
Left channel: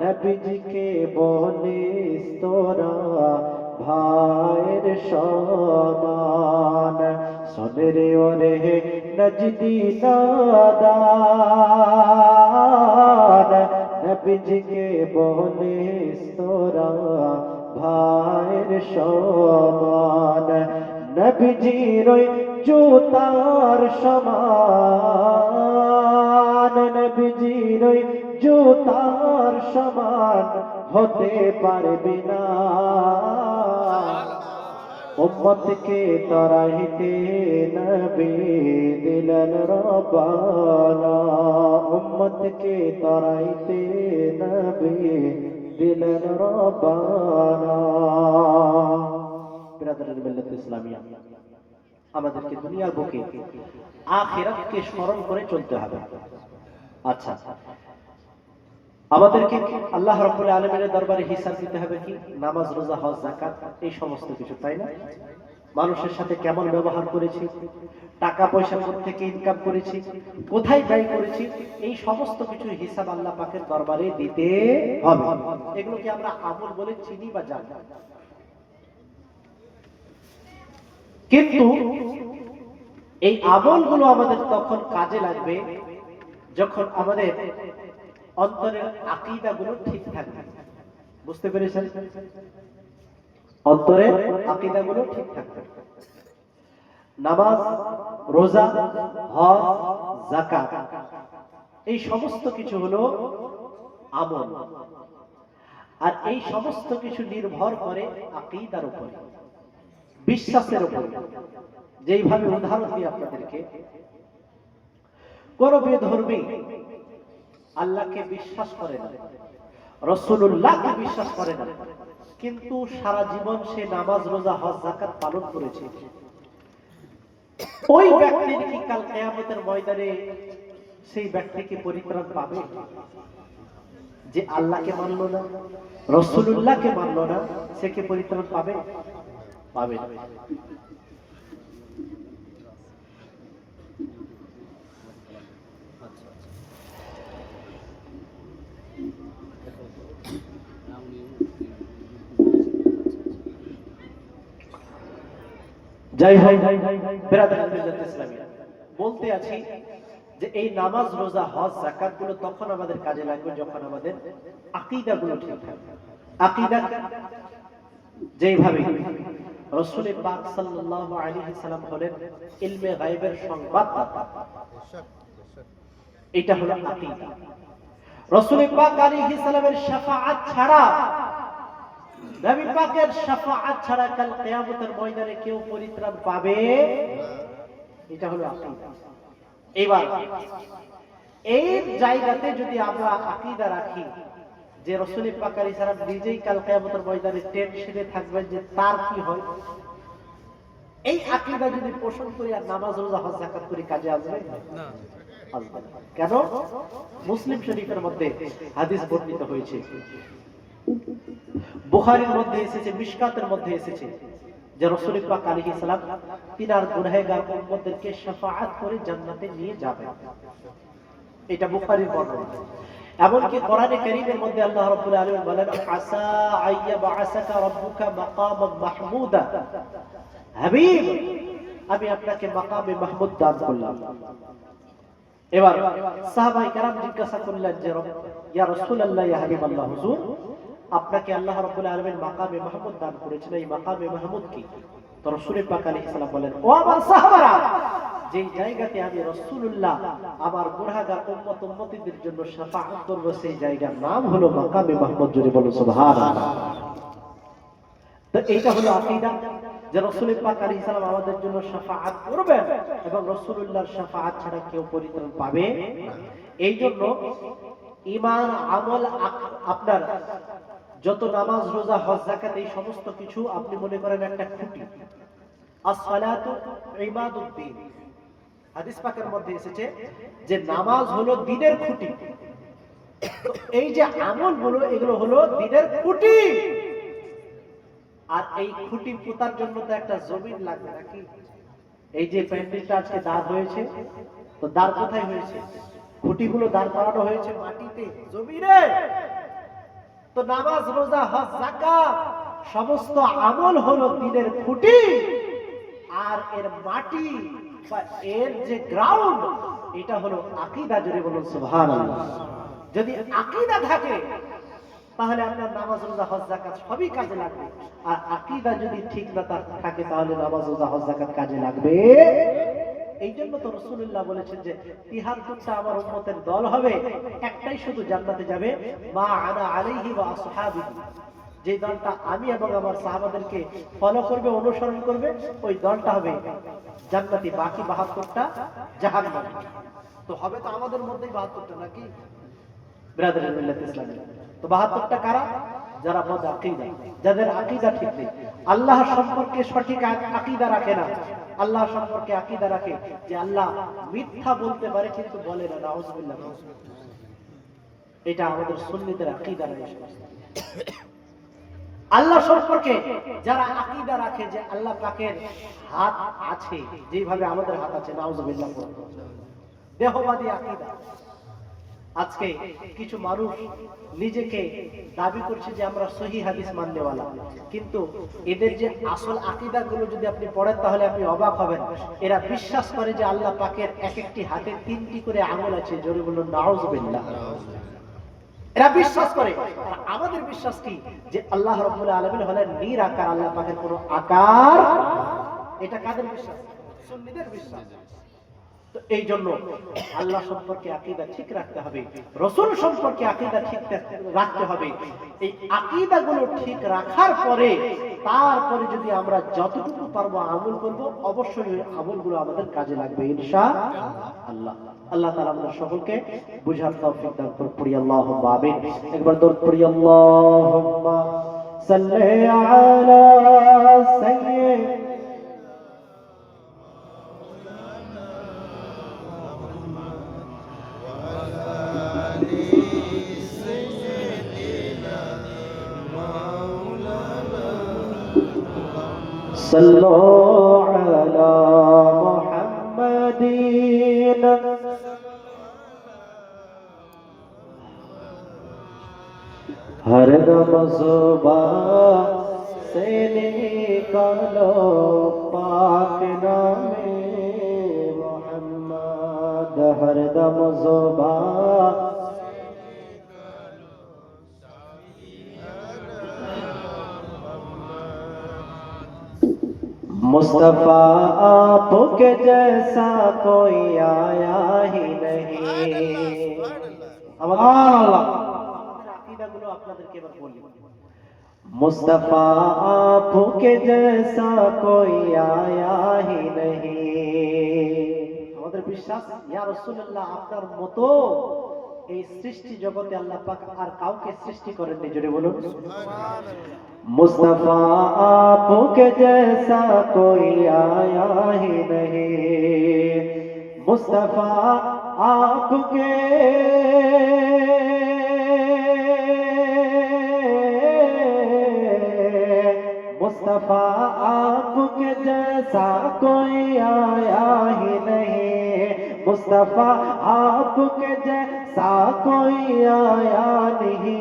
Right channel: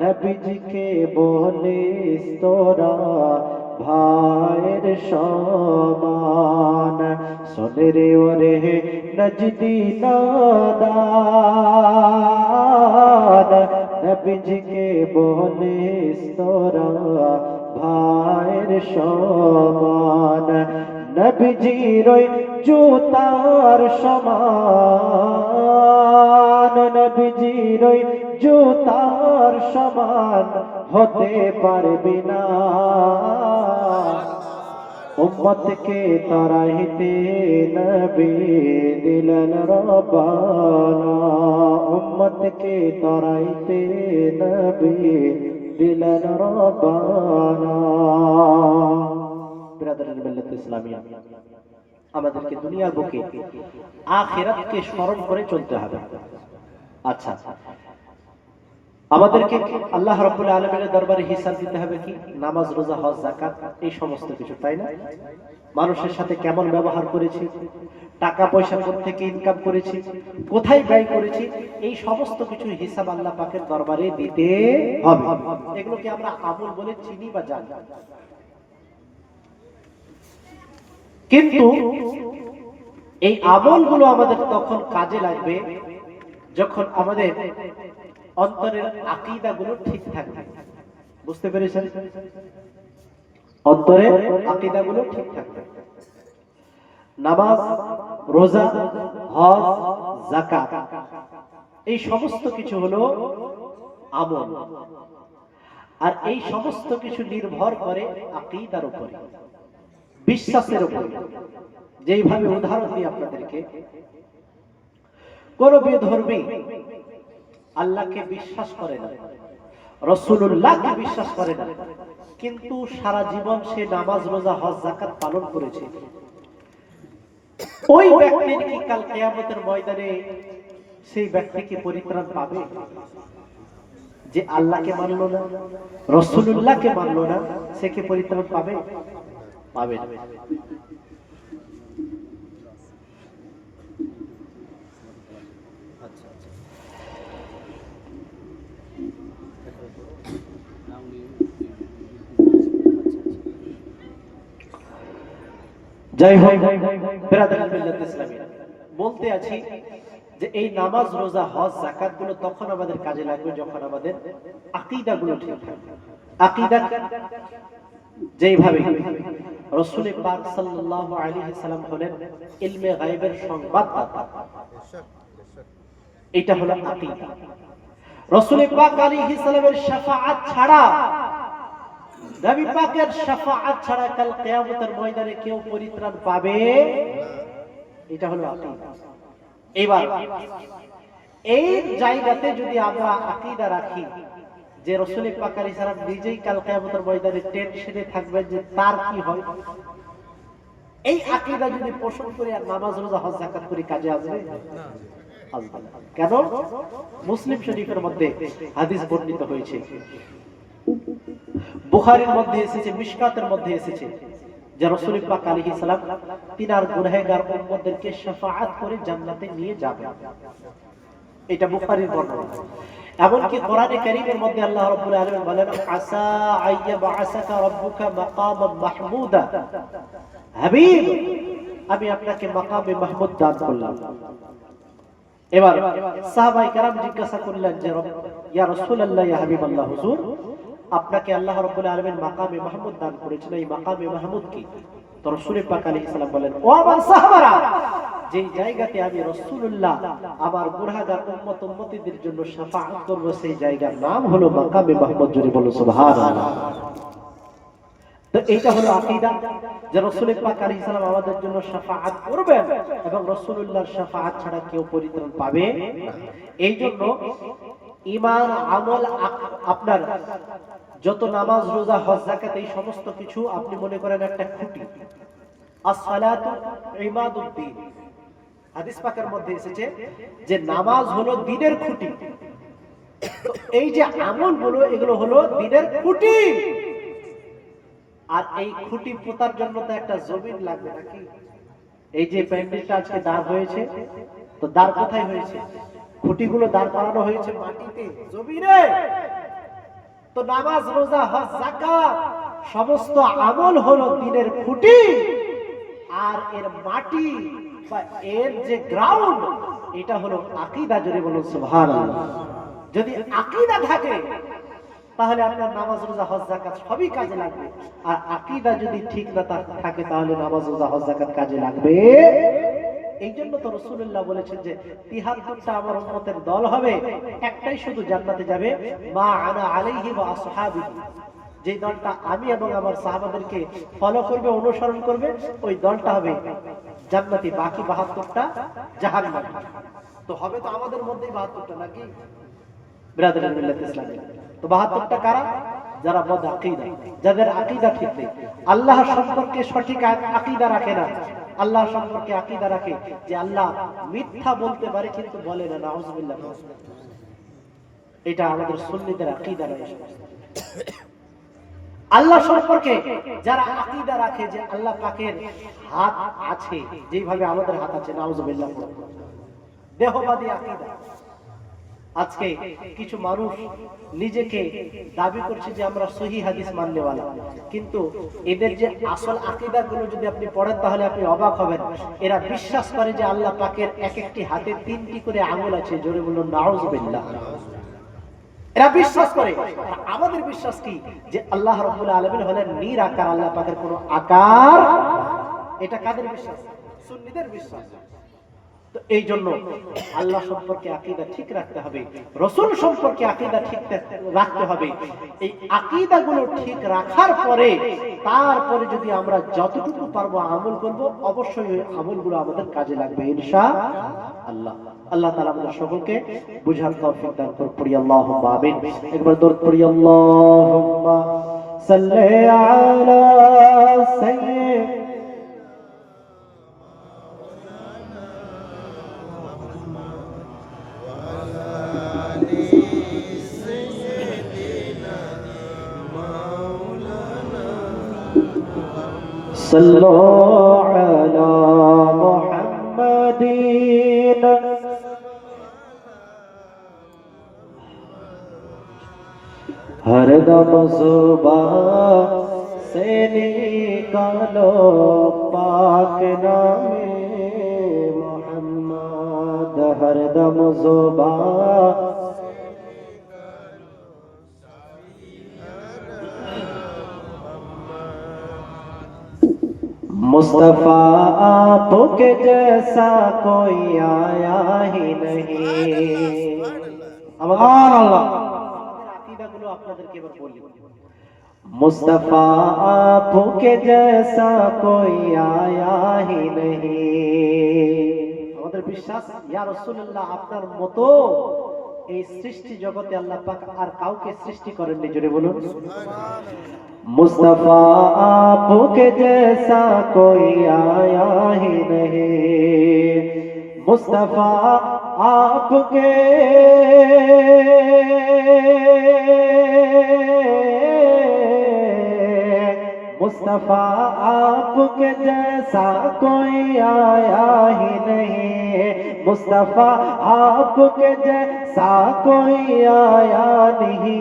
নবীজিকে বলিস তোরা ভাইয়ের সমান। সুনরে ওরে নজদি নাদান, নবীজিকে বলিস তোরা ভাইয়ের সমান। নবীজির জুতার সমান, নবীজির জুতার সমান হতে পারবি না। উম্মতকে তারাইতে নবী দিলেন রব্বানা। উম্মতকে তারাইতে নবী দিলেন রব্বানা। ব্রাদারের মিল্লাত ইসলামিয়া, আমাদেরকে দুনিয়ার বুকে আখিরাতকে স্মরণ করে চলতে হবে। আচ্ছা, আমাদেরকে আল্লাহ রাব্বুল আলামিনের দরবারে হিসাব দিতে হবে কি? নামাজ, রোজা, হজ, যাকাত, এই সমস্ত কিছু, তাই না? মানুষের সাথে কেমন ব্যবহার করেছি, টাকা পয়সা কোত্থেকে ইনকাম করেছি, কোথায় ব্যয় করেছি, এই সমস্ত কিছু হিসাব আল্লাহ পাকের দরবারে দিতে হবে। এগুলোকে আমরা আমল বলে চিনি বা জানি। কিন্তু এই আমলগুলো আমাদের তখন কাজে লাগবে যখন আমাদের অন্তরের আকীদাগুলো ঠিক থাকবে। বুঝতে পেরেছেন? অন্তরের আকীদাগুলো ঠিক থাকবে। নামাজ, রোজা, হজ, যাকাত, এই সমস্ত কিছু হলো আমল। আর এই সমস্ত কিছু নির্ভর করে আকীদার উপরে, বিশ্বাসের উপরে। যেইভাবে উদাহরণ দিই আপনাদেরকে, কোন বিধর্মী আল্লাহকে বিশ্বাস করে না, রাসূলুল্লাহকে বিশ্বাস করে না, কিন্তু সারা জীবন সে নামাজ, রোজা, হজ, যাকাত পালন করেছে, ওই ব্যক্তির কি কাল কিয়ামতের ময়দানে সেই ব্যক্তি কি পরিত্রাণ পাবে? যে আল্লাহকে মানলো না, রাসূলুল্লাহকে মানলো না, সে কি পরিত্রাণ পাবে? পাবে না। যাই হোক, বিরাদরান মিল্লাত ইসলামিয়া, বলতে আছি যে এই নামাজ, রোজা, হজ, যাকাত গুলো তখন আমাদের কাজে লাগবে যখন আমাদের আকীদা গুলো ঠিক থাকবে। আকীদা যেইভাবে রাসূল পাক সাল্লাল্লাহু আলাইহি সাল্লাম হলেন ইলমে গায়বের সংবাদদাতা, এটা হলো আকীদা। রাসূল পাক আলাইহিস সালামের শাফাআত ছাড়া, নবী পাকের শাফাআত ছাড়া কাল কিয়ামতের ময়দানে কেউ পরিত্রাণ পাবে না। এটা হলো আকীদা। এবার এই জায়গাতে যদি আমরা আকীদা রাখি যে রাসূল পাক আলাইহিস সালাম নিজেই কাল কিয়ামতের ময়দানে টেনশনে থাকবেন যে তার কি হয়, এই আকীদা যদি পোষণ করে আর নামাজ, রোজা, হজ, যাকাত করি, কাজে আসবে না? আসবে না। কেন? মুসলিম শরীফের মধ্যে হাদিস বর্ণিত হয়েছে, বুখারীর মধ্যে এসেছে, মিশকাতের মধ্যে এসেছে যে রাসূল পাক আলাইহিস সালাম তিনার গুনাহগার উম্মতদেরকে শাফাআত করে জান্নাতে নিয়ে যাবেন। এটা বুখারীর বর্ণনা। এমনকি কোরআনে কারীমের মধ্যে আল্লাহ রাব্বুল আলামিন বলেন, আসা আইয়াবআসাকা রাব্বুকা মাকামান মাহমুদা, হাবিব আমি আপনাকে মাকামে মাহমুদ দান করলাম। এবার সাহাবায়ে কেরাম জিজ্ঞাসা করলেন যে ইয়া রাসূলুল্লাহ, ইয়া হাবিবাল্লাহ, হুজুর আপনাকে আল্লাহ রাব্বুল আলামিন মাকামে মাহমুদ দান করেছেন, এই মাকামে মাহমুদ কি? তো রাসূল পাক আলাইহিস সালাম বলেন, ও আমার সাহাবারা, যেই জায়গাতে আমি রাসূলুল্লাহ আমার গুনাহগার উম্মত উম্মতীদের জন্য শাফাআত করব, সেই জায়গার নাম হলো মাকামে মাহমুদ। জোরে বলো সুবহানাল্লাহ। তো এইটা হলো আকীদা যে রাসূল পাক আলাইহিস সালাম আমাদের জন্য শাফাআত করবেন এবং রাসূলুল্লাহর শাফাআত ছাড়া কেউ পরিত্রাণ পাবে না। এই জন্য ঈমান, আমল, আপনার যত নামাজ, রোজা, হজ, যাকাত, এই সমস্ত কিছু আপনি মনে করেন একটা খুঁটি। as-সালাতু ইমাদুদ্দিন, হাদিস পাকের মধ্যে এসেছে যে নামাজ হলো দ্বীনের খুঁটি। তো এই যে আমলগুলো, এগুলো হলো দ্বীনের খুঁটি। আর এই খুঁটি পোতার জন্য তো একটা জমিন লাগবে নাকি? এই যে প্যান্ডেলটা আজকে দাঁড় হয়েছে, তো দাঁড় কোথায় হয়েছে? খুঁটিগুলো দাঁড় করানো হয়েছে মাটিতে, জমিনে। তো নামাজ, রোজা, হজ, যাকাত সমস্ত আমল হলো দ্বীনের খুঁটি। আর এর মাটি বা এর যে গ্রাউন্ড, এটা হলো আকীদা। জোরে বলুন সুবহানাল্লাহ। যদি আকীদা থাকে তাহলে আপনার নামাজ, রোজা, হজ, যাকাত সবই কাজে লাগবে। আর আকীদা যদি ঠিক না থাকে তাহলে নামাজ, রোজা, হজ, যাকাত কাজে লাগবে। এই জন্য তো রাসূলুল্লাহ বলেছেন যে ৭৩টা আমার উম্মতের দল হবে, একটাই শুধু জান্নাতে যাবে, মা আনা আলাইহি ওয়া আসহাবি, যে দলটা আমি এবং আমার সাহাবাদেরকে ফলো করবে, অনুসরণ করবে, ওই দলটা হবে জান্নাতি। বাকি ৭২টা জাহান্নামী। তো হবে তো আমাদের মধ্যেই ৭২টা নাকি ব্রাদার মিল্লাত ইসলামী? তো ৭২টা কারা? যারা বদ আকীদা, যাদের আকীদা ঠিক নেই, আল্লাহ সম্পর্কে সঠিক আকীদা রাখে না। আল্লাহ সম্পর্কে আকীদা রাখে যে আল্লাহ মিথ্যা বলতে পারে কিন্তু বলে না, নাউযুবিল্লাহ। এটা আমাদের সুন্নিদের আকীদা নয়। আল্লাহ সম্পর্কে যারা আকীদা রাখে যে আল্লাহ পাকের হাত আছে, যেভাবে আমাদের হাত আছে, নাউযুবিল্লাহ, দেহবাদী আকীদা। আজকে কিছু মানুষ নিজেকে দাবি করছে যে আমরা সহিহ হাদিস মাননেওয়ালা, কিন্তু এদের যে আসল আকীদাগুলো যদি আপনি পড়েন তাহলে আপনি অবাক হবেন। এরা বিশ্বাস করে যে আল্লাহ পাকের এক একটি হাতে ৩টি করে আঙুল আছে। জোরে বলুন নাউযুবিল্লাহ। এরা বিশ্বাস করে। আমাদের বিশ্বাস কি? যে আল্লাহ রাব্বুল আলামিন হলেন নিরাকার, আল্লাহ পাকের কোনো আকার। এটা কাদের বিশ্বাস? সুন্নিদের বিশ্বাস। তো এই জন্য আল্লাহ সম্পর্কে আকীদা ঠিক রাখতে হবে, রাসূল সম্পর্কে আকীদা ঠিক রাখতে হবে। এই আকীদাগুলো ঠিক রাখার পরে তারপরে যদি আমরা যতটুকু পারবো আমল করব, অবশ্যই ওই আমলগুলো আমাদের কাজে লাগবে ইনশাআল্লাহ। আল্লাহ তাআলা আমাদের সকলকে বুঝার তৌফিক দান করুন। পড়ি আল্লাহুম্মা আমিন। একবার দরুদ পড়ি, আল্লাহুম্মা সাল্লি আলা সাইয়্যিদ صلوا على محمد हर दम ज़ुबान से निकालो पाक नामे मोहम्मद, हर दम ज़ुबान मुस्तफा आपके जैसा कोई आया ही नहीं। मुस्तफा आपके जैसा कोई आया ही नहीं। আমাদের বিশ্বাস, ইয়া রাসূলুল্লাহ, আপনার মতো এই সৃষ্টি জগতে আল্লাহ পাক আর কাউকে সৃষ্টি করেননি। জোরে বলুন সুবহানাল্লাহ। मुस्तफा आपके जैसा कोई आया ही नहीं। मुस्तफा आपके मुस्तफा आपके जैसा कोई आया ही नहीं, मुस्तफा आपके जैसा कोई आया नहीं।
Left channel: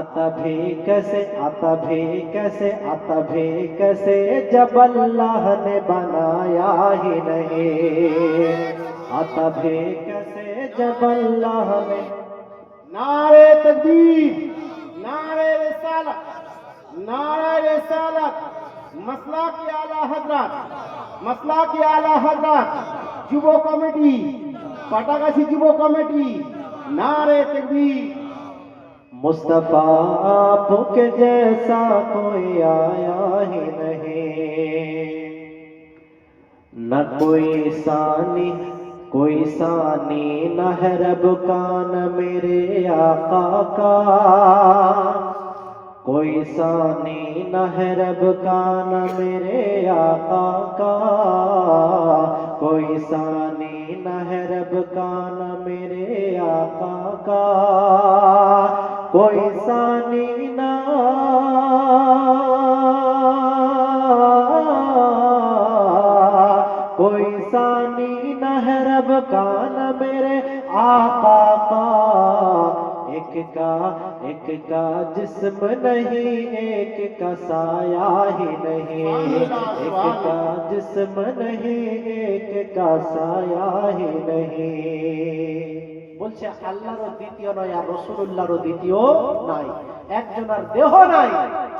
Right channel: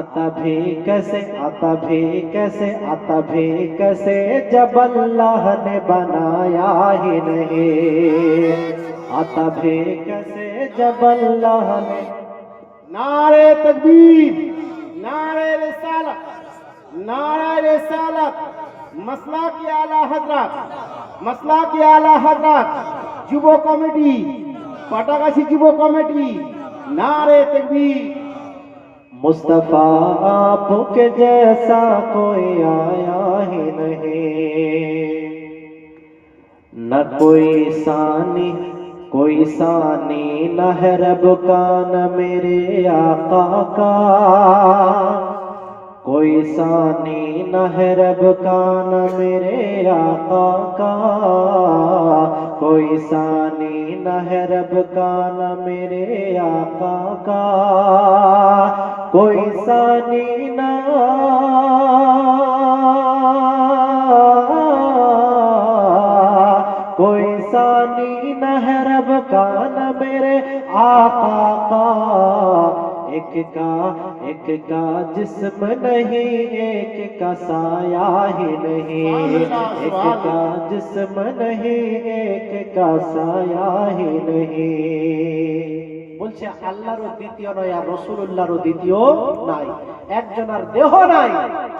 आता भी कैसे, आता भी कैसे, आता भी कैसे जब अल्लाह ने बनाया ही नहीं, आता भी कैसे जब अल्लाह ने। नारे तकबीर, नारे रिसालत, नारे रिसालत, मसला की आला हजरत, मसला की आला हजरत যুব কমিটি, পাটাগাছি যুব কমিটি, नारे तकबीर। मुस्तफा आपके जैसा कोई आया ही नहीं, न कोई सानी न है रब का न मेरे आका का, कोई सानी न है रब का न मेरे आका का, कोई सानी न है रब का न मेरे आका का, कोई सानी ना, कोई सानी न है रब का न मेरे आका का, एक का जिस्म नहीं, एक का साया ही नहीं, एक का जिस्म नहीं, एक का साया ही नहीं। বলছে আল্লাহরও দ্বিতীয় নয় আর রাসূলুল্লাহরও দ্বিতীয় নাই, একজনের দেহ নাই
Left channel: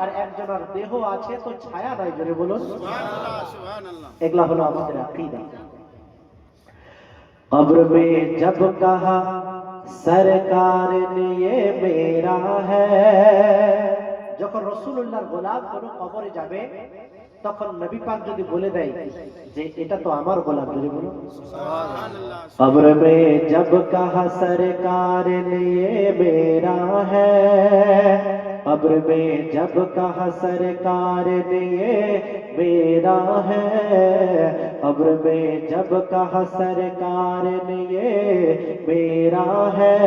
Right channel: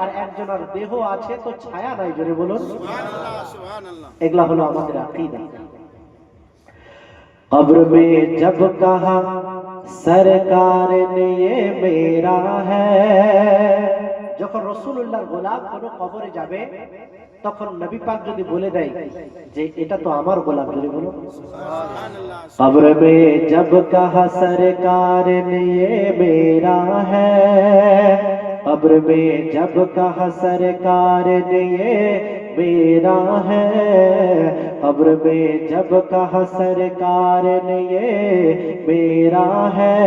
আর একজনের দেহ আছে তো ছায়া নাই, জোরে বলুন সুবহানাল্লাহ সুবহানাল্লাহ। এগুলা হলো আমাদের আকীদা। कब्र में जब कहा सरकार ने ये मेरा है, যখন রাসূলুল্লাহর গোলাম কোন কবরে যাবে তখন নবী পাক যদি বলে দেয় যে এটা তো আমার গোলাম, বলে বলো সুবহানাল্লাহ। कब्र में जब कहा सरकार ने ये मेरा है, कब्र में जब कहा सरकार ने ये मेरा है, कब्र में जब कहा सरकार ने ये मेरा है,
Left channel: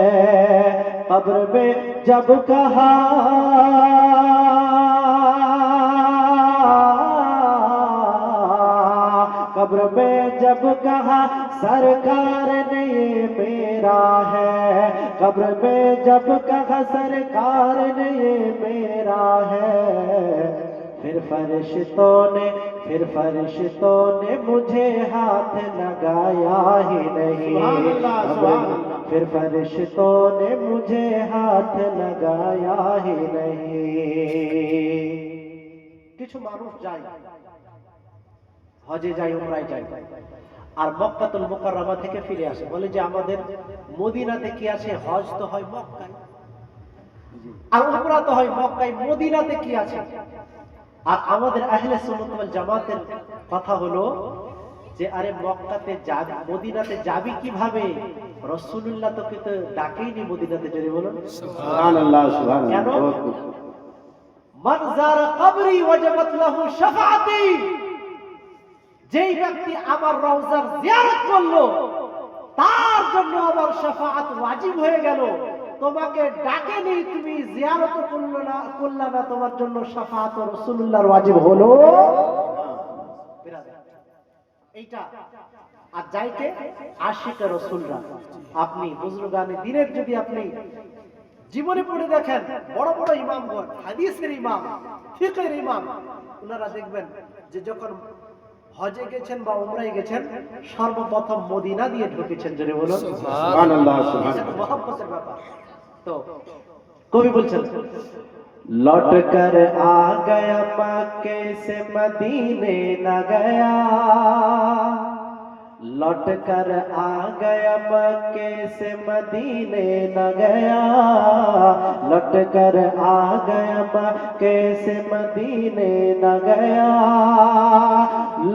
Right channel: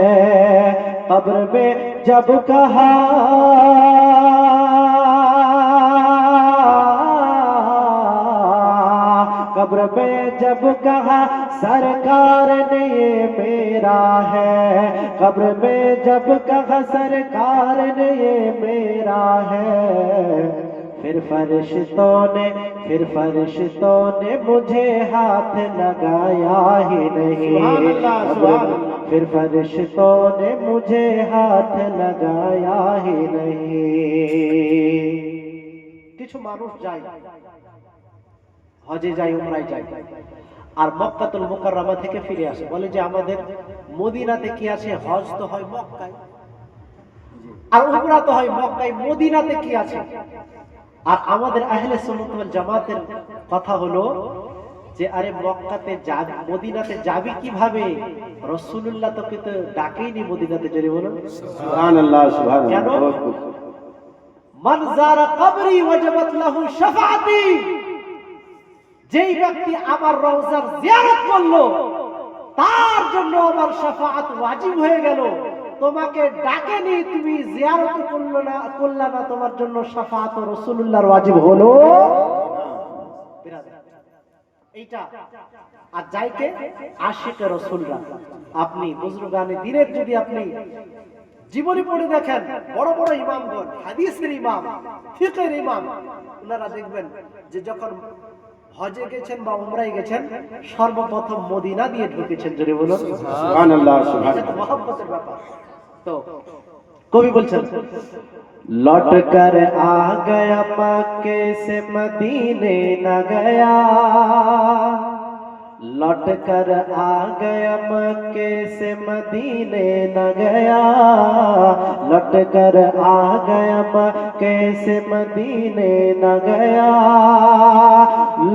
कब्र में जब कहा कब्र में जब कहा सरकार ने ये मेरा है, कब्र में जब कहा सरकार ने ये मेरा है, फिर फरिश्तों ने मुझे हाथ लगाया ही नहीं, फिर फरिश्तों ने मुझे हाथ लगाया ही नहीं। কিছু মানুষ যায় হজে যায়, উমরায় যায় আর মক্কাতুল মুকাররমা থেকে ফিরে আসে, বলে যে আমাদের মদিনাতে কি আছে, হজ তো হয় মক্কায় আর উমরা তো হয় মক্কায়, মদিনাতে কি আছে? আর আমাদের আহলে সুন্নাত ওয়াল জামাতের কথা হলো যে আরে মক্কাতে যাবি, মদিনাতে যাবি কিভাবে? রাসূলুল্লাহ তোকে তো ডাকেইনি মদিনাতে, জোরে বলুন সুবহানাল্লাহ সুবহানাল্লাহ। মান যারা কবরি ওয়াজাবাত লাহু শাফাআতি, যেই ব্যক্তি আমার রওজার জিয়ারত করলো তার জন্য আমার শাফাআত ওয়াজিব হয়ে গেল। তোমাকে ডাকেনি, তুমি জিয়ারত করলা না, তোমার জন্য শাফাআত রাসূলুল্লাহর ওয়াজিব হলো। এইটা আর যাইকে আশিকে রাসূলরা, আপনি বুজুর্গানে দ্বীনের যদি আপনি জীবনে পড়ে দেখেন, বড় বড় ইমামগণ, হাদিসের ইমাম, ফিকহের ইমাম, ওনারা দেখবেন যে যখন হজে গেছেন বা উমরায় গেছেন সর্বপ্রথম মদিনা দিয়ে ঢুকেছেন, জোরে বলুন সুবহানাল্লাহ সুবহানাল্লাহ। এটা মহব্বতের ব্যাপার। তো কবি বলছেন लौट कर आ गया मक्के से मदीने न गया, लौट कर आ गया मक्के से मदीने न गया, लौट कर आ गया मक्के से मदीने न गया,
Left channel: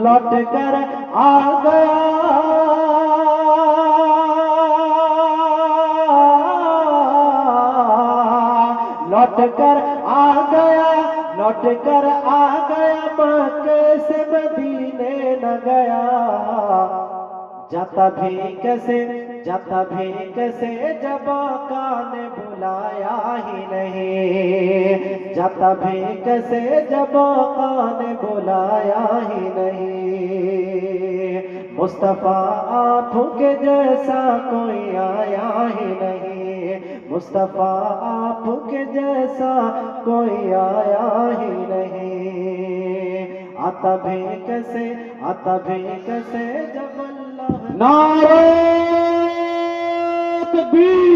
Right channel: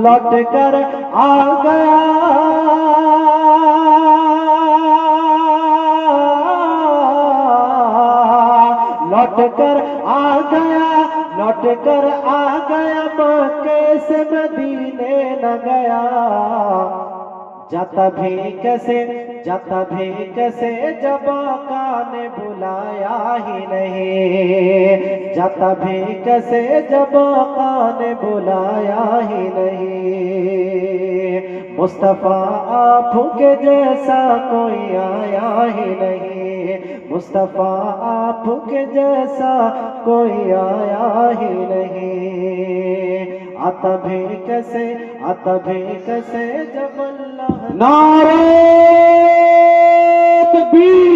लौट कर आ गया लौट कर आ गया, लौट कर आ गया मक्के से मदीने न गया, जाता भी कैसे जब आका ने बुलाया ही नहीं, जाता भी कैसे जब आका ने बुलाया ही नहीं। मुस्तफा आप के जैसा कोई आया ही नहीं। मुस्तफा आप के जैसा कोई आया ही नहीं। आता भी कैसे जब अल्लाह नारे तकबीर